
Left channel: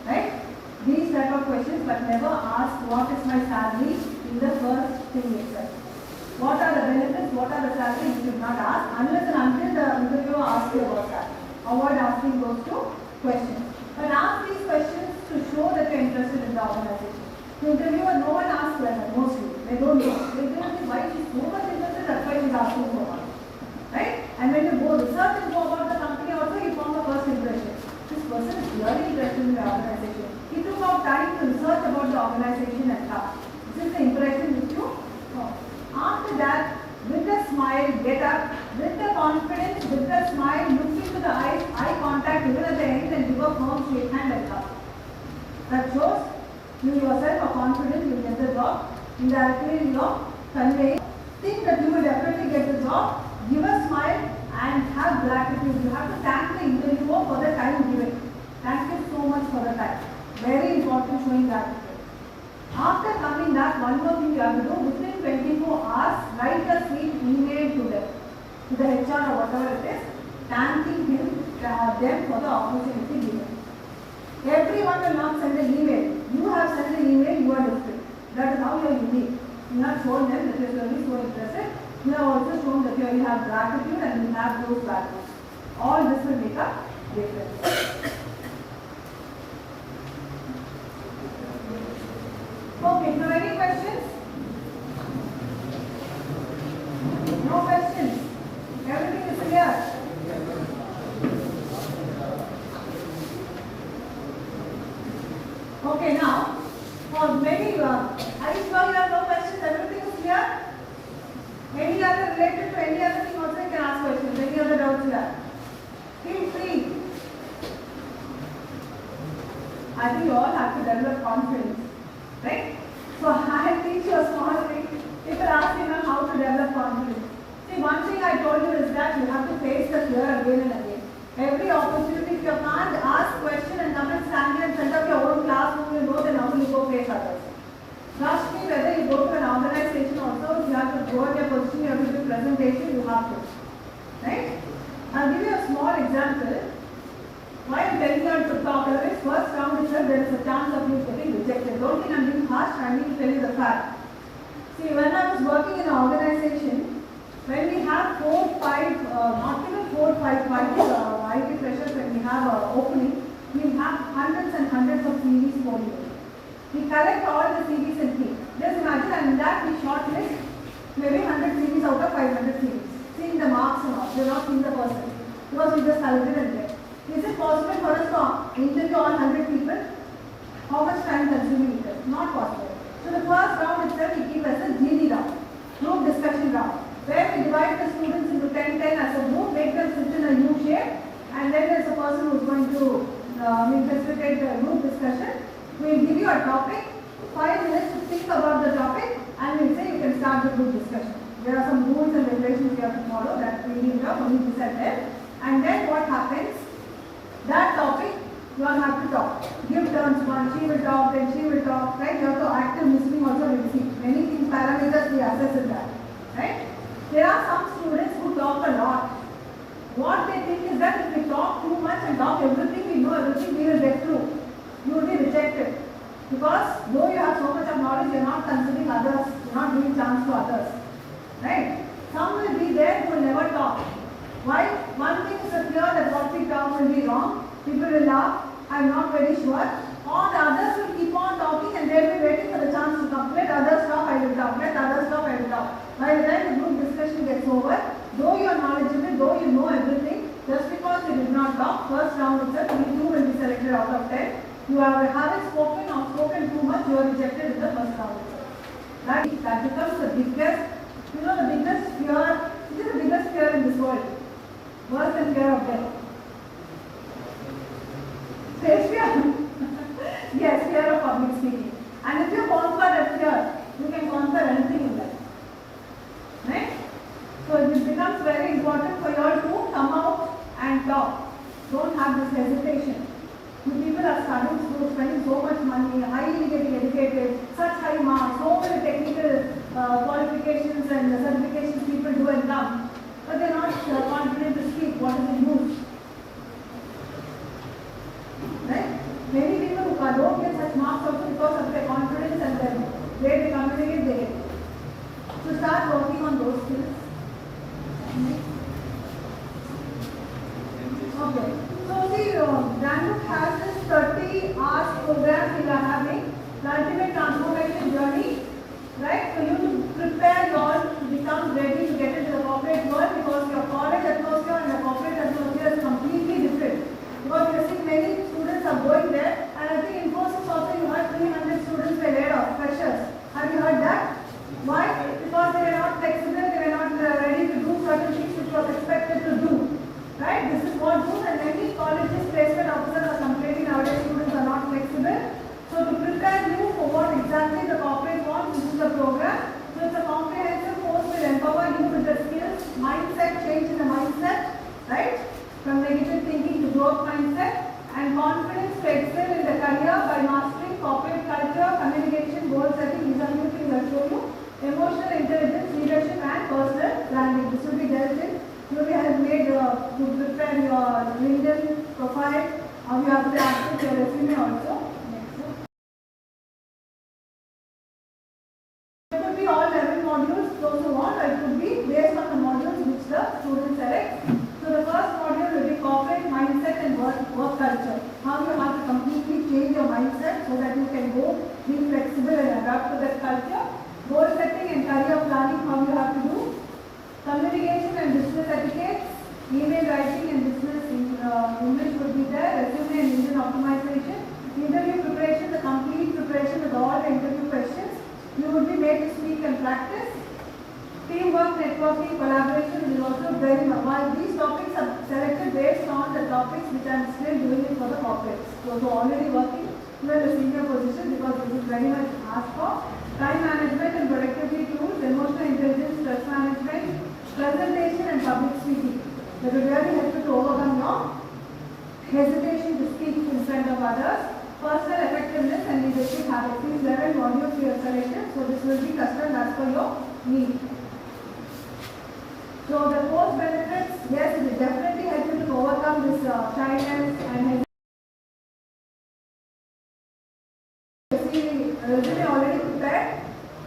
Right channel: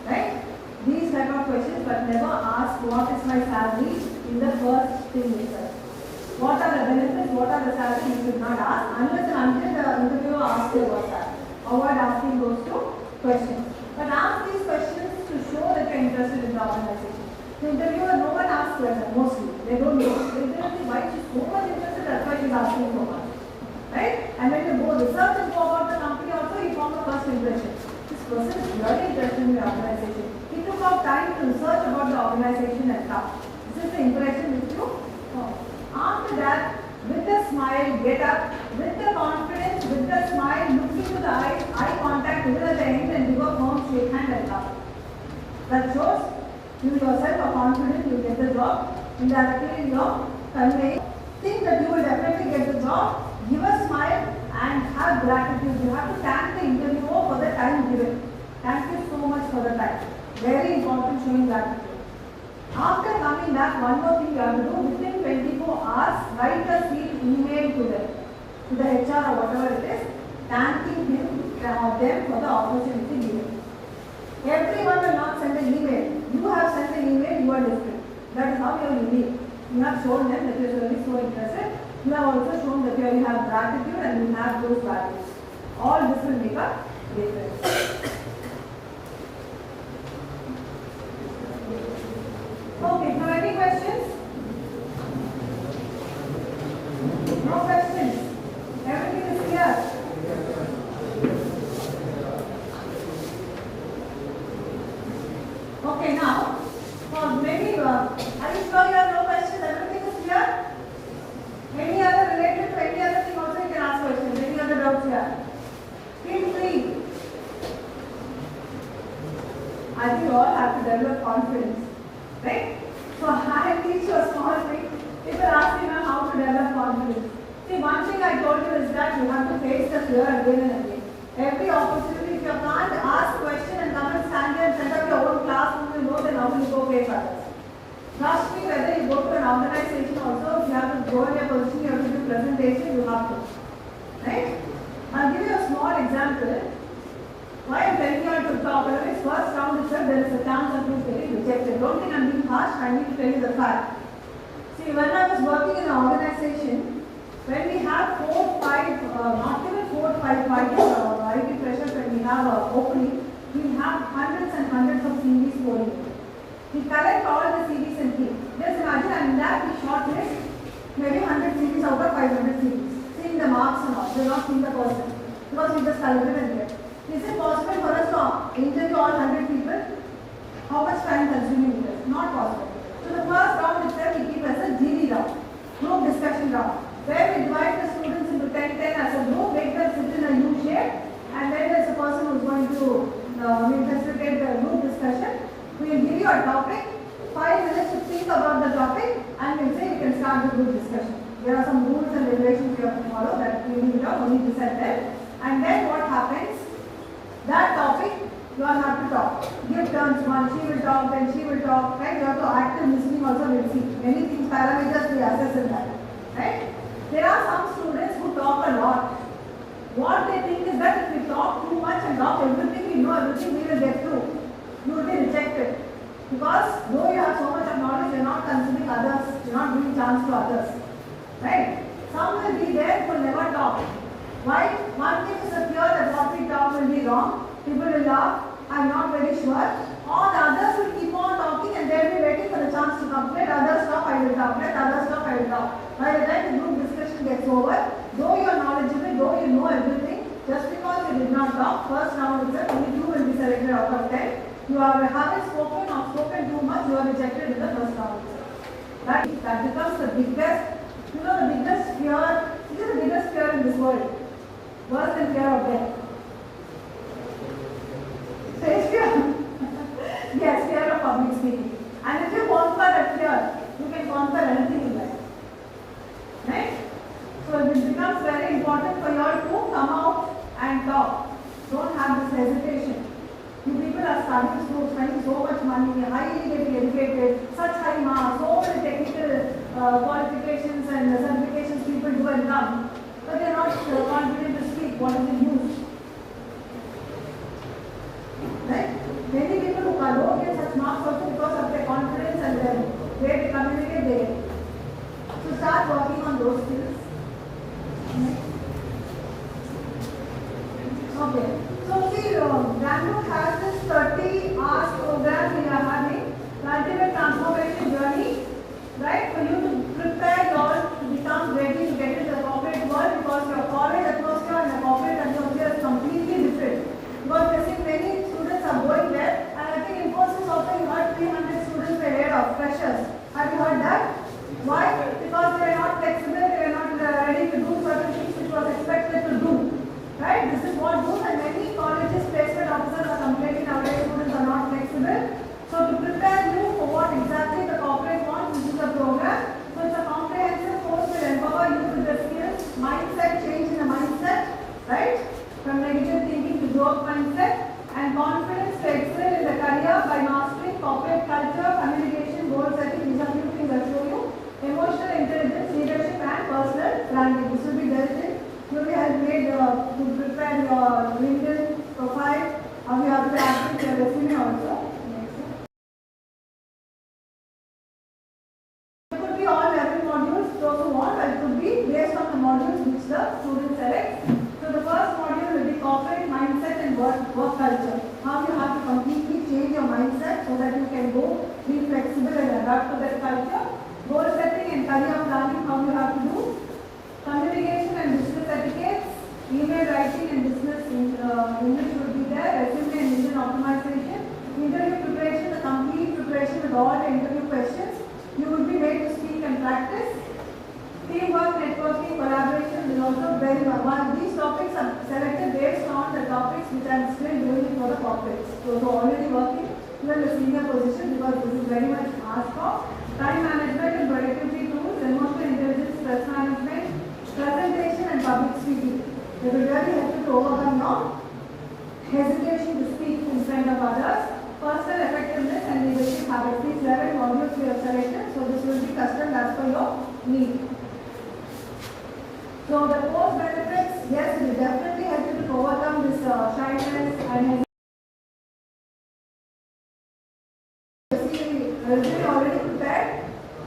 Right? These type of questions, but never ask what is my salary in the first thing itself. What are the benefits, what are the salaries, you should not ask unless and until the interviewer asks you about that. Avoid asking those two questions. But ask these questions to show that you are interested in the organization. The interviewer, no one asks questions, mostly. They don't know. They don't think why she is so much interested, that's why she is asking so much. Right? And when you go research and go about the company also, you form a first impression. This person is really interested in the organization. He took out time to research about the organization and stuff. This is the impression which you form. After that, with a smile, get up, with the confidence, with the smile, look into the eyes, eye contact even at the end and give a firm shake hand and come. That shows you yourself are confident you will get the job. Indirectly you are conveying. Think that you will definitely get the job. Give a smile and have gratitude. You have to thank the interviewer for the time given. Thank you so much for the time. Very important, showing gratitude. After coming back, one more thing you have to do, within 24 hours, write a sweet email to them, to the HR or whatever it is, thanking them for the opportunity given. Everyone will not send an email. You have sent an email, you are different. That is how you are unique. You have shown them that you are really so interested. You have also shown that you have gratitude and you have those values. All this will make a difference. Okay, now any questions? No questions? Everything is clear? Okay, now, maybe, are you sure you have no questions? Everything is clear? Any other related to any other thing also you can ask questions. Any other doubts here? Feel free. I think you all have to develop confidence. Right? So I teach you a small thing. People ask me now how to develop confidence. See, one thing I told you is that you have to face the fear again and again. Every opportunity, if you can't ask question and come and stand here and set up your own classroom, you know, then how will you go face others? Trust me, whether you go to an organization also, if you have to go in your position, you have to do presentation, you have to. Right? I'll give you a small example. Why I am telling you to talk, always first round itself there is a chance of you getting rejected. Don't think I am being harsh, I need to tell you the fact. See, when I was working in an organization, when we have 4, 5, not even 4, 5 IT freshers, when we have an opening, we have hundreds and hundreds of CVs going in. We collect all the CVs and keep. Just imagine, and in that we shortlist maybe 100 CVs out of 500 CVs. Seeing the marks and all, we are not seeing the person. Because we just collected and get. Is it possible for us to interview all 100 people? How much time consuming it is? Not possible. So the first round itself we keep as a GD round, group discussion round, where we divide the students into 10 as a group, make them sit in a U shape, and then there is a person who is going to facilitate the group discussion. We will give you a topic, 5 minutes to think about the topic, and we will say you can start the group discussion. There are some rules and regulations you have to follow that we need to set there. And then what happens? That topic, you all have to talk. Give turns, one, she will talk, then she will talk, right? You have to active listening also will see. Many things, parameters we assess in that, right? There are some students who talk a lot. What they think is that if we talk too much and talk everything, we know everything, we will get through. You will be rejected. Because though you have so much of knowledge, you are not considering others, you are not giving chance to others. Right? Some will be there who will never talk. Why? One thing is a fear that what we talk will be wrong. People will laugh. I'm not very sure. All the others will keep on talking and they'll be waiting for the chance to come. Let others stop, I will talk. Let others stop, I will talk. By the time the group discussion gets over, though you are knowledgeable, though you know everything, just because you did not talk, first round itself, you will be selected out of 10. You haven't spoken or spoken too much, you are rejected in the first round itself. Right? That becomes the biggest, the biggest fear. It is the biggest fear in this world. Worse than fear of death. Stage fear. Yes, fear of public speaking. And if you conquer that fear, you can conquer anything in life. Right? So it becomes very important for you all to come out and talk. Don't have this hesitation. You people are studying, spending so much money, highly getting educated, such high marks, so many technical qualifications and certifications people do and come, but they are not confident to speak. What is the use? Right? Many people who don't get such marks also because of their confidence and their way to communicate there. So start working on those skills. Okay. So see, RankBook has this 30 hours program we are having, the ultimate transformation journey, right? For you to prepare yourself to become ready to get into the corporate world, because your college atmosphere and the corporate atmosphere is completely different. Because we are seeing many students are going there, and I think in Infosys also you heard 300 students were laid off, freshers. Have you heard that? Why? Because they were not flexible, they were not ready to do certain things which was expected to do. Right? This is what do, and many colleges placement officers are complaining nowadays students are not flexible. So to prepare you for what exactly the corporate wants, this is a program. So it's a comprehensive course will empower you with the skills, mindset, change in the mindset, right? From negative thinking to growth mindset, and confidence to excel in the career by mastering corporate culture, communication, goal setting. These are few things I'll show you. Emotional intelligence, leadership, and personal branding. This will be dealt in. You will have made to prepare your LinkedIn profile. You have to access your resume also. It could be all 11 modules, those who want, or it could be based on the modules which the student selects. So the first module will be corporate mindset and work culture. How you have to completely change your mindset so that you can go be flexible and adapt to that culture. Goal setting and career planning, how you have to do. Communication and business etiquette, email writing and business English will be there, resume and LinkedIn optimization, interview preparation, the complete preparation with all the interview questions. You will be made to speak and practice. Teamwork, networking, collaboration will also very much. While these topics are selected based on the topics which I am still doing for the corporates. So already working in the senior position, because this is very much asked for. Time management and productivity tools, emotional intelligence, stress management, presentation and public speaking. They will really help you to overcome your hesitation to speak in front of others. Personal effectiveness and leadership habits. These 11 modules we have selected, so this will be custom as per your need. So the course benefits, yes, it will definitely help you to overcome this shyness and resume already prepared,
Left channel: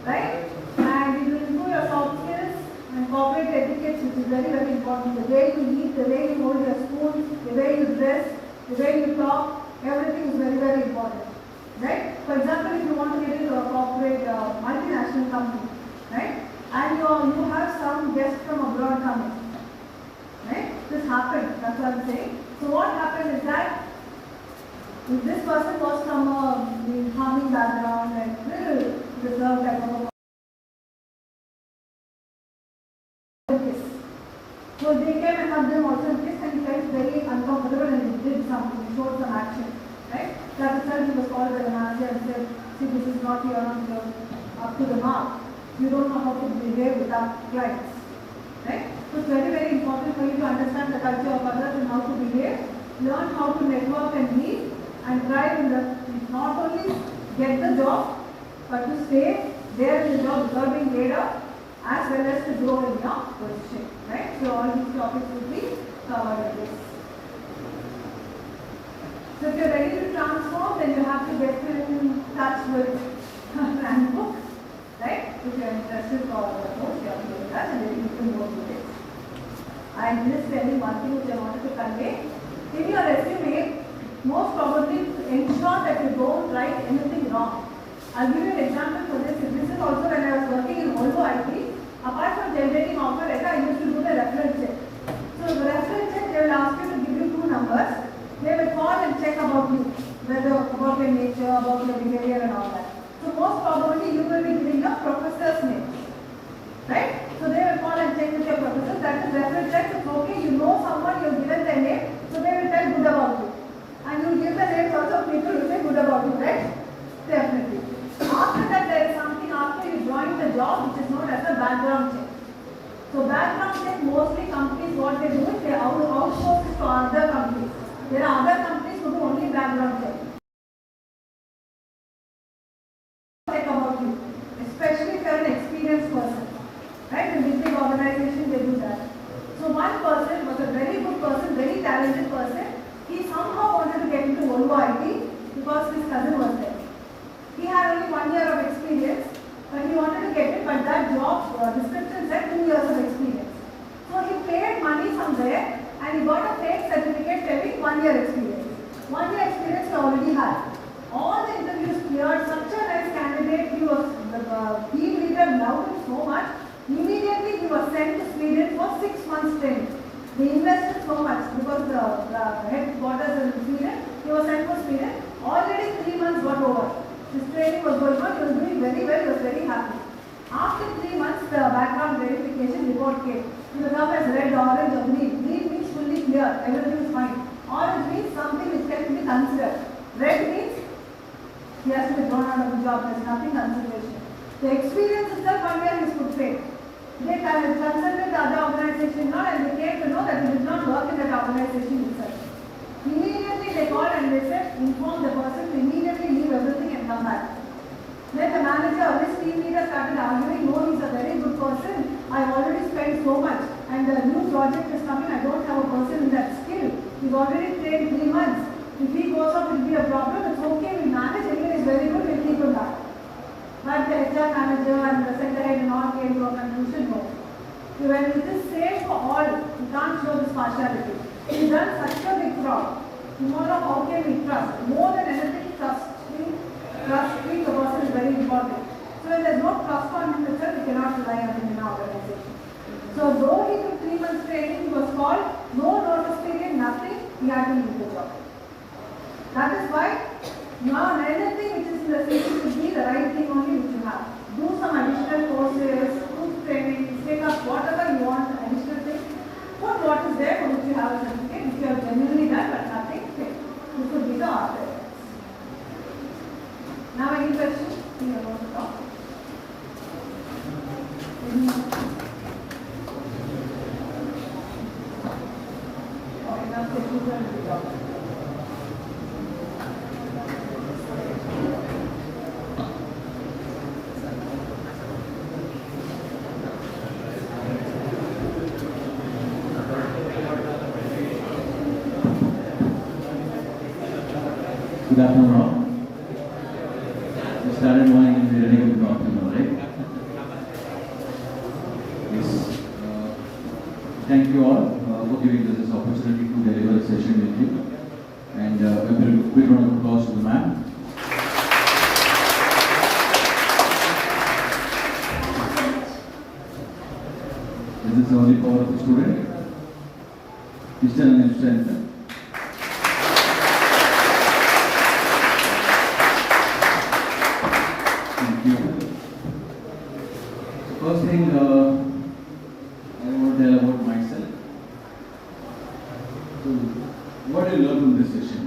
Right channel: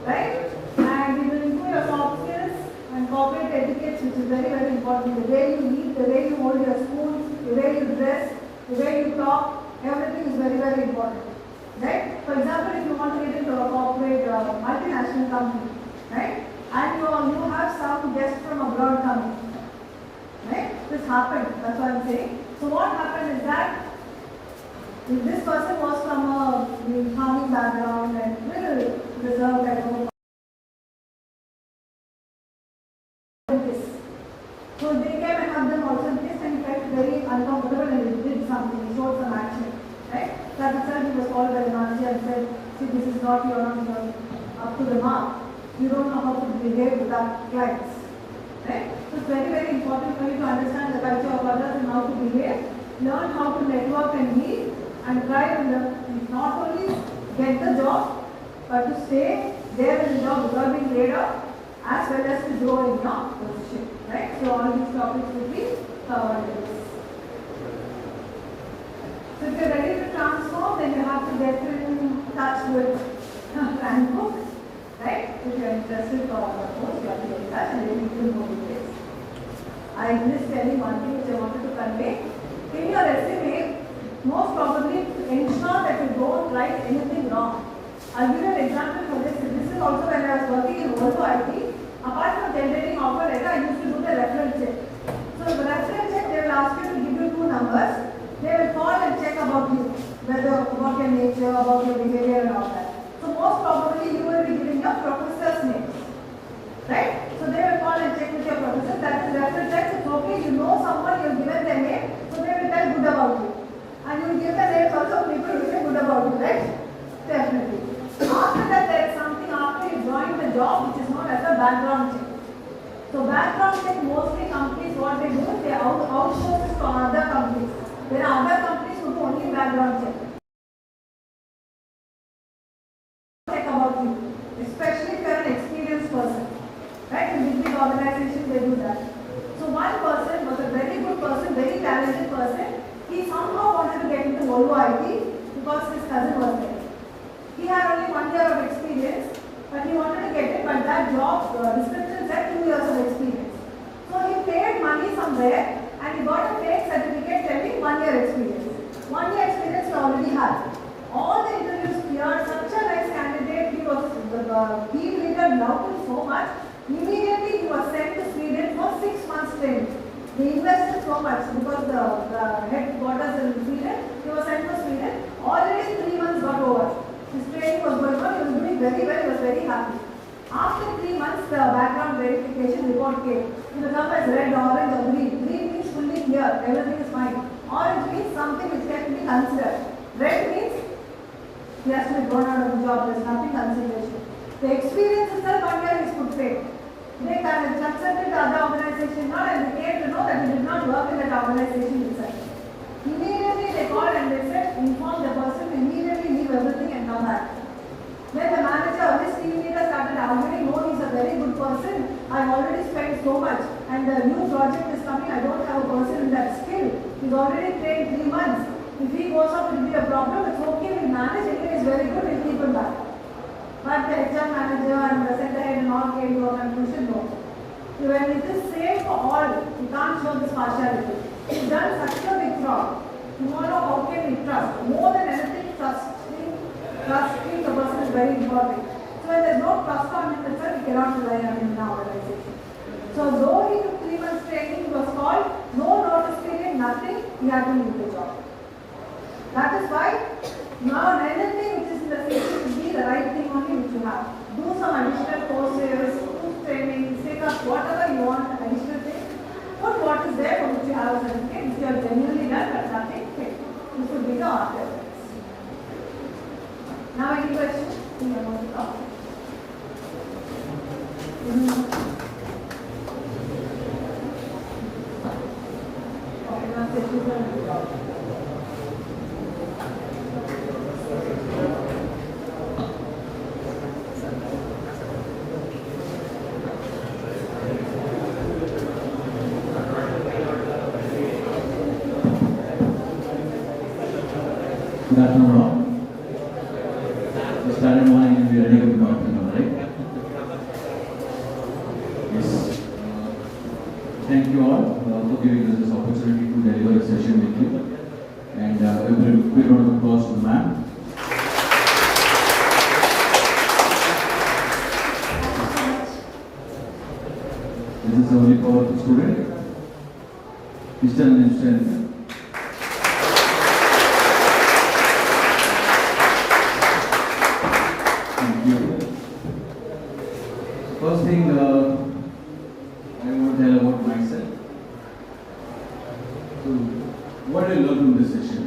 right? And it will improve your soft skills and corporate etiquette, which is very, very important. The way you eat, the way you hold your spoon, the way you dress, the way you talk, everything is very, very important, right? For example, if you want to get into a corporate multinational company, right? And you have some guests from abroad coming, right? This happened, that's what I'm saying. So what happened is that if this person was from a farming background and little reserved type of so they came and hugged them also this, and he felt very uncomfortable and he did something, he showed some action, right? That itself he was called by the manager and said, see, this is not your up to the mark. You don't know how to behave with our clients, right? So it's very, very important for you to understand the culture of others and how to behave, learn how to network and lead, and try to not only get the job, but to stay there in the job without being laid off, as well as to grow in your position, right? So all these topics will be covered in this. So if you're ready to transform, then you have to get in touch with RankBook, right? If you're interested for the course, you have to get in touch and then you can go to this. I'm just telling one thing which I wanted to convey. In your resume, most probably ensure that you don't write anything wrong. I'll give you an example for this. This is also when I was working in Volvo IT. Apart from generating offer letter, I used to do the reference check. So the reference check, they will ask you to give you 2 numbers. They will call and check about you, whether about your nature, about your behavior and all that. So most probably you will be giving your professor's name. Right? So they will call and check with your professor. That is reference check. It's okay. You know someone, you've given their name, so they will tell good about you. And you will give the names also, people will say good about you, right? Definitely. After that, there is something after you join the job which is known as the background check. So background check, mostly companies, what they do is they outsource it to other companies. There are other companies who do only background check. Check about you, especially if you are an experienced person. Right? In big organizations, they do that. So one person was a very good person, very talented person. He somehow wanted to get into Volvo IT because his cousin was there. He had only 1 year of experience, but he wanted to get it, but that job description said 2 years of experience. So he paid money somewhere and he got a fake certificate telling 1 year experience. 1 year experience he already had. All the interviews cleared, such a nice candidate, he was, the team leader loved him so much. Immediately he was sent to Sweden for 6 months training. They invested so much because the headquarters in Sweden, he was sent to Sweden. Already 3 months got over. His training was going on, he was doing very well, he was very happy. After 3 months, the background verification report came. The term is red, orange or green. Green means fully clear, everything is fine. Orange means something which can be considered. Red means he has to be thrown out of the job, there is nothing consideration. The experience itself, 1 year is good paid. They consulted the other organization now and they came to know that he did not work in that organization itself. Immediately they called and they said, inform the person to immediately leave everything and come back. Then the manager or his team leader started arguing, no, he's a very good person. I've already spent so much and the new project is coming. I don't have a person in that skill. He's already trained 3 months. If he goes up, it will be a problem. It's okay, we'll manage. Anyway, he's very good, we'll keep him back. But the HR manager and the center head and all came to a conclusion, no. So when it is safe for all, you can't show this partiality. He's done such a big fraud. Tomorrow, how can we trust? More than anything, trusting the person is very important. So when there is no trust on him itself, we cannot rely on him in our organization. So though he took 3 months training, he was called, no notice period, nothing, he had to leave the job. That is why now anything which is in the future should be the right thing only which you have. Do some additional courses, do training, take up whatever you want, additional things. Put what is there for which you have a certificate, which you have genuinely done but nothing, okay. This would be the order. Now any questions? You are going to talk. Okay, now sit you can Good afternoon, all. Saturday morning and we're ready to talk, right? Yes. Thank you all for giving us this opportunity to deliver a session with you. And a big round of applause to the ma'am. This is the only power of the student. Mr. and Mr. First thing I want to tell about myself. So, what did I learn from this session?